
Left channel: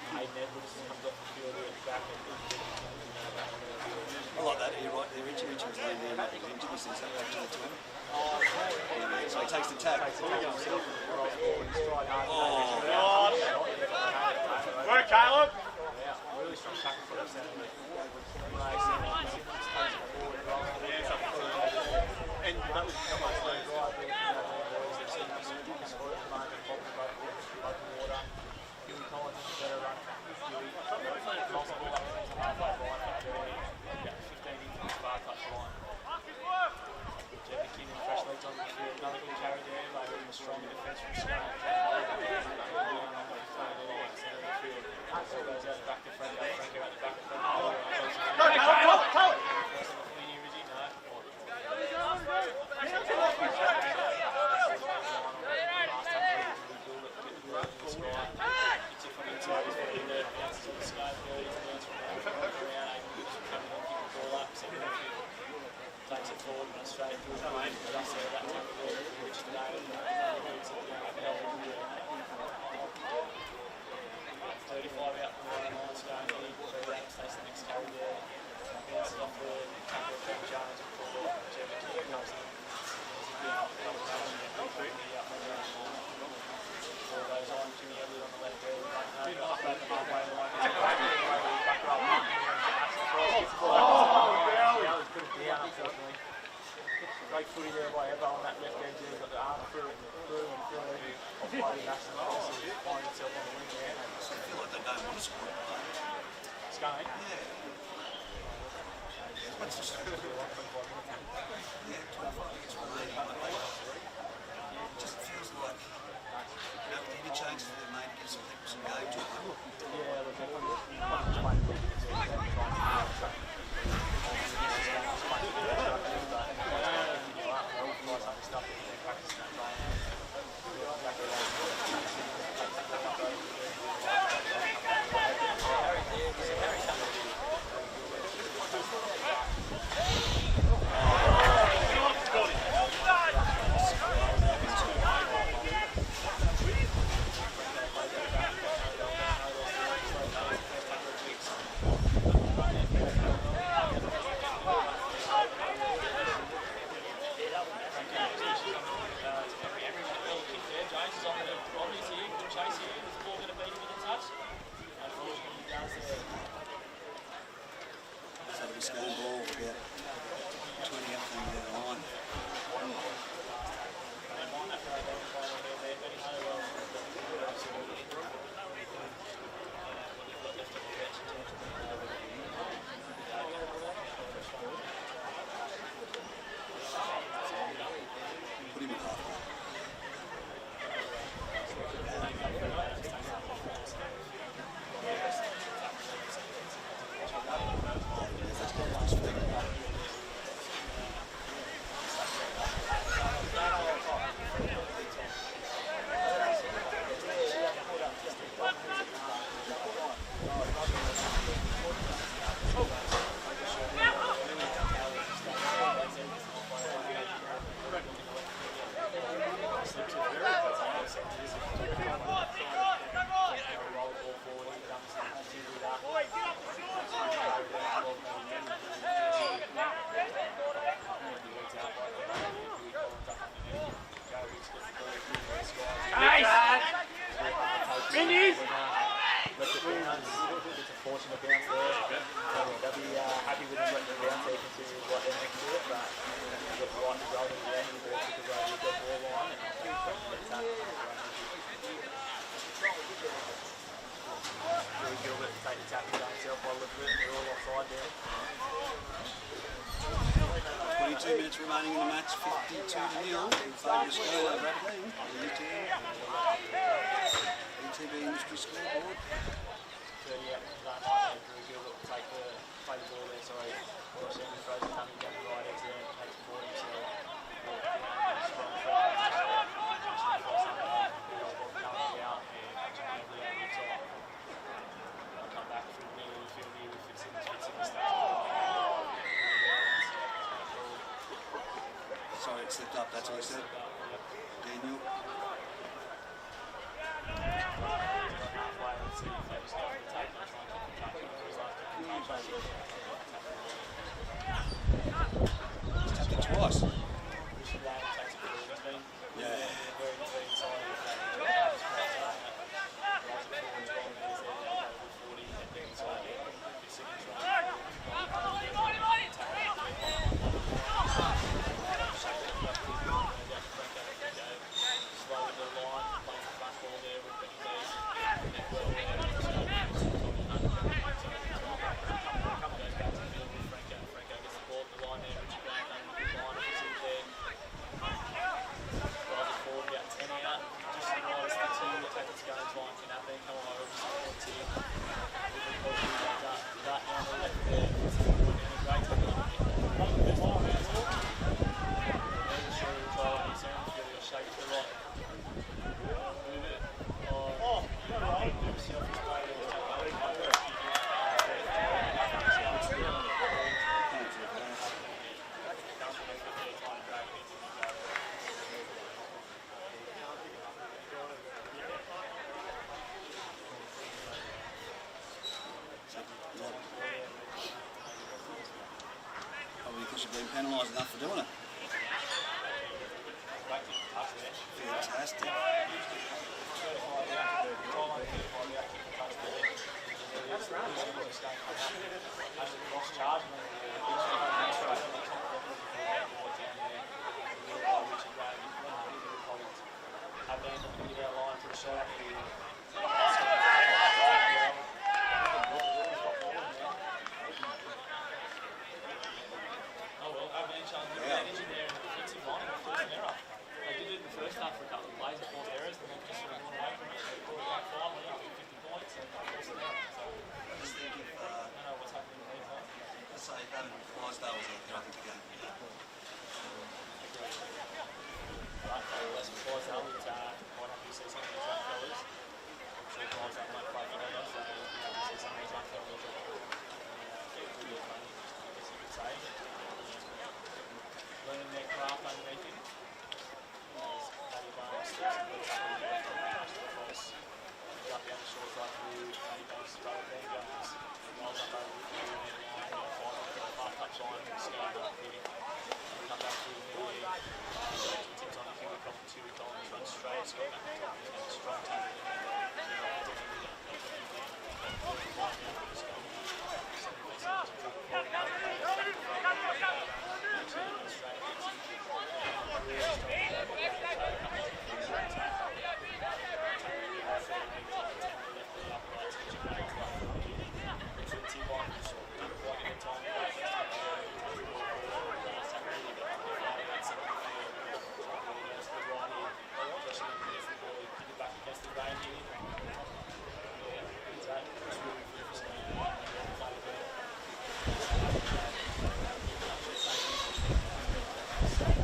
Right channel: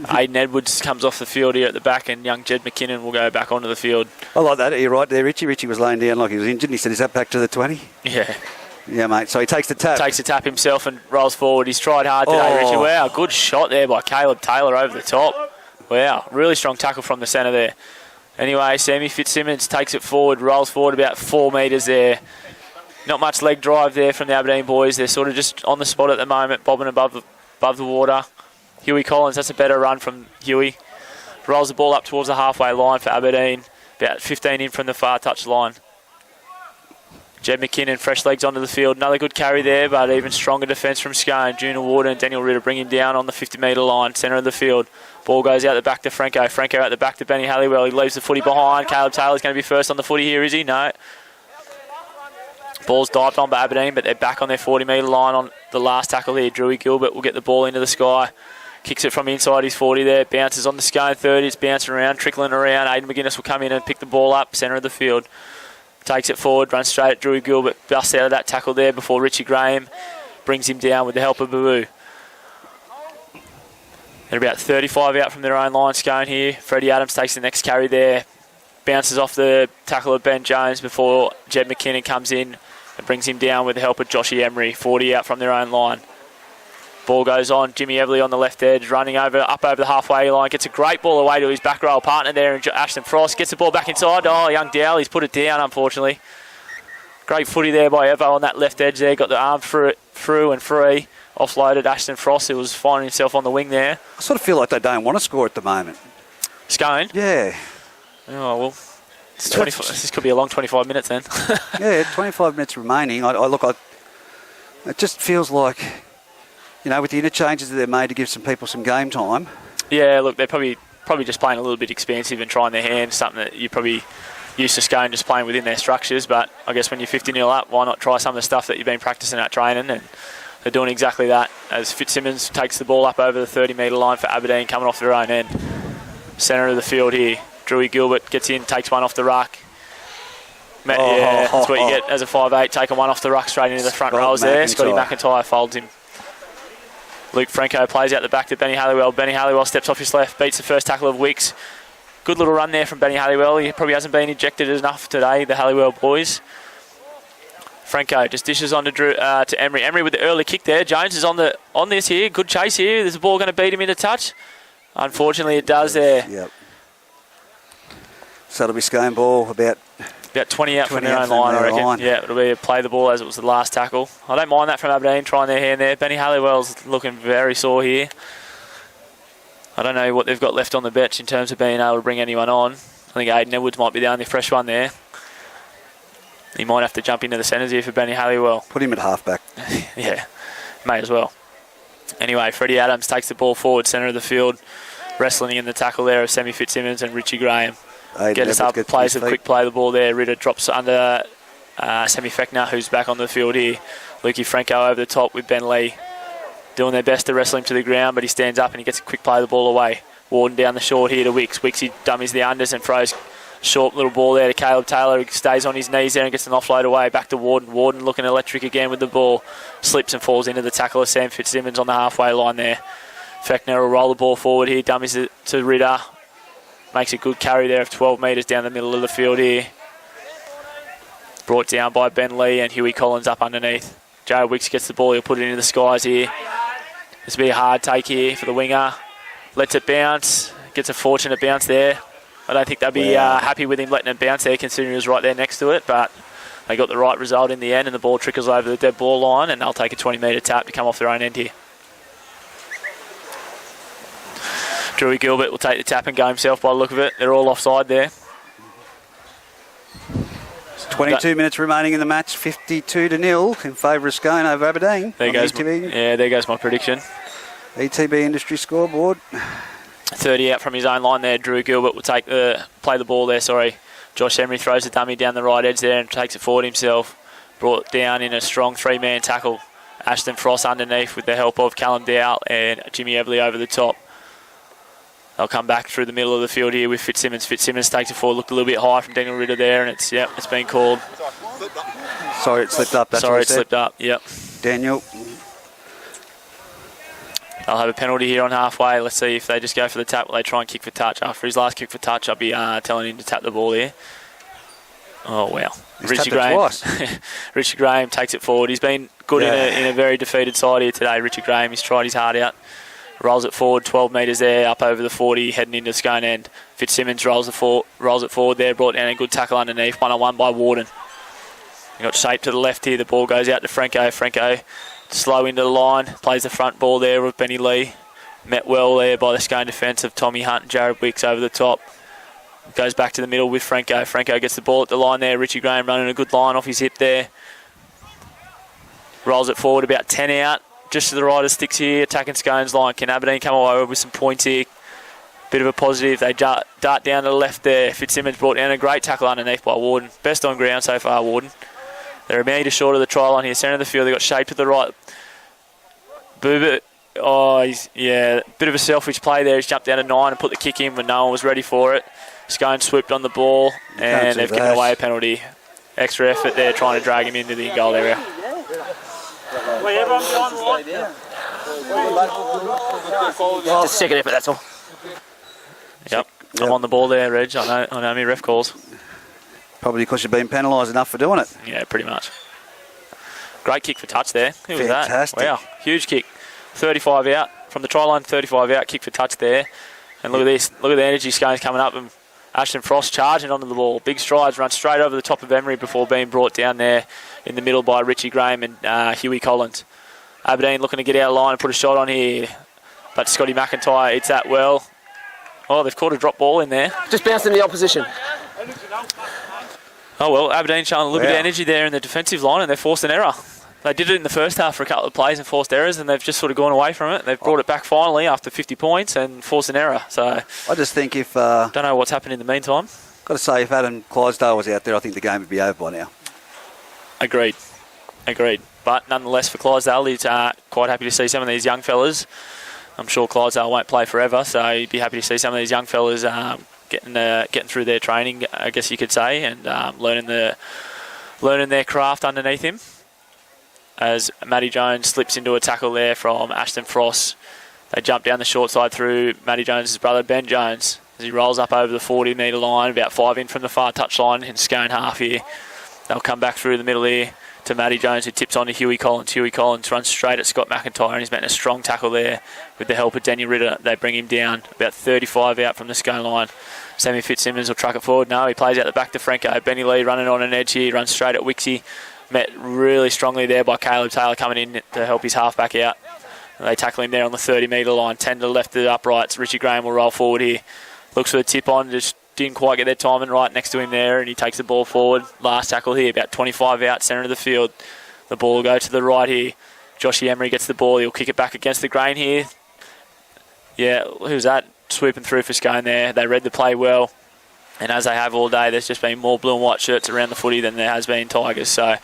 Aiden Edwards comes off the field here at the back, and young Jed McKinnon will go back onto the field. I like that. You're right there, Richie. Richie was laying down like he was injured. He said, is that back to the 20? Yeah. Yeah, mate. So he takes the tap. Takes the tap himself and rolls forward. He's tried hard today, Richie. Wow, good shot there by Caleb Taylor over the top. Wow, really strong tackle from the centre there. Anyway, Sammy Fitzsimmons takes it forward, rolls forward about 4 metres there. Not much leg drive there from the Aberdeen boys. They're sort of just on the spot at the moment, bobbing above the water. Huey Collins, that's a better run from Huey. Rolls the ball up towards the halfway line for Aberdeen, about 15 in from the far touch line. Jed McKinnon, fresh legs onto the field. Another good carry there, but even stronger defence from Scone. Junior Warden and Daniel Ritter bring him down on the 50-metre line, centre of the field. Ball goes out the back to Franco. Franco out the back to Benny Halliwell. He leaves the footy behind. Caleb Taylor's going to be first on the footy here, is he? No. Ball's dived on by Aberdeen, but they're back on their 40-metre line on the last tackle here. Drewy Gilbert will get the ball into the sky. Kicks it from inside his 40 there. Bounces on the Scone 30. It's bouncing around, trickling around. Aidan McGuinness will come in and pick the ball up, centre of the field. Takes it forward, runs straight at Drewy Gilbert. Busts out of that tackle there before Richie Graham brings him down with the help of Babu. They're about 35 out from their own line, Scone here. Freddie Adams takes the next carry there. Bounces off the tackle of Ben Jones before Jed McKinnon comes in and brings him down with the help of Joshy Emery. 40 out from their own line. Ball goes on. Jimmy Everly on the left edge, running up over the halfway line. Gets a great ball away to his back row partner there, and Ashton Frost gets the ball back inside. Oh, young Dowell, he's put it down, unfortunately. Great footy there by Evo on that left edge there. Got the arm through and free. Offloaded Ashton Frost, who was finding himself on the wing there. I sort of feel like they don't want to score at the moment. Scone? Yeah. Oh, well, this could be a long 25 minutes then. Yeah, 25 minutes remaining. It just feels like, with the interchanges that they've made to give some people some game time. Yeah, look, they're probably just playing a little bit expansive and trying their hand, something that you probably used to Scone just playing within their structures. But I guess when you're 50-0 up, why not try some of the stuff that you've been practicing at training? And they're doing exactly that as Fitzsimmons takes the ball up over the 30-metre line for Aberdeen, coming off their own end. Centre of the field here. Drewy Gilbert gets in, takes one off the ruck. Yeah, that's what you get as a 5'8", taking one off the ruck straight into the front rows there. Scotty McIntyre folds him. Luke Franco plays out the back to Benny Halliwell. Benny Halliwell steps off his left, beats the first tackle of Wicks. Good little run there from Benny Halliwell. He probably hasn't been ejected enough today, the Halliwell boys. Franco just dishes on to Emery. Emery with the early kick there. Jones is on this here. Good chase here. There's a ball going to beat him into touch. Unfortunately, it does there. Yep. So it'll be Scone ball about 20 out from their own line, I reckon. Yeah, it'll be a play the ball as it was the last tackle. I don't mind that from Aberdeen, trying their hand there. Benny Halliwell's looking very sore here. I don't know what they've got left on the bench in terms of being able to bring anyone on. I think Aidan Edwards might be the only fresh one there. He might have to jump into the centres here for Benny Halliwell. Put him at halfback. Yeah, may as well. Anyway, Freddie Adams takes the ball forward, centre of the field, wrestling in the tackle there of Sammy Fitzsimmons and Richie Graham. Get us up, plays a quick play the ball there. Ritter drops under Sammy Fechner, who's back on the field here. Lukey Franco over the top with Ben Lee, doing their best to wrestle him to the ground, but he stands up and he gets a quick play the ball away. Warden down the short here to Wicks. Wicks, he dummies the unders and throws short little ball there to Caleb Taylor, who stays on his knees there and gets an offload away. Back to Warden. Warden looking electric again with the ball. Slips and falls into the tackle of Sam Fitzsimmons on the halfway line there. Fechner will roll the ball forward here, dummies it to Ritter. Makes a good carry there of 12 metres down the middle of the field here. Brought down by Ben Lee and Huey Collins up underneath. Joe Wicks gets the ball, he'll put it into the skies here. This will be a hard take here for the winger. Lets it bounce, gets a fortunate bounce there. I don't think they'll be happy with him letting it bounce there, considering he was right there next to it, but they got the right result in the end, and the ball trickles over the dead ball line, and they'll take a 20-metre tap to come off their own end here. Drewy Gilbert will take the tap and go himself by the look of it. They're all offside there. 22 minutes remaining in the match, 52-0 in favour of Scone over Aberdeen. There goes my prediction. ETB Industry scoreboard. 30 out from his own line there. Drew Gilbert will play the ball there, sorry. Josh Emery throws the dummy down the right edge there and takes it forward himself. Brought down in a strong three-man tackle. Ashton Frost underneath with the help of Callum Dowell and Jimmy Everly over the top. They'll come back through the middle of the field here with Fitzsimmons. Fitzsimmons takes it forward, looked a little bit high from Daniel Ritter there, and it's been called. Sorry, it slipped up. Sorry, it slipped up, yep. Daniel. They'll have a penalty here on halfway. Let's see if they just go for the tap or they try and kick for touch. After his last kick for touch, I'll be telling him to tap the ball here. Oh, wow. Richie Graham takes it forward. He's been good in a very defeated side here today. Richie Graham, he's tried his heart out. Rolls it forward, 12 metres there, up over the 40, heading into Scone end. Fitzsimmons rolls it forward there, brought down a good tackle underneath, one-on-one by Warden. He got shaped to the left here, the ball goes out to Franco. Franco slow into the line, plays the front ball there with Benny Lee. Met well there by the Scone defence of Tommy Hunt and Jared Wicks over the top. Goes back to the middle with Franco. Franco gets the ball at the line there. Richie Graham running a good line off his hip there. Rolls it forward about 10 out. Just to the right of sticks here, attacking Scone's line. Can Aberdeen come away with some points here? Bit of a positive. They dart down to the left there. Fitzsimmons brought down a great tackle underneath by Warden. Best on ground so far, Warden. They're a metre short of the try line here. Centre of the field, they got shaped to the right. Booba, bit of a selfish play there. He's jumped down to 9 and put the kick in when no one was ready for it. Scone swooped on the ball and they've given away a penalty. Extra effort there trying to drag him into the goal area. Just second effort, that's all. Yep. I'm on the ball there, Reg. I know my ref calls. Probably because you've been penalised enough for doing it. Yeah, pretty much. Great kick for touch there. Who was that? Fantastic. Wow, huge kick. 35 out. From the try line, 35 out, kick for touch there. And look at this. Look at the energy Scone's coming up. And Ashton Frost charging onto the ball. Big strides, run straight over the top of Emery before being brought down there in the middle by Richie Graham and Huey Collins. Aberdeen looking to get out of line and put a shot on here. But Scotty McIntyre eats that well. Oh, they've caught a drop ball in there. Just bounced in the opposition. Oh, well, Aberdeen showing a little bit of energy there in the defensive line, and they've forced an error. They did it in the first half for a couple of plays and forced errors, and they've just sort of gone away from it. They've brought it back finally after 50 points and forced an error. So I just think if... don't know what's happened in the meantime. Got to say, if Adam Clydesdale was out there, I think the game would be over by now. Agreed. But nonetheless, for Clydesdale, he's quite happy to see some of these young fellas. I'm sure Clydesdale won't play forever, so he'd be happy to see some of these young fellas getting through their training, I guess you could say, and learning their craft underneath him. As Matty Jones slips into a tackle there from Ashton Frost. They jump down the short side through Matty Jones' brother, Ben Jones, as he rolls up over the 40-metre line, about 5 in from the far touch line in Scone half here. They'll come back through the middle here to Matty Jones, who tips on to Huey Collins. Huey Collins runs straight at Scott McIntyre, and he's making a strong tackle there with the help of Daniel Ritter. They bring him down about 35 out from the Scone line. Sammy Fitzsimmons will truck it forward. No, he plays out the back to Franco. Benny Lee running on an edge here. He runs straight at Wixie. Met really strongly there by Caleb Taylor coming in to help his halfback out. They tackle him there on the 30-metre line. 10 to the left of the uprights. Richie Graham will roll forward here. Looks for the tip on. Just didn't quite get their timing right next to him there, and he takes the ball forward. Last tackle here, about 25 out, centre of the field. The ball will go to the right here. Joshy Emery gets the ball. He'll kick it back against the grain here. Yeah, who's that? Swooping through for Scone there. They read the play well. And as they have all day, there's just been more blue and white shirts around the footy than there has been Tigers. So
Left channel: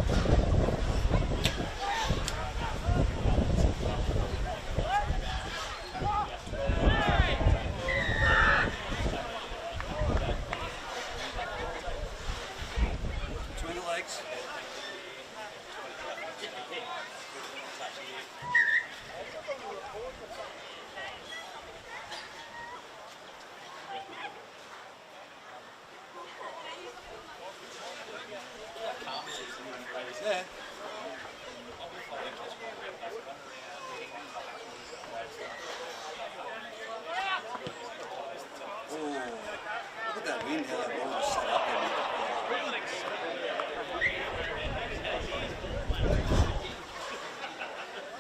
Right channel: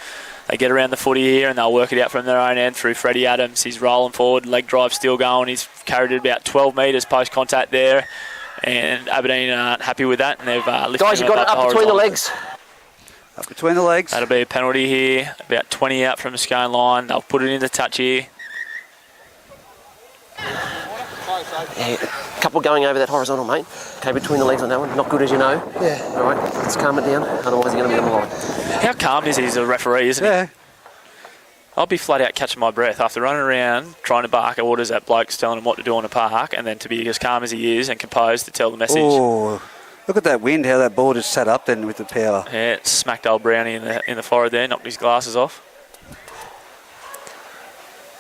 they get around the footy here and they'll work it out from their own end through Freddie Adams. He's rolling forward, leg drive still going. He's carried it about 12 metres post-contact there. And Aberdeen aren't happy with that. And they've lifted Guys, you've got it up between the legs. Up between the legs. That'll be a penalty here. About 20 out from the Scone line. They'll put it into touch here. Yeah, a couple going over that horizontal, mate. Okay, between the legs on that one. Not good, as you know. Yeah. All right, let's calm it down. Otherwise, you're going to be on the line. How calm is he as a referee, isn't he? I'll be flat out catching my breath after running around trying to bark orders at blokes telling him what to do on the park, and then to be as calm as he is and composed to tell the message. Oh, look at that wind, how that ball just sat up then with the power. Yeah, it smacked old Brownie in the forehead there, knocked his glasses off.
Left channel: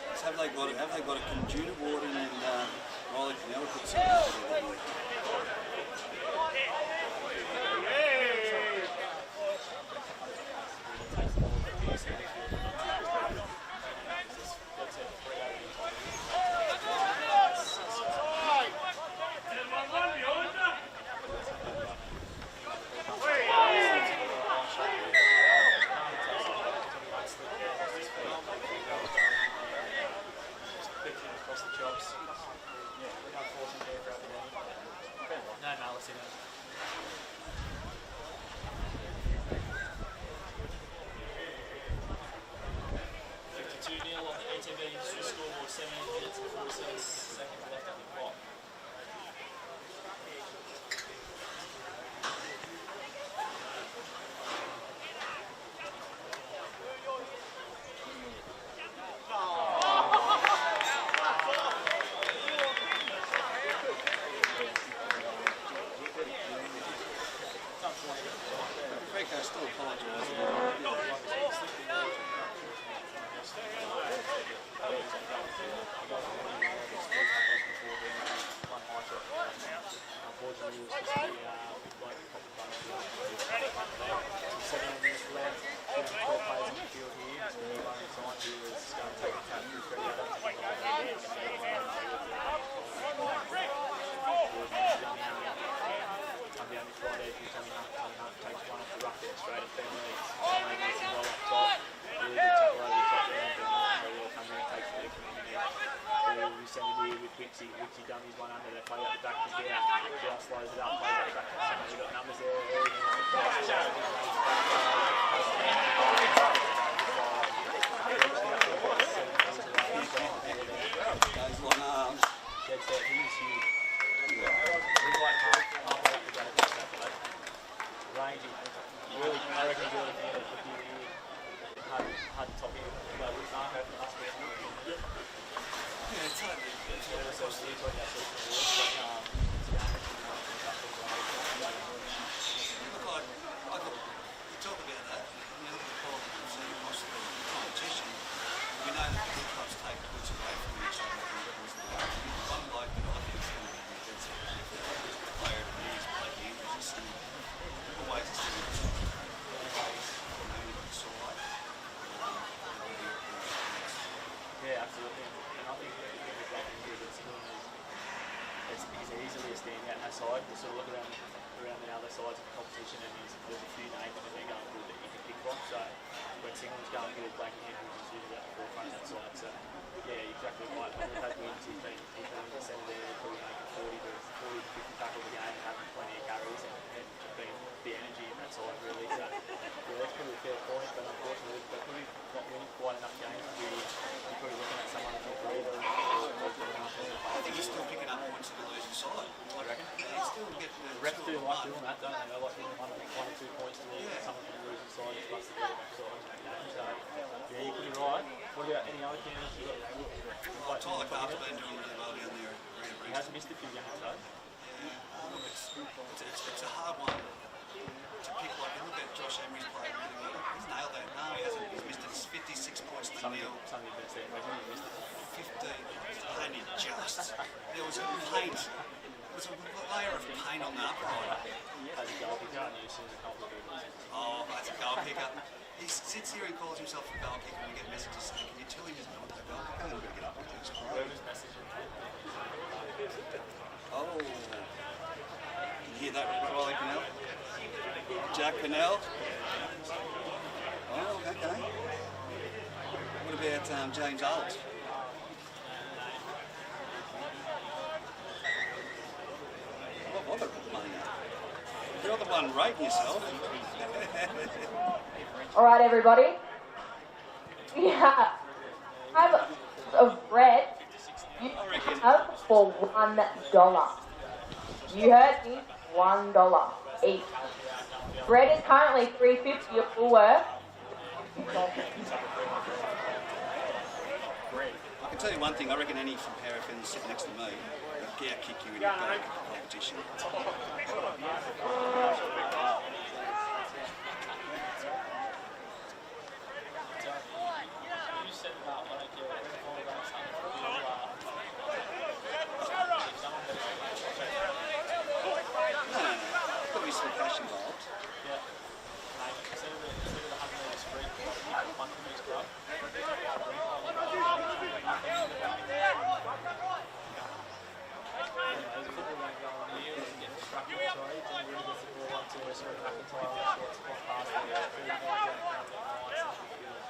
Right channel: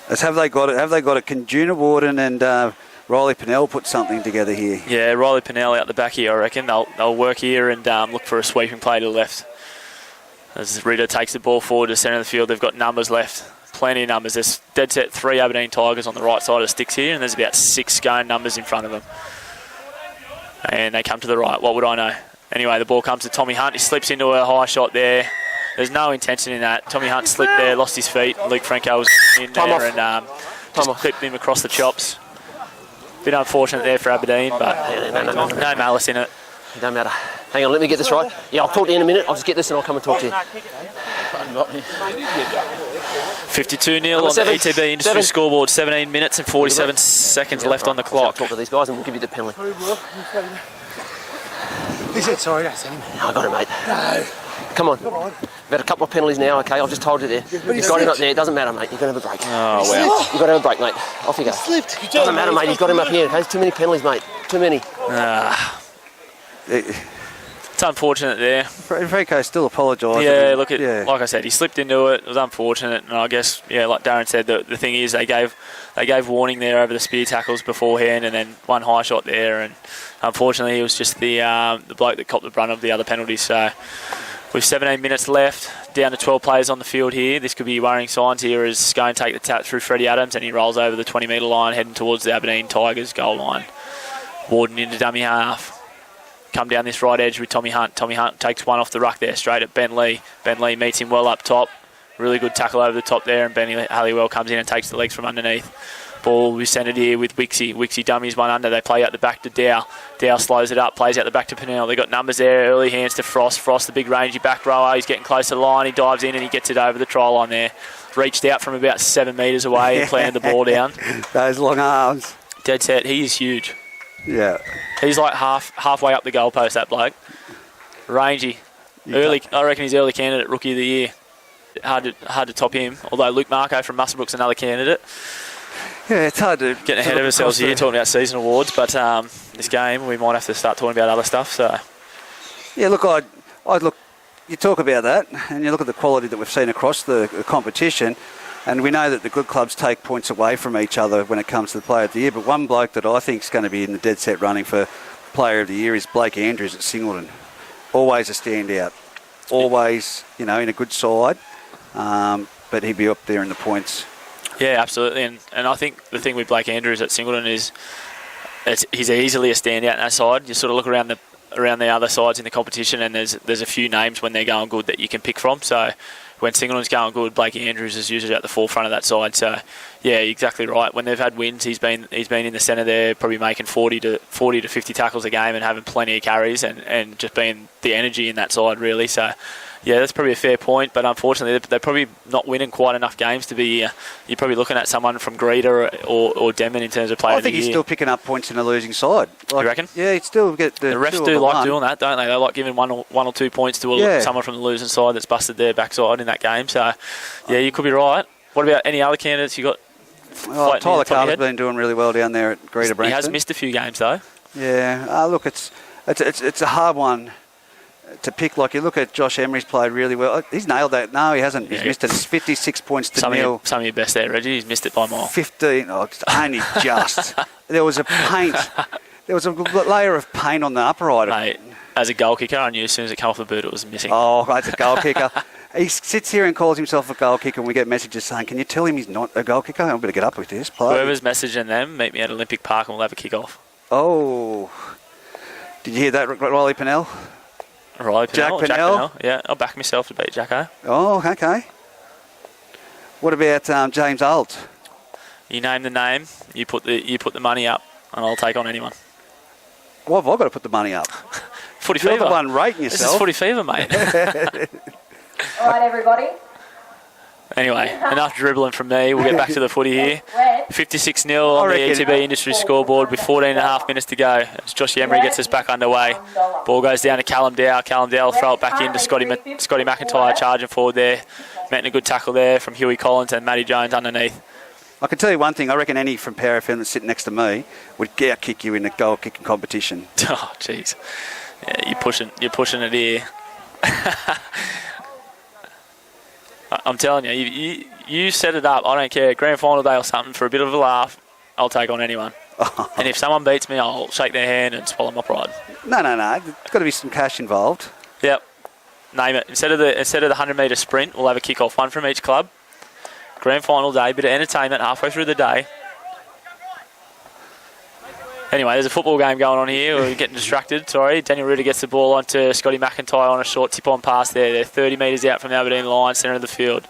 Have they got it? Can Juna Warden and Riley Pennell put something together here? Yeah, Riley Pennell out the back here, I reckon. They'll work here and look for a sweeping play to the left. As Ritter takes the ball forward to the centre of the field, they've got numbers left. Plenty of numbers. There's dead set 3 Aberdeen Tigers on the right side of the sticks here, and there's about 6 Scone numbers in front of them. And they come to the right. What would I know? Anyway, the ball comes to Tommy Hunt. He slips into a high shot there. There's no intention in that. Tommy Hunt slipped there, lost his feet. Luke Franco was in there and just clipped him across the chops. Bit unfortunate there for Aberdeen, but no malice in it. It don't matter. Hang on, let me get this right. Yeah, I'll talk to you in a minute. I'll just get this and I'll come and talk to you. 52-0 on the ETB Industry scoreboard. 17 minutes and 47 seconds left on the clock. Talk to these guys and we'll give you the penalty. He said sorry, that's him. I got it, mate. No. Come on. We've had a couple of penalties now, okay? I've just told you there. You've got him up there. It doesn't matter, mate. You've got to have a break. Oh, wow. You've got to have a break, mate. Off you go. It doesn't matter, mate. You've got him up here, okay? There's too many penalties, mate. Too many. It's unfortunate there. Franco still apologised. Yeah, look, like I said, he slipped into it. It was unfortunate, and I guess, like Darren said, the thing is they gave warning there over the spear tackles beforehand, and then one high shot there, and unfortunately, it was just the bloke that copped the brunt of the other penalties. So, with 17 minutes left, down to 12 players on the field here, this could be worrying signs here as Scone take the tap through Freddie Adams, and he rolls over the 20-metre line, heading towards the Aberdeen Tigers goal line. Warden into dummy half. Come down this right edge with Tommy Hunt. Tommy Hunt takes one off the ruck there, straight at Ben Lee. Ben Lee meets him well up top. Really good tackle over the top there, and Benny Halliwell comes in and takes the legs from underneath. Ball will be centred here with Wixie. Wixie dummies one under. They play out the back to Dow. Dow slows it up, plays out the back to Pennell. They've got numbers there. Early hands to Frost. Frost, the big rangy back rower. He's getting close to the line. He dives in and he gets it over the try line there. Reached out from about 7 metres away and planted the ball down. Those long arms. Dead set. He is huge. Yeah. He's like halfway up the goalpost, that bloke. Rangy. I reckon he's early candidate, Rookie of the Year. Hard to top him, although Luke Marco from Musselbrook's another candidate. Yeah, it's hard to... Getting ahead of ourselves here, talking about season awards, but this game, we might have to start talking about other stuff, so... Yeah, look, I'd look... You talk about that, and you look at the quality that we've seen across the competition, and we know that the good clubs take points away from each other when it comes to the Player of the Year, but one bloke that I think is going to be in the dead set running for Player of the Year is Blake Andrews at Singleton. Always a standout. Always, in a good side, but he'd be up there in the points. Yeah, absolutely, and I think the thing with Blake Andrews at Singleton is he's easily a standout in that side. You sort of look around the other sides in the competition, and there's a few names when they're going good that you can pick from. So when Singleton's going good, Blake Andrews is usually at the forefront of that side. So yeah, exactly right. When they've had wins, he's been in the centre there, probably making 40 to 50 tackles a game and having plenty of carries and just being the energy in that side really. So yeah, that's probably a fair point, but unfortunately they're probably not winning quite enough games to be... you're probably looking at someone from Greeter or Denman in terms of Player of the Year. I think he's still picking up points in a losing side. You reckon? Yeah, he'd still get the... The refs do like doing that, don't they? They like giving one or 2 points to someone from the losing side that's busted their backside in that game. So, yeah, you could be right. What about any other candidates you got? Tyler Carter's been doing really well down there at Greeter Brankston. He has missed a few games, though. Yeah. Look, it's a hard one to pick. Like, you look at Josh Emery's played really well. He's nailed that. No, he hasn't. He's missed it. It's 56 points to nil. Some of your best there, Reggie. He's missed it by more. 15. Oh, it's only just. There was a paint. There was a layer of paint on the upright. Mate, as a goal kicker, I knew as soon as it came off the boot it was missing. Oh, that's a goal kicker. He sits here and calls himself a goal kicker, and we get messages saying, can you tell him he's not a goal kicker? I'm going to get up with this. Whoever's messaging them, meet me at Olympic Park and we'll have a kick-off. Oh. Did you hear that, Riley Pennell? Jack Pennell. Yeah, I'll back myself to beat Jacko. Oh, okay. What about James Ault? You name the name, you put the money up, and I'll take on anyone. Well, I've got to put the money up. Footy You're Fever. the one rating yourself. This is Footy Fever, mate. All right, everybody. Anyway, enough dribbling from me. We'll get back to the footy here. 56-0 on the ETB Industry scoreboard with 14 and a half minutes to go. As Josh Emery gets us back underway. Ball goes down to Callum Dow. Callum Dow will throw it back into Scotty McIntyre charging forward there. Making a good tackle there from Huey Collins and Matty Jones underneath. I can tell you one thing. I reckon any from Power FM that's sitting next to me would kick you in a goal kicking competition. Oh, jeez. Yeah, you're pushing it here. I'm telling you, you set it up. I don't care. Grand final day or something for a bit of a laugh. I'll take on anyone. And if someone beats me, I'll shake their hand and swallow my pride. No. There's got to be some cash involved. Yep. Name it. Instead of the 100-metre sprint, we'll have a kick-off, one from each club. Grand final day, bit of entertainment halfway through the day. Anyway, there's a football game going on here. We're getting distracted, sorry. Daniel Ritter gets the ball onto Scotty McIntyre on a short tip-on pass there. They're 30 metres out from the Aberdeen line, centre of the field.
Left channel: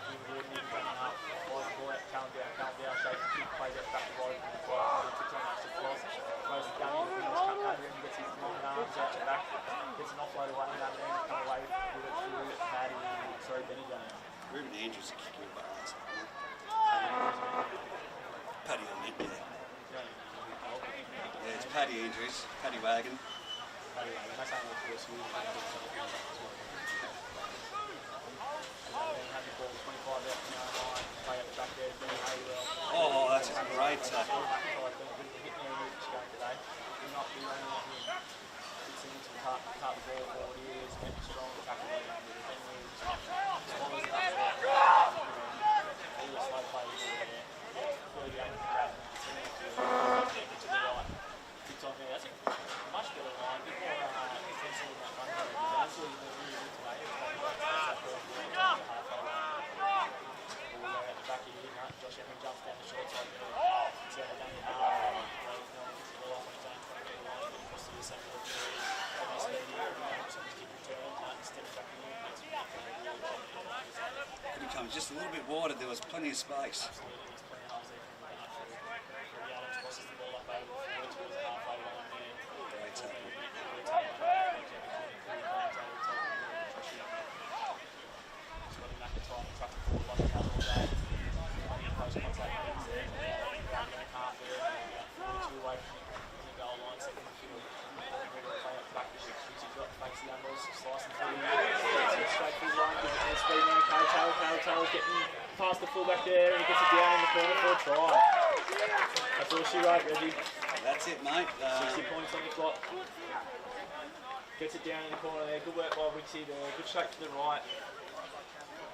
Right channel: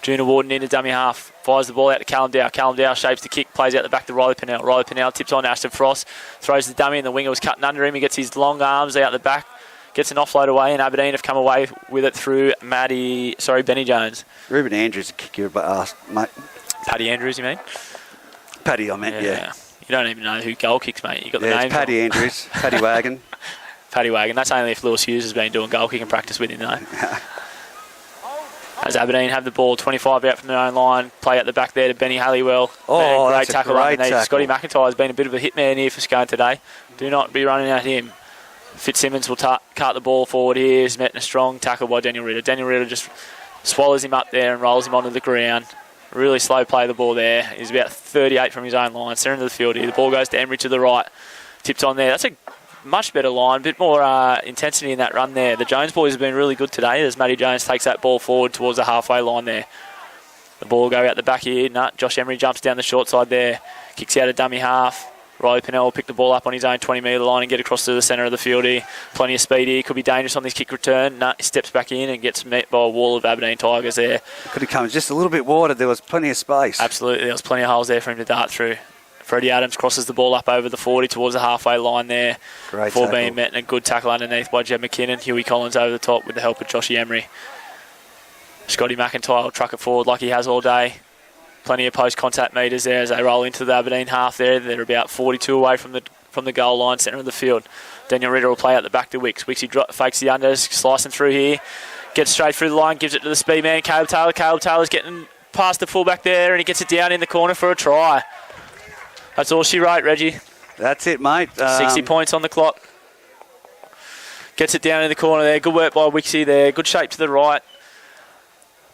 Junior Warden into dummy half. Fires the ball out to Callum Dow. Callum Dow shapes the kick, plays out the back to Riley Pennell. Riley Pennell tips on Ashton Frost. Throws the dummy and the winger was cutting under him. He gets his long arms out the back. Gets an offload away, and Aberdeen have come away with it through Benny Jones. Ruben Andrews will kick your ass, mate. Paddy Andrews, you mean? Paddy, I meant, yeah. You don't even know who goal kicks, mate. You got the name. names. Paddy Andrews, Paddy Wagon. Paddy Wagon. That's only if Lewis Hughes has been doing goal kicking practice with him, though. As Aberdeen have the ball 25 out from their own line, play at the back there to Benny Halliwell. Oh, great tackle underneath. Tackle. Scotty McIntyre has been a bit of a hitman here for Scone today. Do not be running at him. Fitzsimmons will cart the ball forward here. He's met in a strong tackle by Daniel Ritter. Daniel Ritter just swallows him up there and rolls him onto the ground. Really slow play of the ball there. He's about 38 from his own line. Centre into the field here. The ball goes to Emery to the right. Tipped on there. That's a much better line. A bit more intensity in that run there. The Jones boys have been really good today as Matty Jones takes that ball forward towards the halfway line there. The ball will go out the back here. Josh Emery jumps down the short side there. Kicks out a dummy half. Riley Pennell will pick the ball up on his own 20-metre line and get across to the centre of the field here. Plenty of speed here. Could be dangerous on this kick return. He steps back in and gets met by a wall of Aberdeen Tigers there. Could have come just a little bit wider. There was plenty of space. Absolutely. There was plenty of holes there for him to dart through. Freddie Adams crosses the ball up over the 40 towards the halfway line there. Great before tackle. Being met and a good tackle underneath by Jed McKinnon. Huey Collins over the top with the help of Joshy Emery. Scotty McIntyre will truck it forward like he has all day. Plenty of post-contact metres there as they roll into the Aberdeen half there. They're about 42 away from the goal line, centre of the field. Daniel Ritter will play out the back to Wicks. Wicks fakes the unders, slicing through here. Gets straight through the line, gives it to the speed man, Caleb Taylor. Caleb Taylor's getting past the fullback there, and he gets it down in the corner for a try. That's all she wrote, Reggie. That's it, mate. 60 points on the clock. Gets it down in the corner there. Good work by Wixie there. Good shape to the right.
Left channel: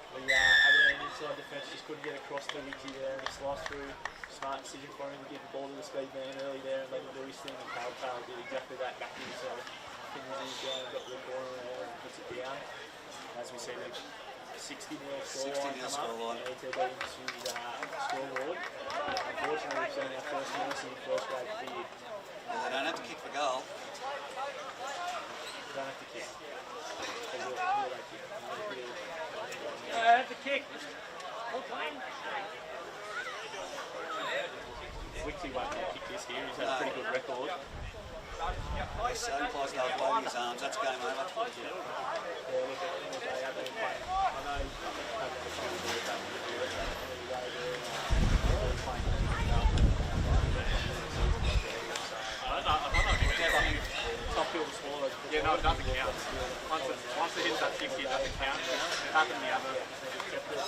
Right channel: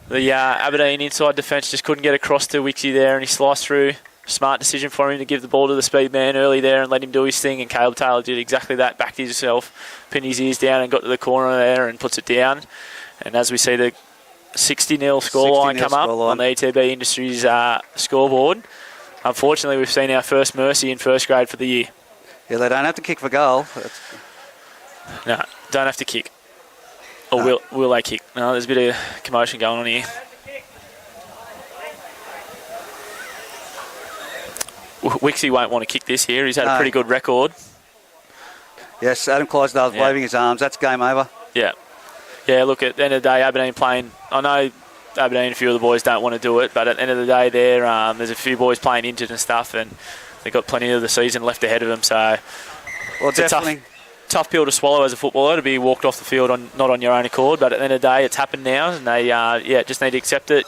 The Aberdeen inside defence just couldn't get across to Wixie there, and he sliced through. Smart decision for him to give the ball to the speed man early there and let him do his thing, and Caleb Taylor did exactly that, backed himself, pinned his ears down and got to the corner there and puts it down. And as we see the 60-0 scoreline come up on the ETB Industries scoreboard, unfortunately we've seen our first mercy in first grade for the year. Yeah, they don't have to kick for goal. No, don't have to kick. Or will they kick? No, there's a bit of commotion going on here. Wixie won't want to kick this here. He's had a pretty good record. Yes, Adam Clydesdale's waving his arms. That's game over. Yeah. Yeah, look, at the end of the day, Aberdeen playing... I know Aberdeen, a few of the boys don't want to do it, but at the end of the day, there's a few boys playing injured and stuff, and they've got plenty of the season left ahead of them, so... Well, it's a tough pill to swallow as a footballer, to be walked off the field not on your own accord, but at the end of the day, it's happened now, and they just need to accept it.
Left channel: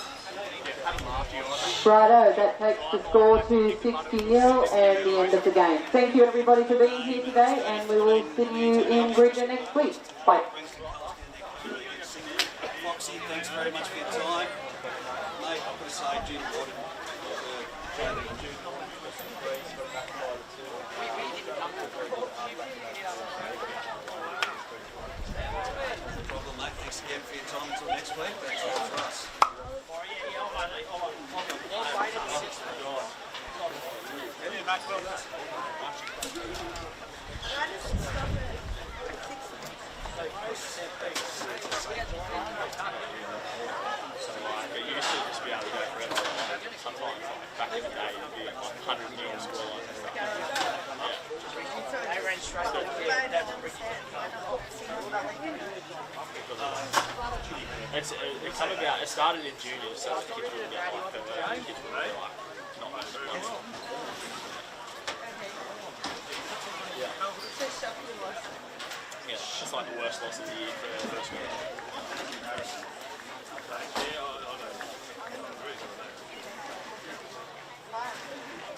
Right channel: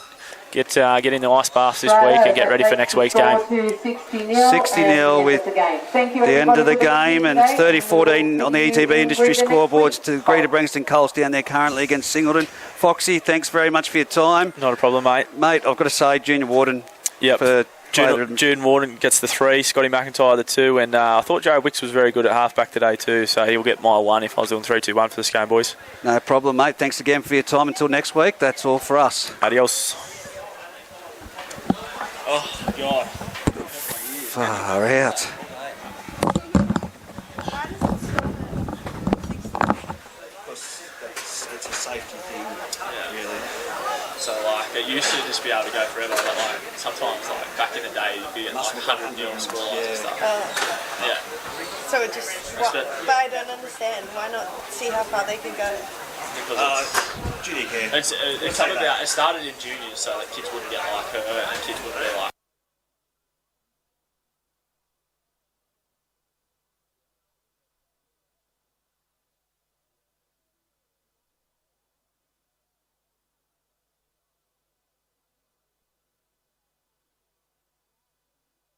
Get in the ice bath this week and get ready for next week's game. 60-0 with the end of the game, and it's 30-14 on the ETB Industry scoreboards to Greater Brankston Coles down there currently against Singleton. Foxy, thanks very much for your time. Not a problem, mate. Mate, I've got to say, Junior Warden. Yep. June Warden gets the 3, Scotty McIntyre the 2, and I thought Joe Wicks was very good at halfback today too, so he'll get my 1 if I was doing 3-2-1 for the Scone boys. No problem, mate. Thanks again for your time. Until next week, that's all for us. Adios. Oh, God. Far out. It's a safety thing, really. So, it used to just be able to go forever, but sometimes, back in the day, you'd be at 100 nil scorelines and stuff. Yeah. So it just... but I don't understand. Why not see how far they can go? Because junior care. It started in juniors so that kids wouldn't get hurt and kids wouldn't be not Yeah, it's like the worst loss of the year for the first one.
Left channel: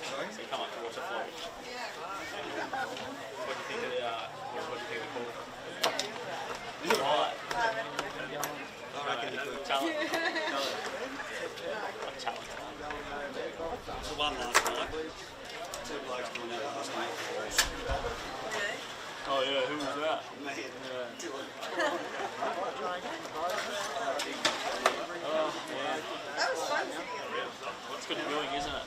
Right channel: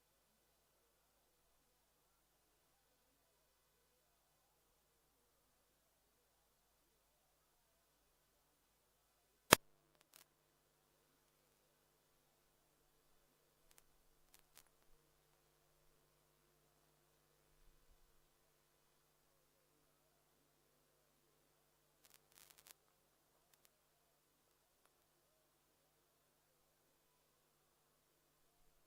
So you come up to watch a float. What do you think of the call? So one last night, 2 blokes doing that last night. Oh yeah, who was that? Me. Oh yeah. That was fun. It's good viewing, isn't it?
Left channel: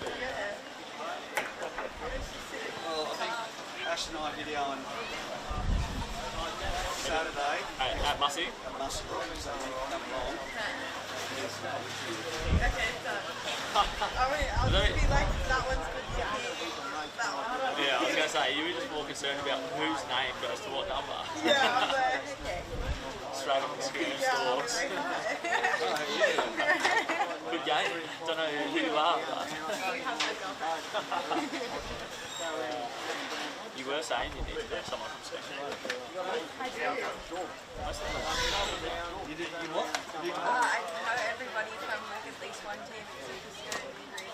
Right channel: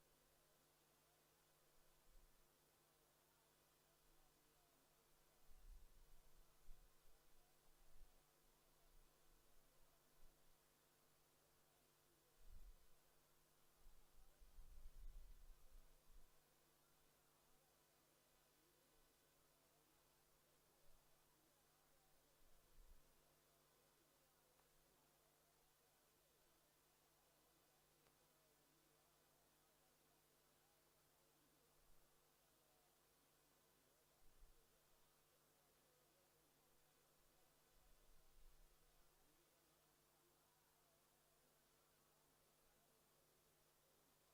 Well, I think Ash and I videoing Saturday. At Mussy? Must so come along. Okay, done. I'll just be like, that one's good to hear. That one. Yeah, I was going to say, you were just more concerned about whose name goes to what number. Yeah, I was like, okay. Straight on the screen Yeah, I was stalks. like, Good game. Don't know who you are, but... You were saying you need to have someone from Scone. I do. You what? I know everybody from like at least one team. It's like a Scone degree.